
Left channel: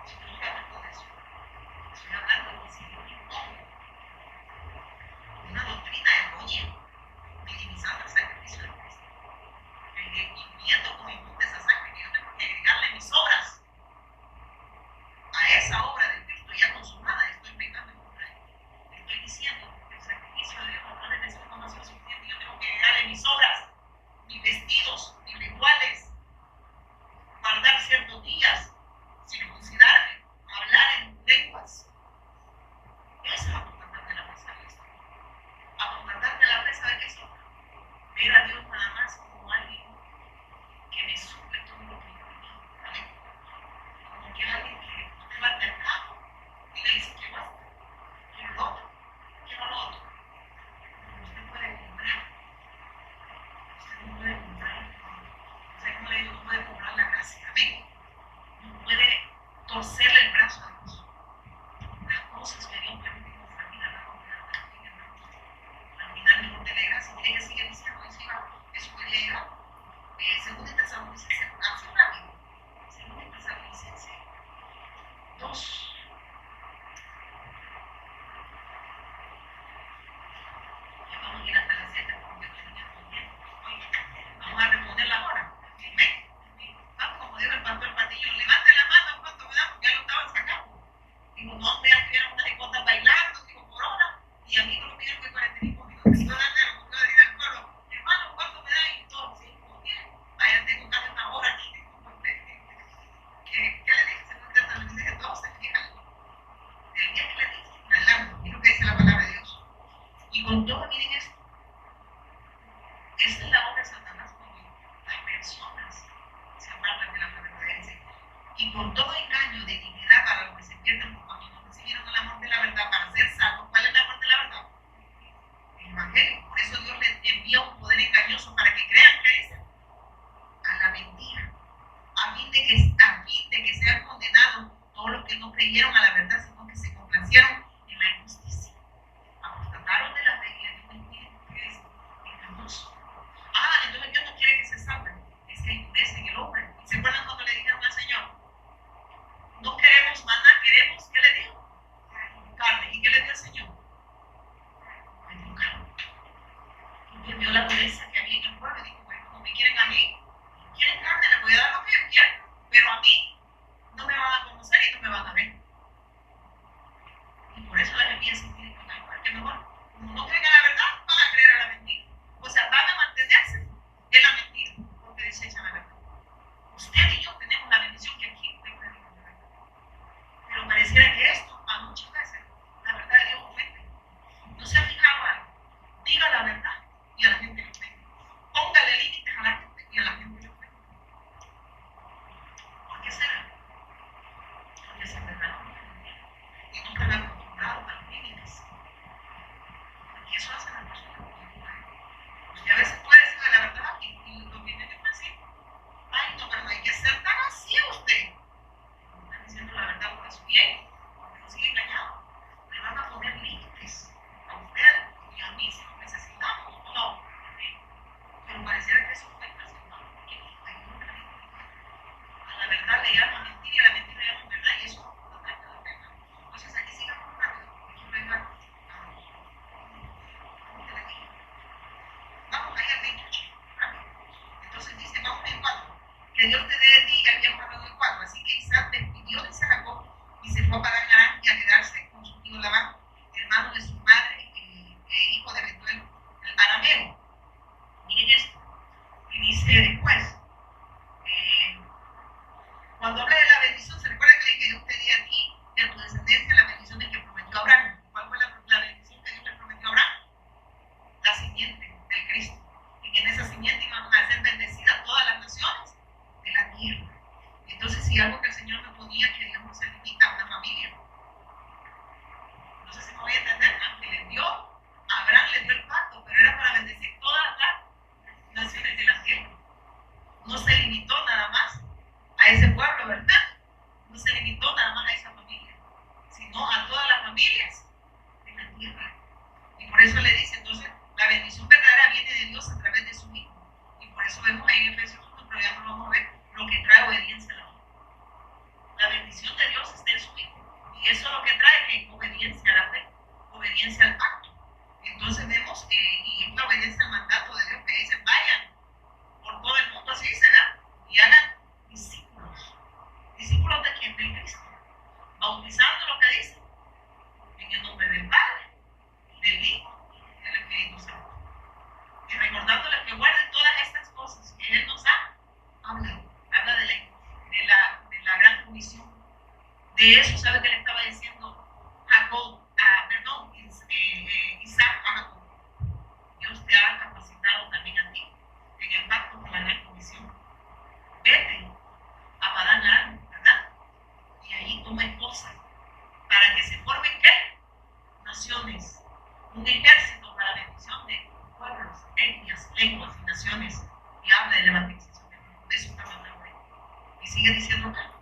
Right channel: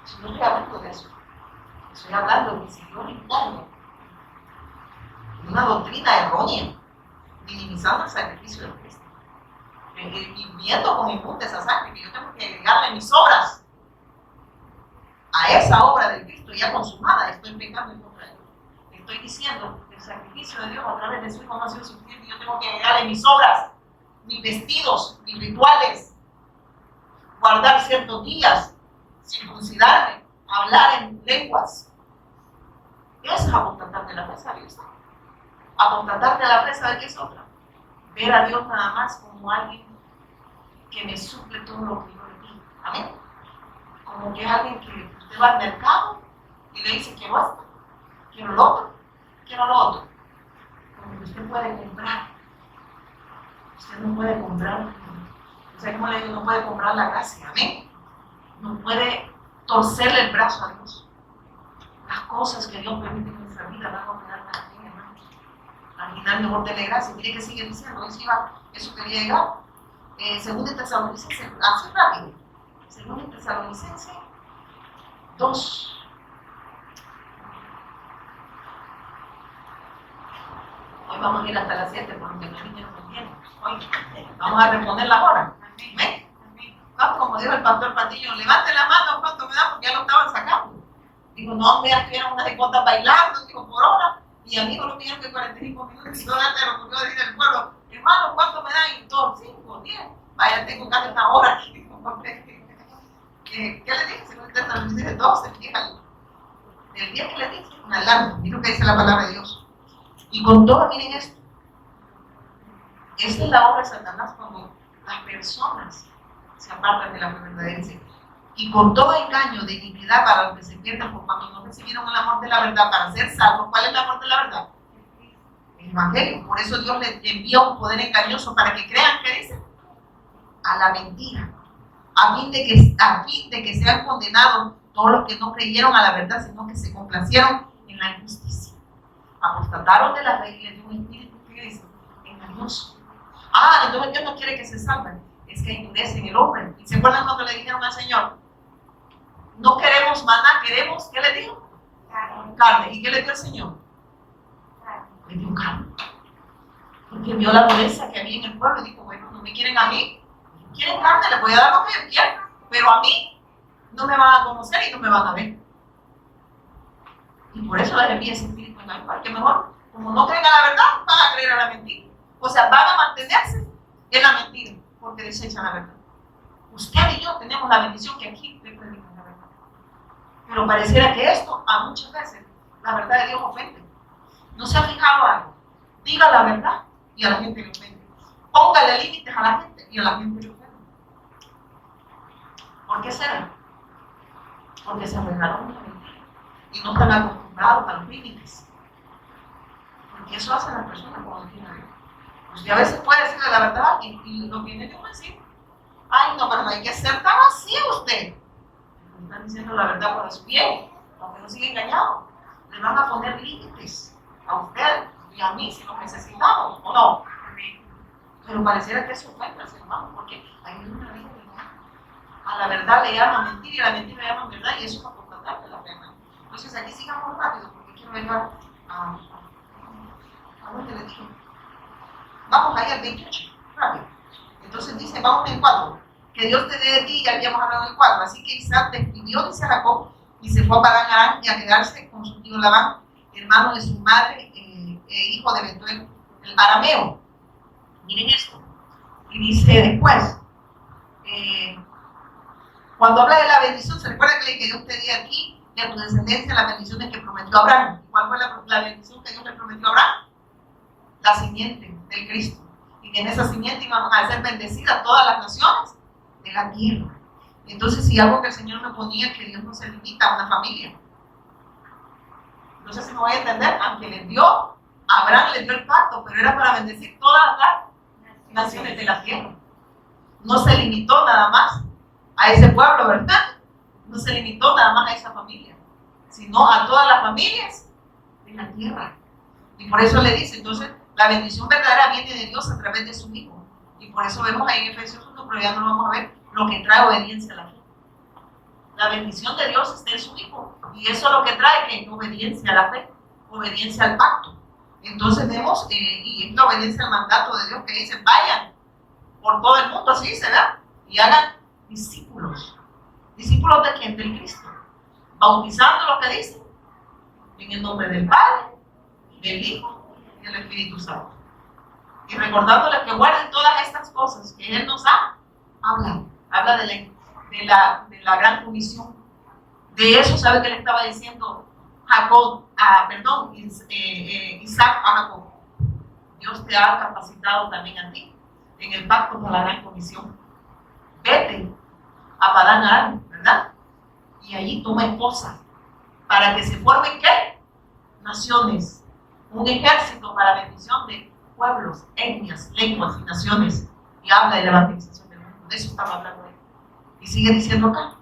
Si no estoy hablando de eso. Estoy hablando de que si Dios impone una doctrina errónea, minimizando el sacrificio de Cristo, y viendo con inmunda esa sangre, que yo tengo que agregarle mis obras a esa obra de Cristo ya consumada, estoy pecando en contra de él. Estoy diciendo que el sacrificio de Dios a través de su Hijo no ha sido suficiente, yo tengo que agregarle mis obras, mis vestidos, mis rituales, guardar ciertos días, circuncidarme, hablar en lenguas. Eso es apostatar de la fe, ¿sabes? Apostatar de la fe, ¿sabe qué es otra? Ver a Dios nada más como alguien que me suple todo lo que yo le digo. ¿Amén? Como que es alguien que usted va al mercado y le dice, quiero esto, quiero lo otro, quiero lo otro. Como que usted puede comprar. Usted no puede comprar. O sea, como le digo, no puede comprar la gracia. ¿Amén? No puede torcerle el brazo a Dios. Las cosas que Dios permite en nuestra vida van a quedar tan bien, hermano. Al final mejor dele gracias. Mire que sigue diciendo, eso quería llegar. Según Tesalonicenses, así rápido. Según Tesalonicenses 2. Hoy vamos a ir hasta las 7 porque los niños no entienden. Vamos a responder la hora. ¿Ven? No, como dijo el pastor Patillo, levante la mano cuánto me da porque ya lo estaban sacando. Digo, no, me estuvieron unas hipotas bailando, digo, por hora. Y amigos no pidieron que 45 minutos. Y no antes lo ocurrió decir el pueblo, hermano, ¿cuánto me dan? Y todos, 5, 10. Vaya, tengo casi una hora aquí. ¿Qué le dije? Según Tesalonicenses 12, fíjate. El día que le dije, una alarma. Mira lo que dice la palabra de Dios. Y con todo, miren esto. Esta es la obra de Satanás cuando las personas se apartan de la verdadera. Y con todo engaño de iniquidad para los que se pierden por cuando no recibieron el amor de la verdad para ser salvos. ¿Cuál es el amor de la verdad? El Evangelio. Por eso Dios les envía un poder engañoso para que crean, ¿qué dice? A la mentira. A fin de que sean condenados todos los que no creyeron a la verdad, sino que se complacieron en la injusticia. Apostataron de la fe y les dio un espíritu, ¿qué dice? Engañoso. Entonces Dios no quiere que se salven. Es que endurecen el hombre. ¿Y se acuerdan lo que le dijeron al Señor? No queremos maná, queremos, ¿qué le dijo? Carne. ¿Y qué le dio el Señor? Le dio carne. Porque vio la dureza que había en el pueblo y dijo, bueno, no me quieren a mí, quieren carne, les voy a dar lo que yo quiero, pero a mí no me van a conocer y no me van a ver. Y por eso les envía ese espíritu en el que mejor, como no creen a la verdad, van a creer a la mentira. O sea, van a mantenerse en la mentira, porque desechan la verdad. Usted y yo tenemos la bendición que aquí le predican la verdad. Pero pareciera que esto, a muchas veces, la verdad de Dios ofende. ¿No se ha fijado algo? Diga la verdad y a la gente le ofende. Póngale límites a la gente y a la gente le ofende. ¿Por qué será? Porque se aferraron a la mentira y no están acostumbrados a los límites. Porque eso hace a las personas cuando tienen. Pues a veces puede decirle la verdad y lo viene de un decir. Ay, no, pero no hay que ser tan así usted. Le están diciendo la verdad por su bien, aunque no siga engañado. Le van a poner límites a usted y a mí si lo necesitamos, ¿o no? Pero pareciera que eso ofende al ser humano, porque hay una ley de verdad. A la verdad le llaman mentira y a la mentira le llaman verdad, y eso es apostatar de la pena. Entonces aquí sigamos rápido, porque quiero llegar a dónde le digo. Vamos ahí al 28, rápido. Entonces dice, vamos en el 4, que Dios te dé de ti, ya habíamos hablado en el 4. Así que Isaac despidió, dice Jacob, y se fue a Padán Aram y a quedarse con su tío Labán, hermano de su madre, hijo de Betuel, el arameo. Miren esto. Y dice después, cuando habla de la bendición, se recuerda que Dios te dio a ti y a tu descendencia las bendiciones que prometió Abraham. ¿Cuál fue la bendición que Dios le prometió a Abraham? La simiente del Cristo. Y y en esa simiente iban a ser bendecidas todas las naciones de la tierra. Entonces, si algo que el Señor me ponía, que Dios no se limita a una familia. No sé si me voy a entender, aunque le dio, Abraham le dio el pacto, pero era para bendecir todas las naciones de la tierra. No se limitó nada más a ese pueblo, ¿verdad? No se limitó nada más a esa familia, sino a todas las familias de la tierra. Y por eso le dice, entonces, la bendición verdadera viene de Dios a través de su Hijo. Y por eso vemos ahí en Efesios 1, pero ya no lo vamos a ver, lo que trae obediencia a la fe. La bendición de Dios está en su Hijo. Y eso es lo que trae que obediencia a la fe, obediencia al pacto. Entonces vemos, y es la obediencia al mandato de Dios que dice, vayan por todo el mundo, así dice, ¿verdad? Y hagan discípulos. ¿Discípulos de quién? Del Cristo. Bautizando lo que dice, en el nombre del Padre, del Hijo y del Espíritu Santo. Y recordándoles que guarden todas estas cosas que Él nos ha hablado. Habla de la gran comisión. De eso, ¿sabe qué le estaba diciendo Isaac a Jacob? Dios te ha capacitado también a ti en el pacto por la gran comisión. Vete a Padán Aram, ¿verdad? Y allí toma esposas para que se formen, ¿qué? Naciones. Un ejército para la bendición de pueblos, etnias, lenguas y naciones. Y habla de la evangelización del mundo. De eso estaba hablando él. Y sigue diciendo acá.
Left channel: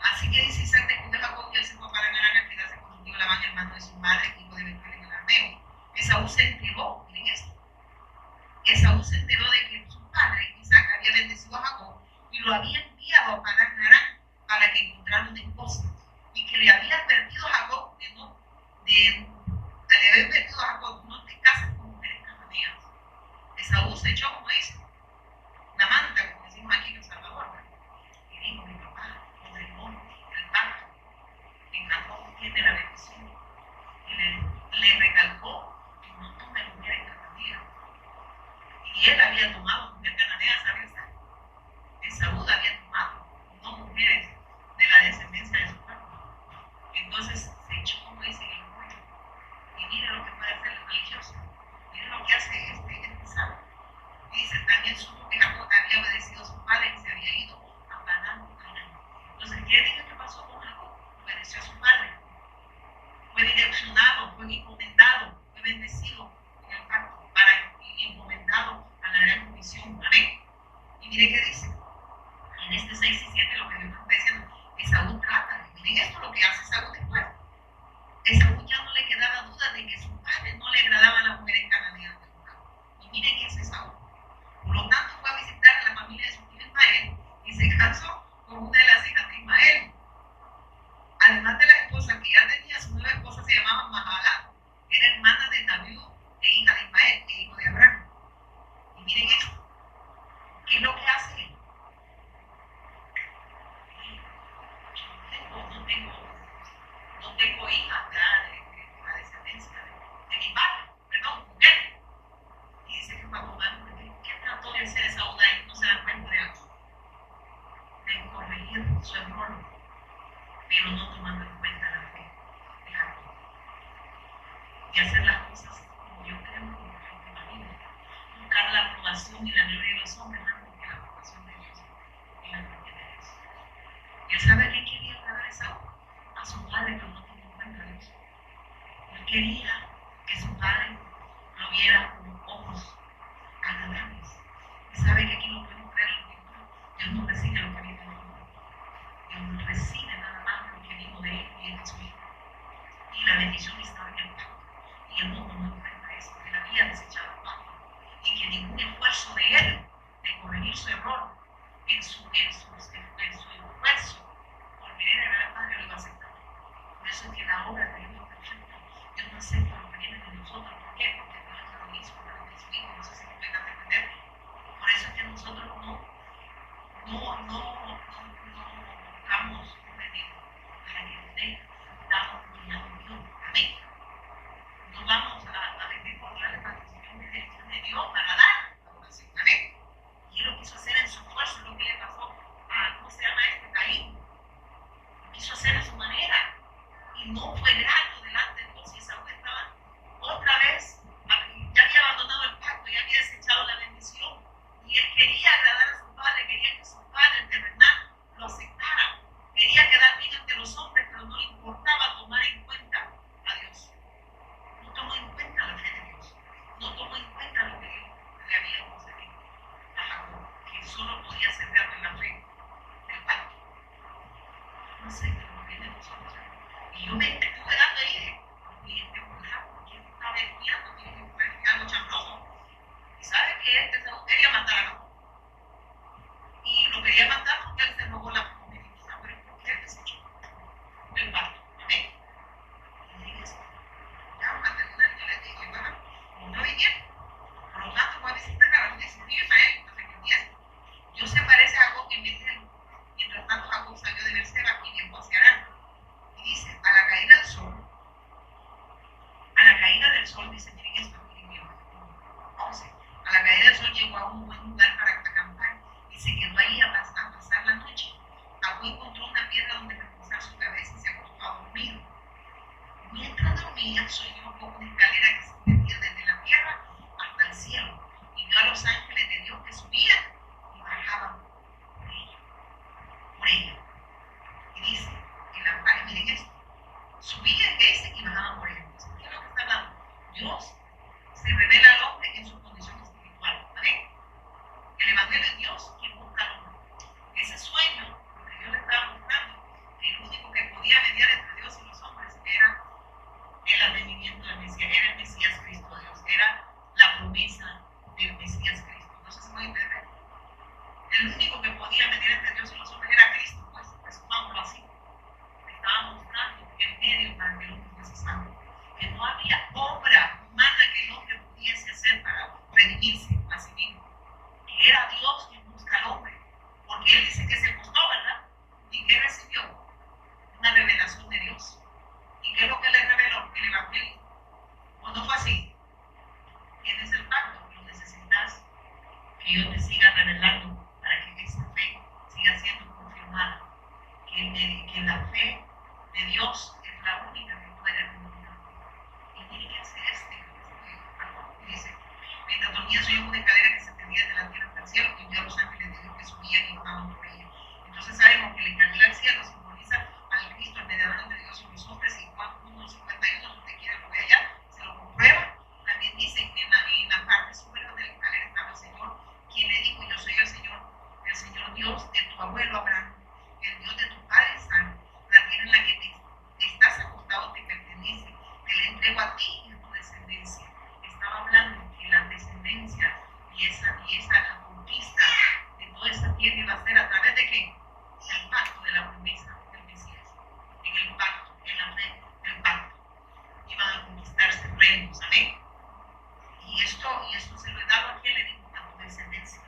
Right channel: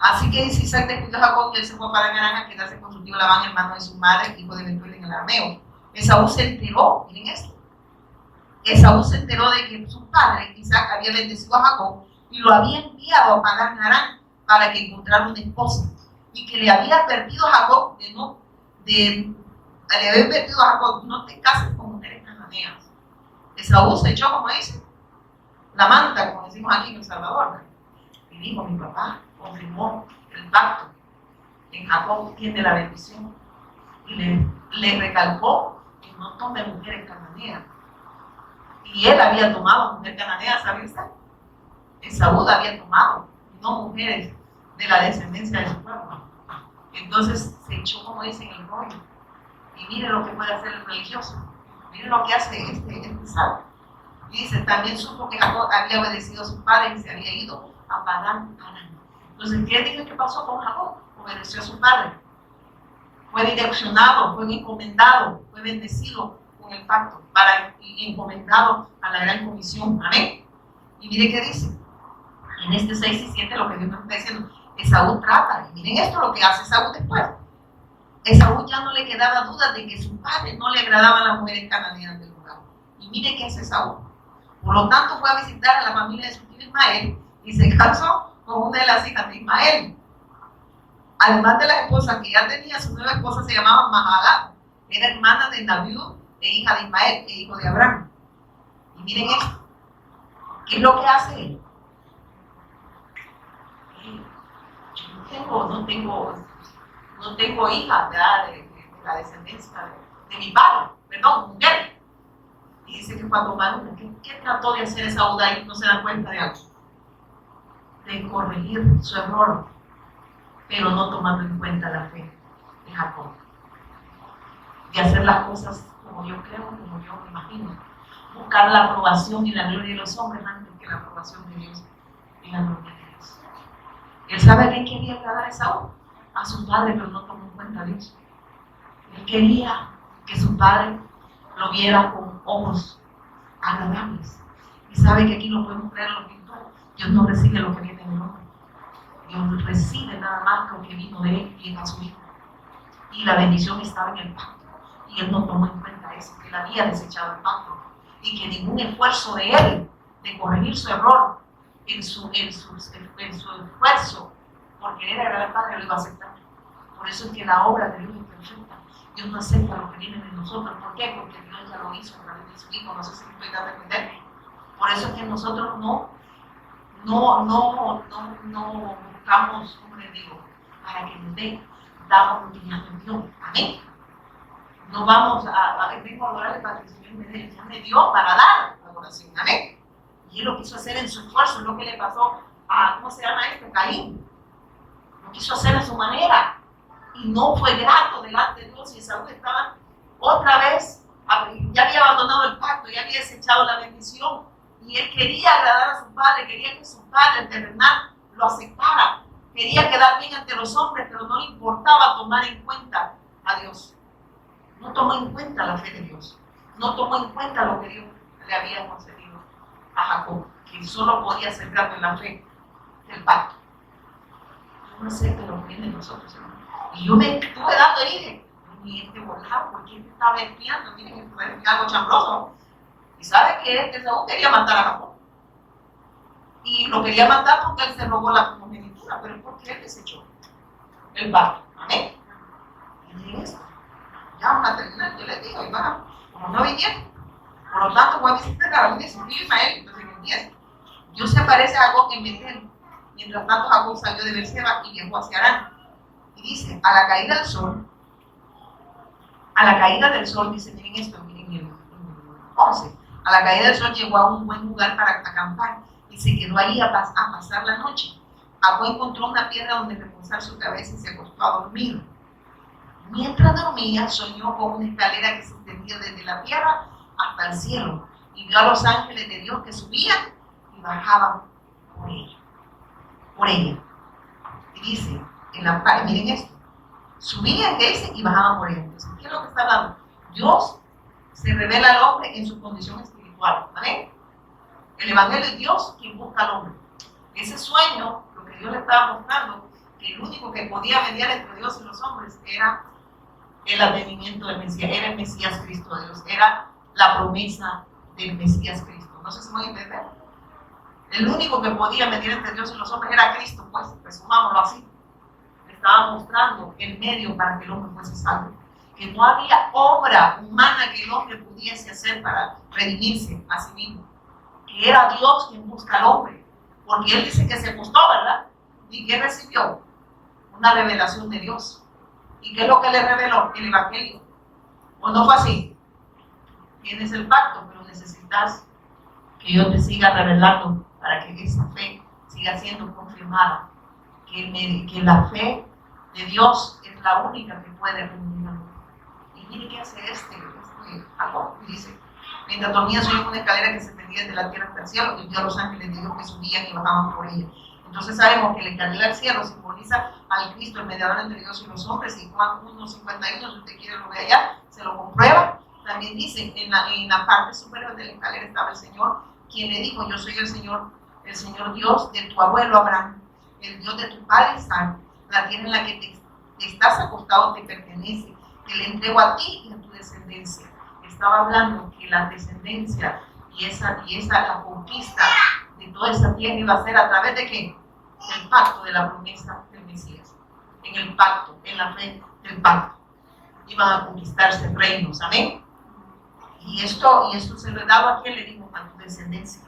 Así que dice Isaac despidió a Jacob y él se fue para Harán a quedarse con su tío Labán, hermano de su madre, hijo de Betuel en el arameo. Esaú se enteró, miren esto. Esaú se enteró de que su padre, Isaac, había bendecido a Jacob y lo había enviado a Padán Aram para que encontrara una esposa. Y que le había advertido a Jacob no te cases con mujeres cananeas. Esaú se echó, como dice, la manta, como decimos aquí en El Salvador, ¿verdad? Y dijo, mi papá confirmó el pacto. En Jacob tiene la bendición. Y le recalcó que no tome mujeres cananeas. Y él había tomado mujer cananea, ¿sabe usted? Esaú había tomado, no mujeres de la descendencia de su pueblo. Entonces se echó, como dicen, el rollo. Y mire lo que puede hacer el religioso. Mire lo que hace este sabio. Y dice, también supo que Jacob había obedecido a su padre y se había ido a Padán Aram. Entonces, ¿qué dice que pasó con Jacob? Obedeció a su padre. Fue direccionado, fue encomendado, fue bendecido con el pacto, y encomendado a la gran comisión. Amén. Y mire qué dice. En este 6 y 7 lo que Dios nos está diciendo. Esaú trata. Y miren esto lo que hace Esaú después. Esaú ya no le quedaba duda de que su padre no le agradaban las mujeres cananeas del lugar. Y mire qué hace Esaú. Por lo tanto, fue a visitar a la familia de su tío Ismael y se casó con una de las hijas de Ismael. Además de la esposa que ya tenía, su nueva esposa se llamaba Mahalat, era hermana de Nabiú e hija de Ismael e hijo de Abraham. Y miren esto. ¿Qué es lo que hace él? Yo no tengo hijas de la descendencia de mi padre, perdón, mujer. Y dice que cuando Manu, ¿qué trató de hacer esa Uda y no se da cuenta de algo? De corregir su error, pero no tomando en cuenta la fe de Jacob. De hacer las cosas como yo creo, como yo me imagino. Buscar la aprobación y la gloria de los hombres antes que la aprobación de Dios y la gloria de Dios. Él sabe que quería agradar a Esaú, a su padre, pero no tomó en cuenta a Dios. Él quería que su padre lo viera con ojos agradables. Y sabe que aquí lo podemos traer a los pintores. Dios no recibe lo que viene del hombre. Dios recibe nada más lo que vino de él y de su hijo. Y la bendición estaba en el pacto. Y él no tomó en cuenta eso, que él había desechado el pacto. Y que ningún esfuerzo de él de corregir su error en su esfuerzo por querer agradar al Padre lo iba a aceptar. Por eso es que la obra de Dios es perfecta. Dios no acepta lo que viene de nosotros. ¿Por qué? Porque Dios ya lo hizo a través de su Hijo. No sé si me estoy dando a entender. Por eso es que nosotros no buscamos un enemigo para que nos dé, damos lo que ya nos dio. Amén. No vamos a adorarle para que el Señor me dio para dar la adoración. Amén. Y él lo quiso hacer en su esfuerzo, es lo que le pasó a, ¿cómo se llama Caín. Lo quiso hacer a su manera. Y no fue grato delante de Dios. Y Esaú estaba otra vez, ya había abandonado el pacto ya había desechado la bendición y él quería agradar a su padre, quería que su padre terrenal lo aceptara, quería quedar bien ante los hombres, pero no le importaba tomar en cuenta a Dios. No tomó en cuenta la fe de Dios, no tomó en cuenta lo que Dios le había concedido a Jacob, que solo podía acercarlo en la fe del pacto. Yo no sé qué lo viene de nosotros, hermano. Y yo me estuve dando ahí de, y este volado, ¿por qué estaba espiando? Miren, fue algo chambroso. Y sabe que este Saúl quería matar a Jacob. Y lo quería matar porque él se robó la primogenitura, pero es porque él desechó el pacto. Amén. Y miren esto. Ya van a terminar, yo les digo, y van a, como no vinieron. Por lo tanto, voy a visitar a la iglesia. Vive Ismael, entonces en el 10. Dios se aparece a Jacob en Betel. Mientras tanto, Jacob salió de Berseba y viajó hacia Harán. Y dice, a la caída del sol, dice, miren esto, miren el 11. A la caída del sol llegó a un buen lugar para acampar y se quedó allí a pasar la noche. Jacob encontró una piedra donde reposar su cabeza y se acostó a dormir. Mientras dormía, soñó con una escalera que se extendía desde la tierra hasta el cielo y vio a los ángeles de Dios que subían y bajaban por ella. Y dice, miren esto, subían, ¿qué dice? Y bajaban por ella. Entonces, ¿qué es lo que está hablando? Dios se revela al hombre en su condición espiritual, ¿vale? El evangelio es Dios quien busca al hombre. Ese sueño, lo que Dios le estaba mostrando, que el único que podía mediar entre Dios y los hombres era el advenimiento del Mesías, era el Mesías Cristo de Dios, era la promesa del Mesías Cristo. No sé si me voy a entender. El único que podía medir entre Dios y los hombres era Cristo, pues, resumámoslo así. Estaba mostrando el medio para que el hombre fuese salvo. Que no había obra humana que el hombre pudiese hacer para redimirse a sí mismo. Que era Dios quien busca al hombre. Porque él dice que se acostó, ¿verdad? ¿Y qué recibió? Una revelación de Dios. ¿Y qué es lo que le reveló? El evangelio. ¿O no fue así? Tienes el pacto, pero necesitas que yo te siga revelando para que esa fe siga siendo confirmada. Que la fe de Dios es la única que puede redimir. Y mire qué hace Jacob. Dice, mientras dormía soñó una escalera que se extendía desde la tierra hasta el cielo y vio a los ángeles de Dios que subían y bajaban por ella. Entonces sabemos que la escalera al cielo simboliza al Cristo, el mediador entre Dios y los hombres. Y Juan 1:51, si usted quiere lo ve allá, se lo comprueba. También dice, en la parte superior de la escalera estaba el Señor, quien le dijo, yo soy el Señor Dios de tu abuelo Abraham, el Dios de tu padre Isaac. La tierra en la que te estás acostado te pertenece, te la entrego a ti y a tu descendencia. Estaba hablando que la descendencia y esa la conquista de toda esa tierra iba a ser a través de ¿qué? Del pacto de la promesa del Mesías. En el pacto, en la fe del pacto, iban a conquistarse reinos, amén. Y esto se lo he dado a quien le dijo a tu descendencia,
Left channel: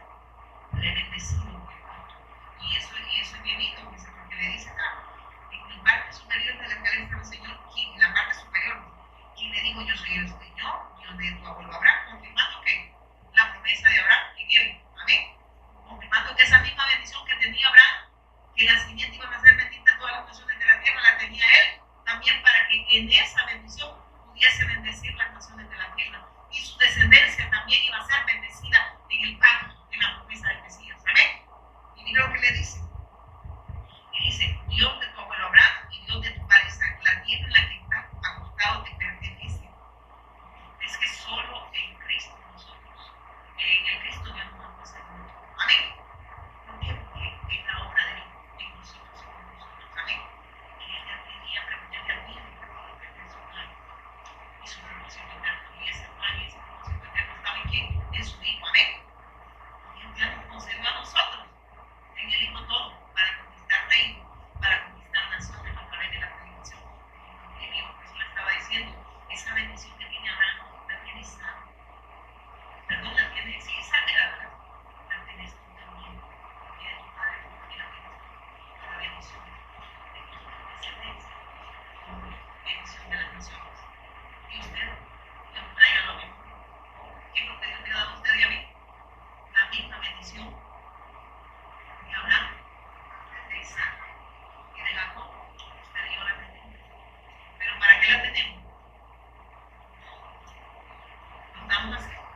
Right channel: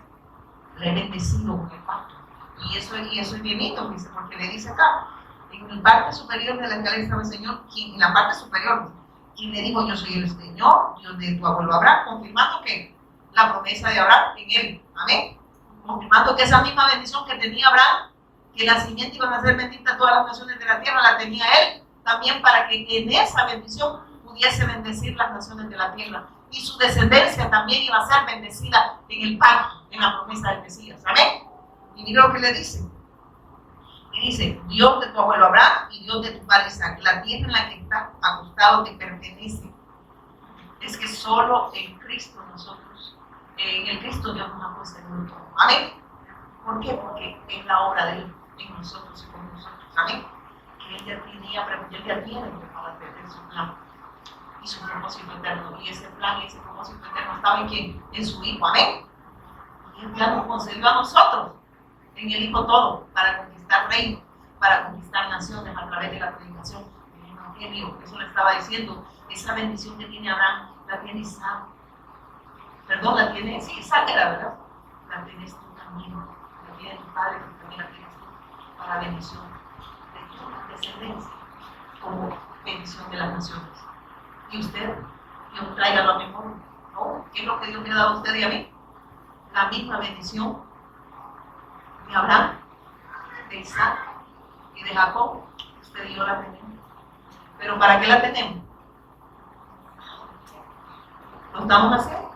le he bendecido con el pacto. Y eso es bien lindo, dice, porque le dice acá, en la parte superior de la escalera estaba el Señor, en la parte superior, quien le dijo, yo soy el Señor, Dios de tu abuelo Abraham, confirmando que la promesa de Abraham en él, amén. Confirmando que esa misma bendición que tenía Abraham, que la simiente iban a ser bendita todas las naciones de la tierra, la tenía él, también para que en esa bendición pudiese bendecir las naciones de la tierra. Y su descendencia también iba a ser bendecida en el pacto, en la promesa del Mesías, amén. Y mira lo que le dice. Y dice, Dios de tu abuelo Abraham y Dios de tu padre Isaac, la tierra en la que estás acostado te pertenece. Es que solo en Cristo nosotros, en el Cristo Dios nos ha puesto en todo. Amén. ¿Por qué? Porque es la obra de Él en nosotros y con nosotros. Amén. Que Él ya tiene preparado su plan y su propósito eterno. Y ese plan y ese propósito eterno estaba en quién? En su Hijo. Amén. Y Él ya nos concedió a nosotros en el Hijo todo para conquistar reinos, para conquistar naciones a través de la predicación del Evangelio. Eso le estaba diciendo. Esa bendición que tiene Abraham la tiene Isaac. Perdón, la tiene, sí, Isaac era, ¿verdad? La tienes tú también. La tiene tu padre, pero también la tienes tú para bendición de tu descendencia, como bendición de las naciones. Y usted, Dios tráigalo a memoria. ¿No? ¿Qué es lo que Dios me ha dado a usted y a mí? La misma bendición de Abraham, de Isaac y de Jacob. Usted y yo la tenemos. ¿Pero para qué la tenemos? ¿Lo estamos haciendo?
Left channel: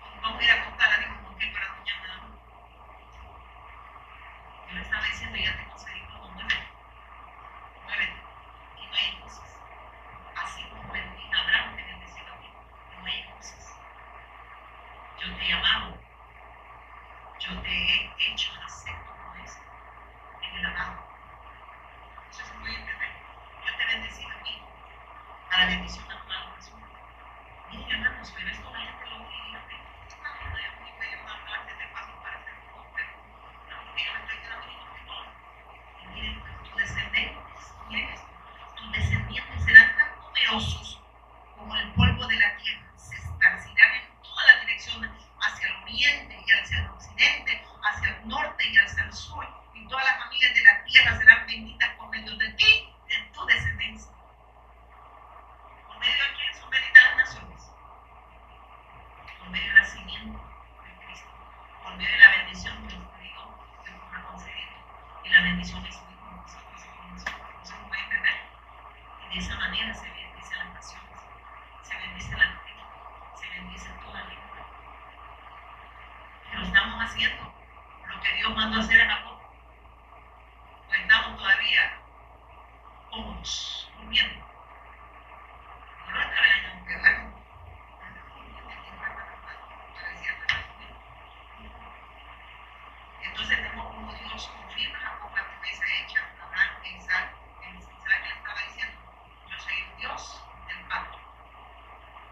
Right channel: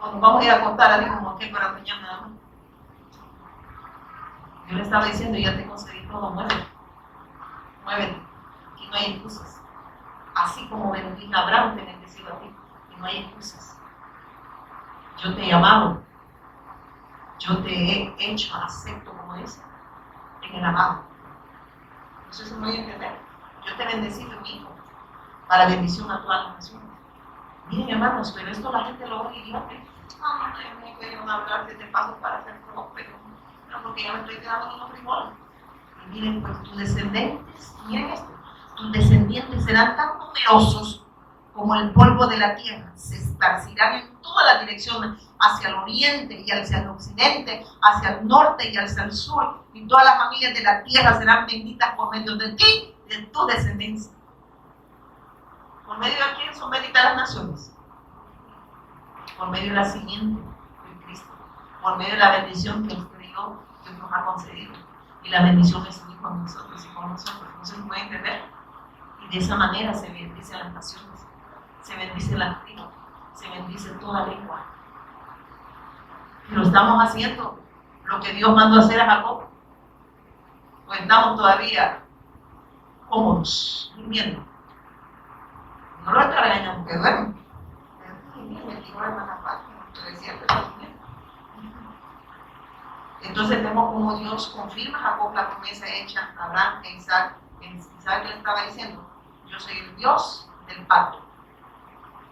¿O Cuando vamos a ir a acostar, así como que para mañana. Yo le estaba diciendo, ya te conseguí todo, muévete. Muévete. Aquí no hay excusas. Así como bendije a Abraham, te bendecido a ti. Que no hay excusas. Yo te he llamado. Yo te he hecho acepto como es en el amado. No sé si me voy a entender. Yo te he bendecido en mi hijo para bendición a todas las naciones. Miren, hermanos, pero esto la gente lo oye y ya me van a hablar de paso para hacer próspero. No, porque ya me estoy quedando en un frijoles. Y miren, pues tus descendientes, miren esto, tus descendientes serán tan numerosos como el polvo de la tierra. Se esparcirán en toda la dirección, hacia el oriente y hacia el occidente, hacia el norte y hacia el sur. Y todas las familias de la tierra serán benditas por medio de ti y de tu descendencia. ¿Por medio de quién son benditas las naciones? Por medio de la simiente de Cristo. Por medio de la bendición que usted dio, Dios nos ha concedido. Y la bendición es su Hijo a nosotros y por nosotros. No se puede entender. Y de esa manera se bendicen las naciones. Se bendice la tribu. Se bendice toda lengua. Y lo estamos haciendo. Lo que Dios mandó hacer a Jacob. Pues estamos todavía cómodos, durmiendo. No lo está regañando, que duerme. Entonces vemos como Dios confirma a Jacob la promesa hecha a Abraham e Isaac. ¿Sabe qué le estaba diciendo? Yo soy el Dios del pacto.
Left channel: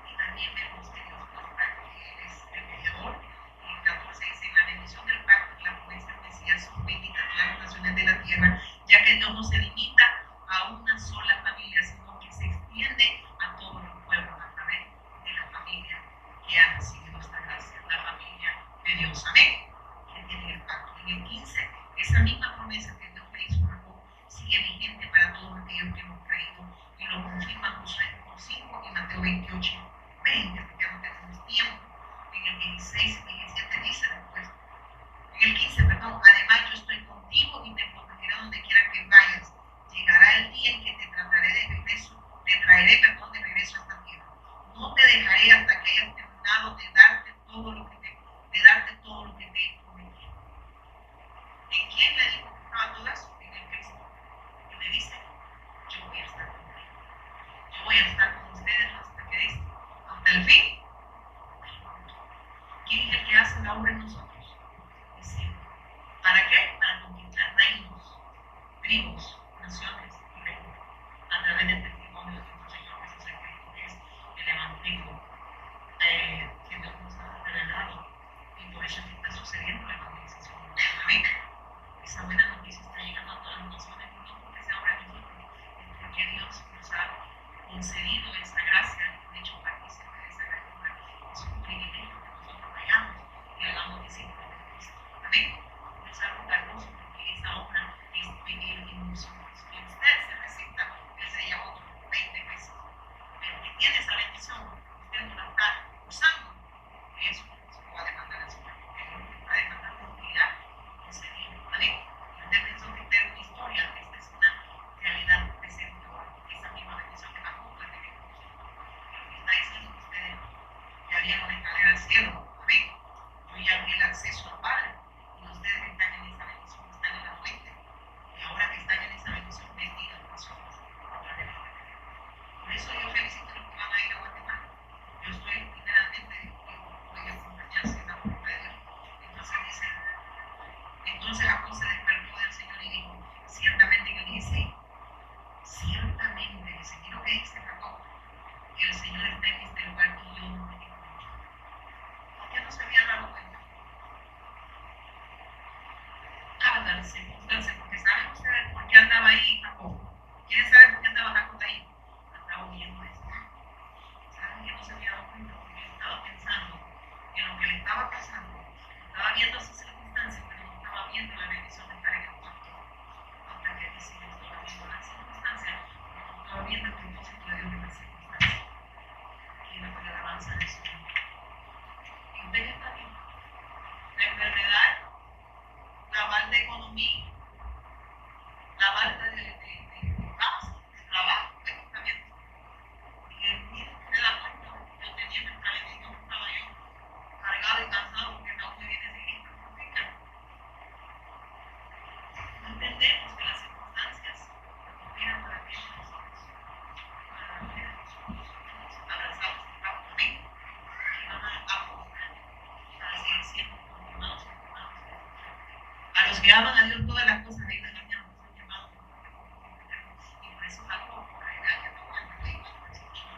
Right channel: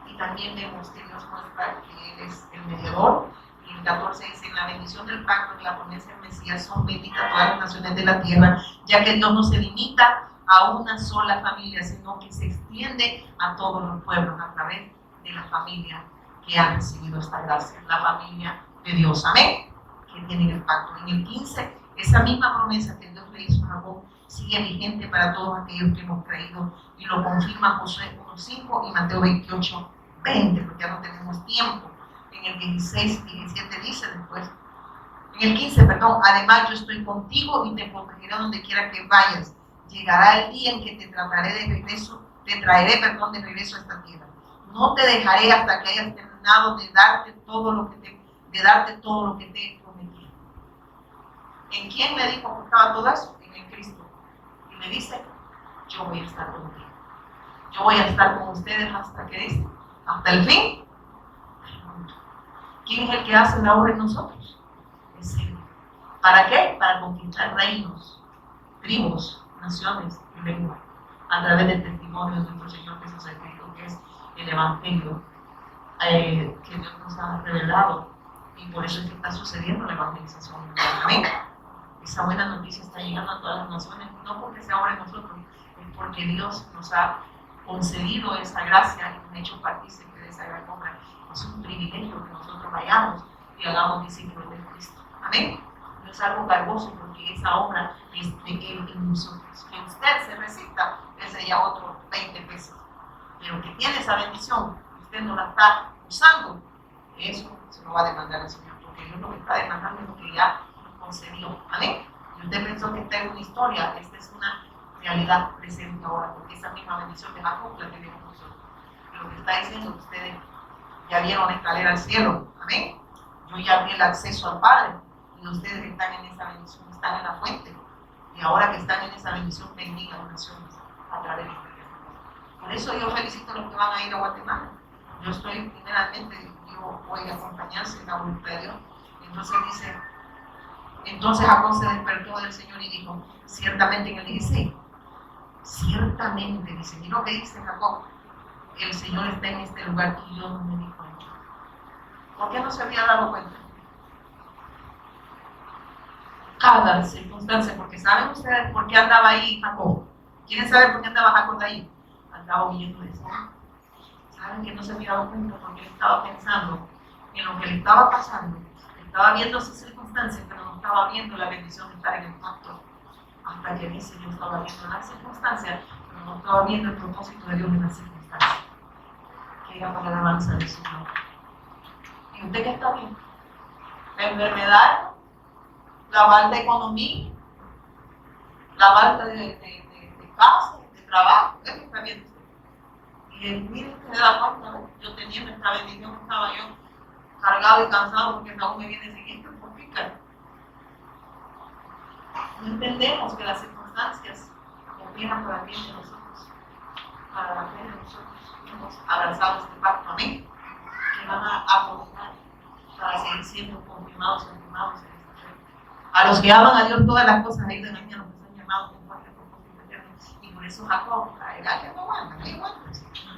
Y también vemos que Dios muestra que Él es el mediador. Y el 14 dice, en la bendición del pacto y la promesa del Mesías son benditas todas las naciones de la tierra, ya que Dios no se limita a una sola familia, sino que se extiende a todos los pueblos a través de la familia que han recibido esta gracia, la familia de Dios. Amén. Que tienen el pacto. En el 15, esa misma promesa que Dios le hizo a Jacob sigue vigente para todos aquellos que hemos creído y lo confirma Josué 1:5 y Mateo 28:20, porque ya no tenemos tiempo. En el 16 y 17 dice después, en el 15, perdón, además yo estoy contigo y te protegeré donde quiera que vayas. Llegará el día en que te traeré de regreso a esta tierra. No te dejaré hasta que hayas terminado de darte todo lo que te he prometido. ¿En quién me dijo que estaba todo eso? En el Cristo. Y me dice, yo voy a estar contigo. Yo voy a estar con ustedes hasta que dice, hasta el fin. ¿Quién es el que hace la obra en nosotros? Es Él. ¿Para qué? Para conquistar reinos, tribus, naciones y lenguas, a través del testimonio de nuestro Señor Jesucristo, que es el Evangelio que Dios nos ha revelado. Y por eso es que está sucediendo la evangelización. Amén. Esa buena noticia está llegando a todas las naciones, no porque sea obra en nosotros, es porque Dios nos ha concedido esa gracia y nos ha hecho partícipe de esa gran obra. Es un privilegio que nosotros vayamos y hagamos discípulos de Cristo. Amén. No es algo cargoso porque esa obra es de Él en nosotros. Que usted se resista, ese ya otro 20 pesos. Pero que tiene esa bendición, usted no la está usando, eso se lo va a demandar el Señor, porque Dios lo que está demandando es lo que ya concedió. ¿Vale? Y usted pensó que esta es una historia, esta es una realidad presente ahora, porque esa misma bendición de Jacob la tenemos nosotros. Y lo que está diciendo que ustedes ya vieron la escalera al cielo. Amén. Yo ya abrí el acceso al Padre y ustedes están en esa bendición, están en la fuente. Y ahora que están en esa bendición, bendigan las naciones a través de este testimonio. Por eso yo felicito a los que van a ir a Guatemala. Yo estoy, primeramente, yo voy a acompañarse en la voluntad de Dios. Entonces Jacob se despertó del Señor y dijo, ciertamente en el 16, ciertamente, dice, mira lo que dice Jacob, el Señor está en este lugar y yo no me di cuenta. ¿Por qué no se había dado cuenta? Cada circunstancia, porque ¿saben ustedes por qué andaba ahí Jacob? ¿Quieren saber por qué andaba Jacob ahí? Andaba huyendo de eso. ¿Saben que no se había dado cuenta? Porque él estaba pensando en lo que le estaba pasando. Estaba viendo sus circunstancias, pero no estaba viendo la bendición de estar en el pacto. Hasta que dice, yo estaba viendo las circunstancias, pero no estaba viendo el propósito de Dios en las circunstancias, que era para la alabanza del Señor. ¿Y usted qué está viendo? La enfermedad, la falta de economía, la falta de casa, de trabajo, ¿qué está viendo? Y el mismo que me da cuenta, yo tenía nuestra bendición, estaba yo cargado y cansado porque aún me viene siguiente por pica. No entendemos que las circunstancias operan para el bien de nosotros, para el bien de nosotros. Hemos abrazado este pacto, amén, que van a apoderar para seguir siendo confirmados y confirmados en este reino. A los que aman a Dios todas las cosas ahí de mañana nos han llamado conforme con propósito eterno. Y por eso Jacob, la edad que no aguanta, que igual.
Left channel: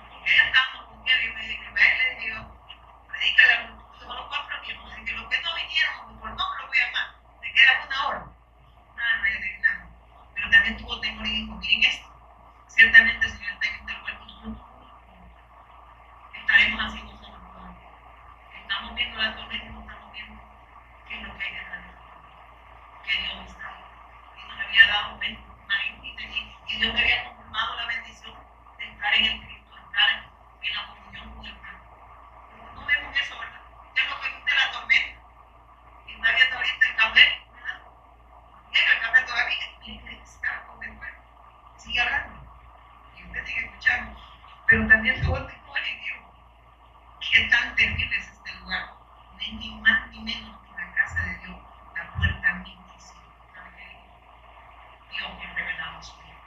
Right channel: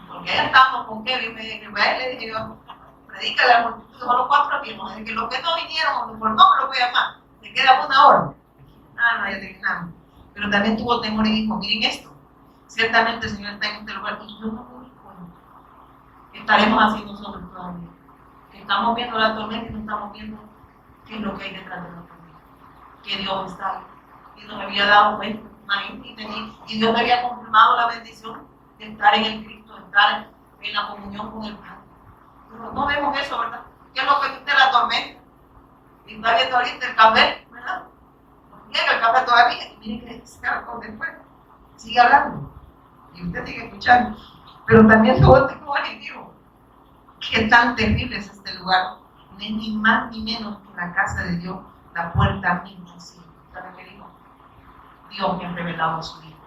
Porque ya estamos con Kevin, me dije que le dije yo, predícale a la multitud, solo 4 tiempos, de que los que no vinieron, por nombre los voy a llamar, se queda 1 hora. No hay de nada. Pero también tuvo temor y dijo, miren esto, ciertamente el Señor está en este lugar y yo no me di cuenta. Estaremos así nosotros todavía. Que estamos viendo la tormenta y no estamos viendo qué es lo que hay detrás de la tormenta. Que Dios está ahí. Y nos había dado cuenta, y Dios me había confirmado la bendición de estar en el Cristo, de estar en la comunión con el Padre. Pero no vemos eso, ¿verdad? ¿Qué es lo que viste la tormenta? Y está viendo ahorita el café, ¿verdad? Llega el café todavía y miren que se con después. Sigue hablando. Y usted sigue escuchando. Pero también luego tengo y digo, qué tan terrible es este lugar. Ni más ni menos que la casa de Dios, la puerta invisible. ¿Sabe qué digo? Dios me ha revelado a su Hijo.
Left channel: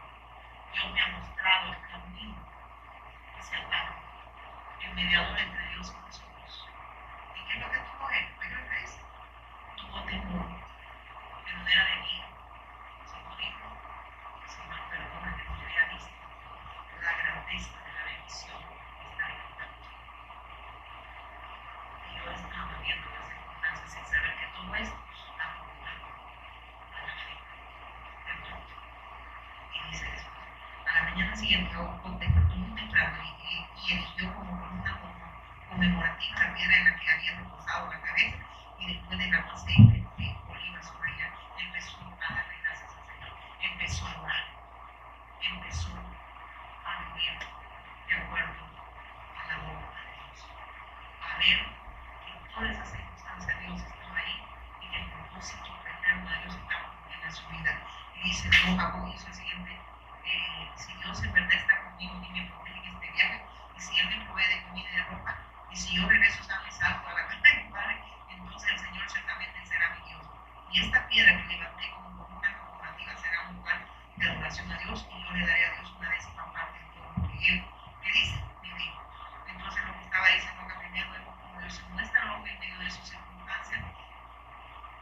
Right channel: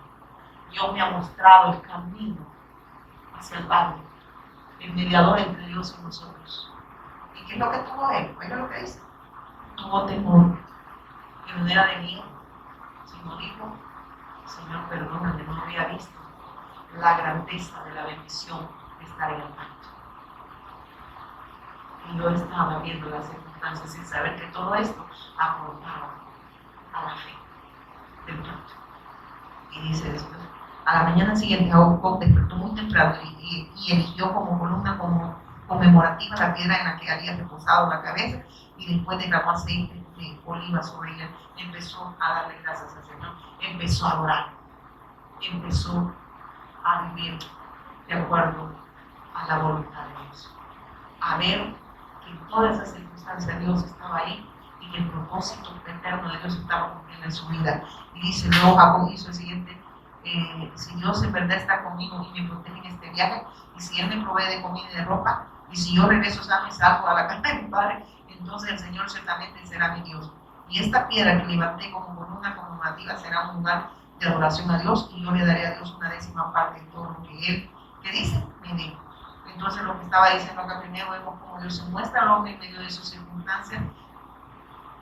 Dios me ha mostrado el camino hacia el Padre, el mediador entre Dios y nosotros. ¿Y qué es lo que tuvo él? Oiga lo que dice. Tuvo temor, pero no era de miedo. Sino dijo, Señor, perdóname, no había visto la grandeza de la bendición que está en el pacto. Y yo estaba viendo las circunstancias sin saber que todo esto aportaba a la fe del pacto. Y dice después, a la mañana siguiente Jacob despertó muy temprano y erigió como columna conmemorativa la piedra en la que había reposado la cabeza y después derramó aceite de oliva sobre ella. Empezó a darle gracias al Señor, empezó a orar, empezó a vivir de acuerdo a la voluntad de Dios, a ver que en todas esas circunstancias Dios estaba ahí y que el propósito eterno de Dios estaba cumpliendo en su vida. Y dice, luego Jacob hizo el siguiente, si Dios en verdad está conmigo y me protege en este viaje, y si Él me provee de comida y de ropa, y si yo regreso sano y salvo a la casa de mi Padre, entonces el Señor ciertamente será mi Dios. Y esta piedra que levanté como columna conmemorativa será un lugar de adoración a Dios, y yo le daré a Dios una 10ª parte de todo lo que Él, ¿qué dice? Me dijo. Entonces lo que estaba diciendo acá primero vemos cómo Dios se muestra al hombre en medio de sus circunstancias.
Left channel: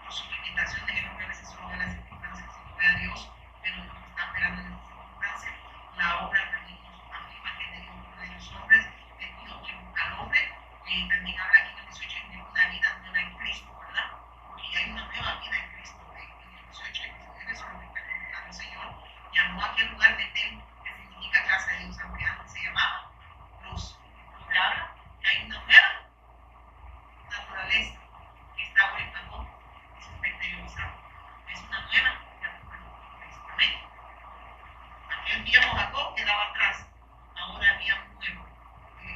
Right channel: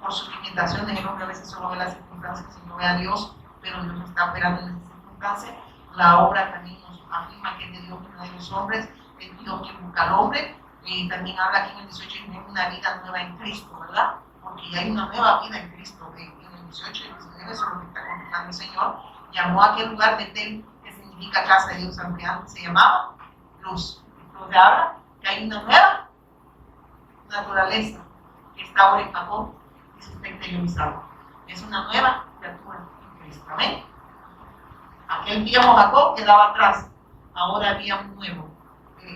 Por sus limitaciones, el hombre a veces solo ve las circunstancias y no ve a Dios, pero Dios está operando en esas circunstancias. La obra también nos afirma que es de Dios que no hay los hombres, es Dios que busca al hombre. También habla aquí en el 18 de una vida nueva en Cristo, ¿verdad? Porque ya hay una nueva vida en Cristo. En el 18 y 19 eso es lo que está confirmando el Señor. Llamó a aquel lugar de Betel, que significa casa de Dios, aunque antes se llamaba Luz. Entonces habla que hay una nueva naturaleza que está ahora en Jacob y se está interiorizando. Es una nueva criatura en Cristo. Amén. Aquel viejo Jacob quedaba atrás, ahora había un nuevo.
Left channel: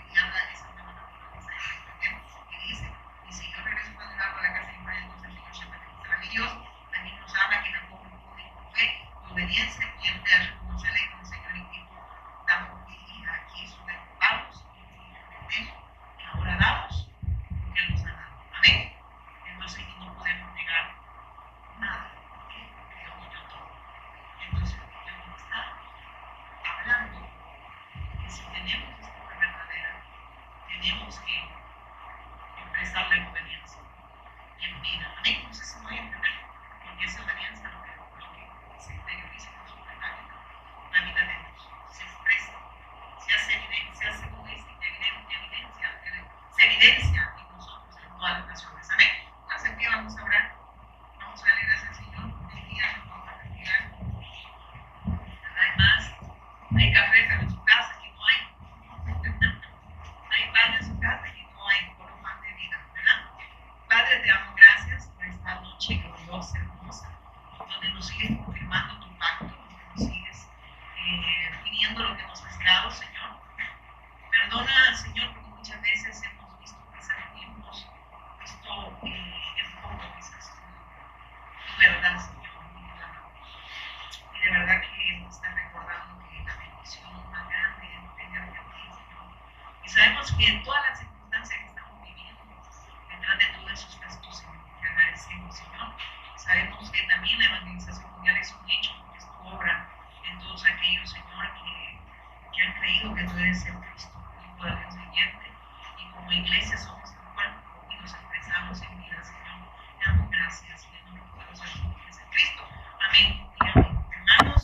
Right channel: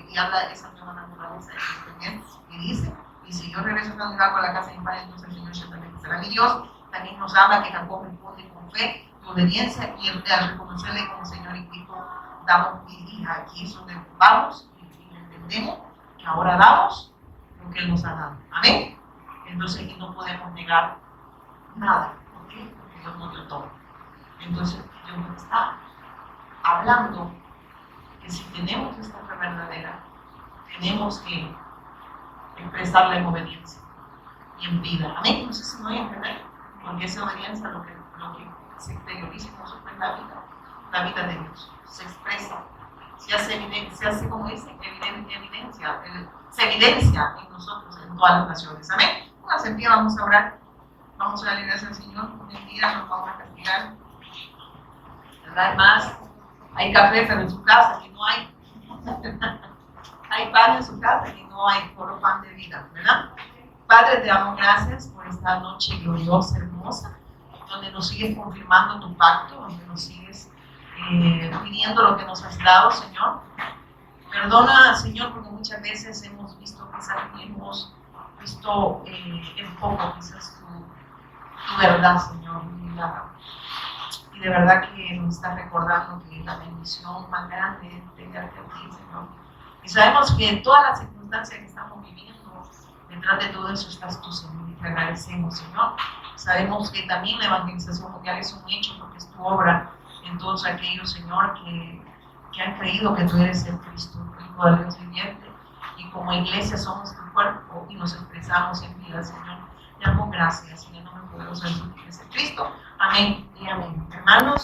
Y habla de esa nueva naturaleza de Cristo en él. Y dice, y si yo regreso a la casa de mi padre, entonces el Señor ciertamente será mi Dios. También nos habla que Jacob responde con fe y obediencia, y al reconocerle como Señor y Cristo, damos, y aquí es donde vamos y entendemos que ahora damos lo que Él nos ha dado. Amén. Entonces aquí no podemos negar nada. ¿Por qué? Porque Dios nos dio todo. Entonces Dios nos está hablando que si tenemos esta fe verdadera, tenemos que expresarla en obediencia y en vida. Amén. No sé si me voy a entender, porque esa obediencia lo que se exterioriza en nosotros en la vida de Dios. Se expresa, se hace como dice, se evidencia en nosotros, en todas las naciones. Amén. Pónganse en pie, vamos a orar. Vamos a darle gracias al Señor. Mentira, nos vamos a castigar. ¿Verdad? Hay más. Hay café, pero en su casa aquí no hay. Hay pan en su casa y no hay solo pan de vida, ¿verdad? Padre, te damos gracias por esta noche gloriosa, hermosa, donde nos sigues confirmando tu pacto, donde nos sigues pidiendo lo que nos has dado, Señor. Perdona, Señor, porque muchas veces hemos visto, quizás hemos visto en poco, quizás tu verdad, Señor. Y de verdad que nos está recordando que la bendición más grande es tenerte a ti, Señor. Y sabemos que en todas las circunstancias que estamos viviendo, Detrás de todo eso estás tú, Señor, y te agradecemos, Señor. Sabemos que también la evangelización mundial es un hecho porque es tu obra en todos aquellos, Señor, que han creído que tú eres el Cristo, el Hijo del Dios viviente. Y como iglesia somos tu cuerpo y nos expresamos en vida, Señor. Te damos gracias en el nombre poderoso de Jesucristo. Amén y amén. Hermanos.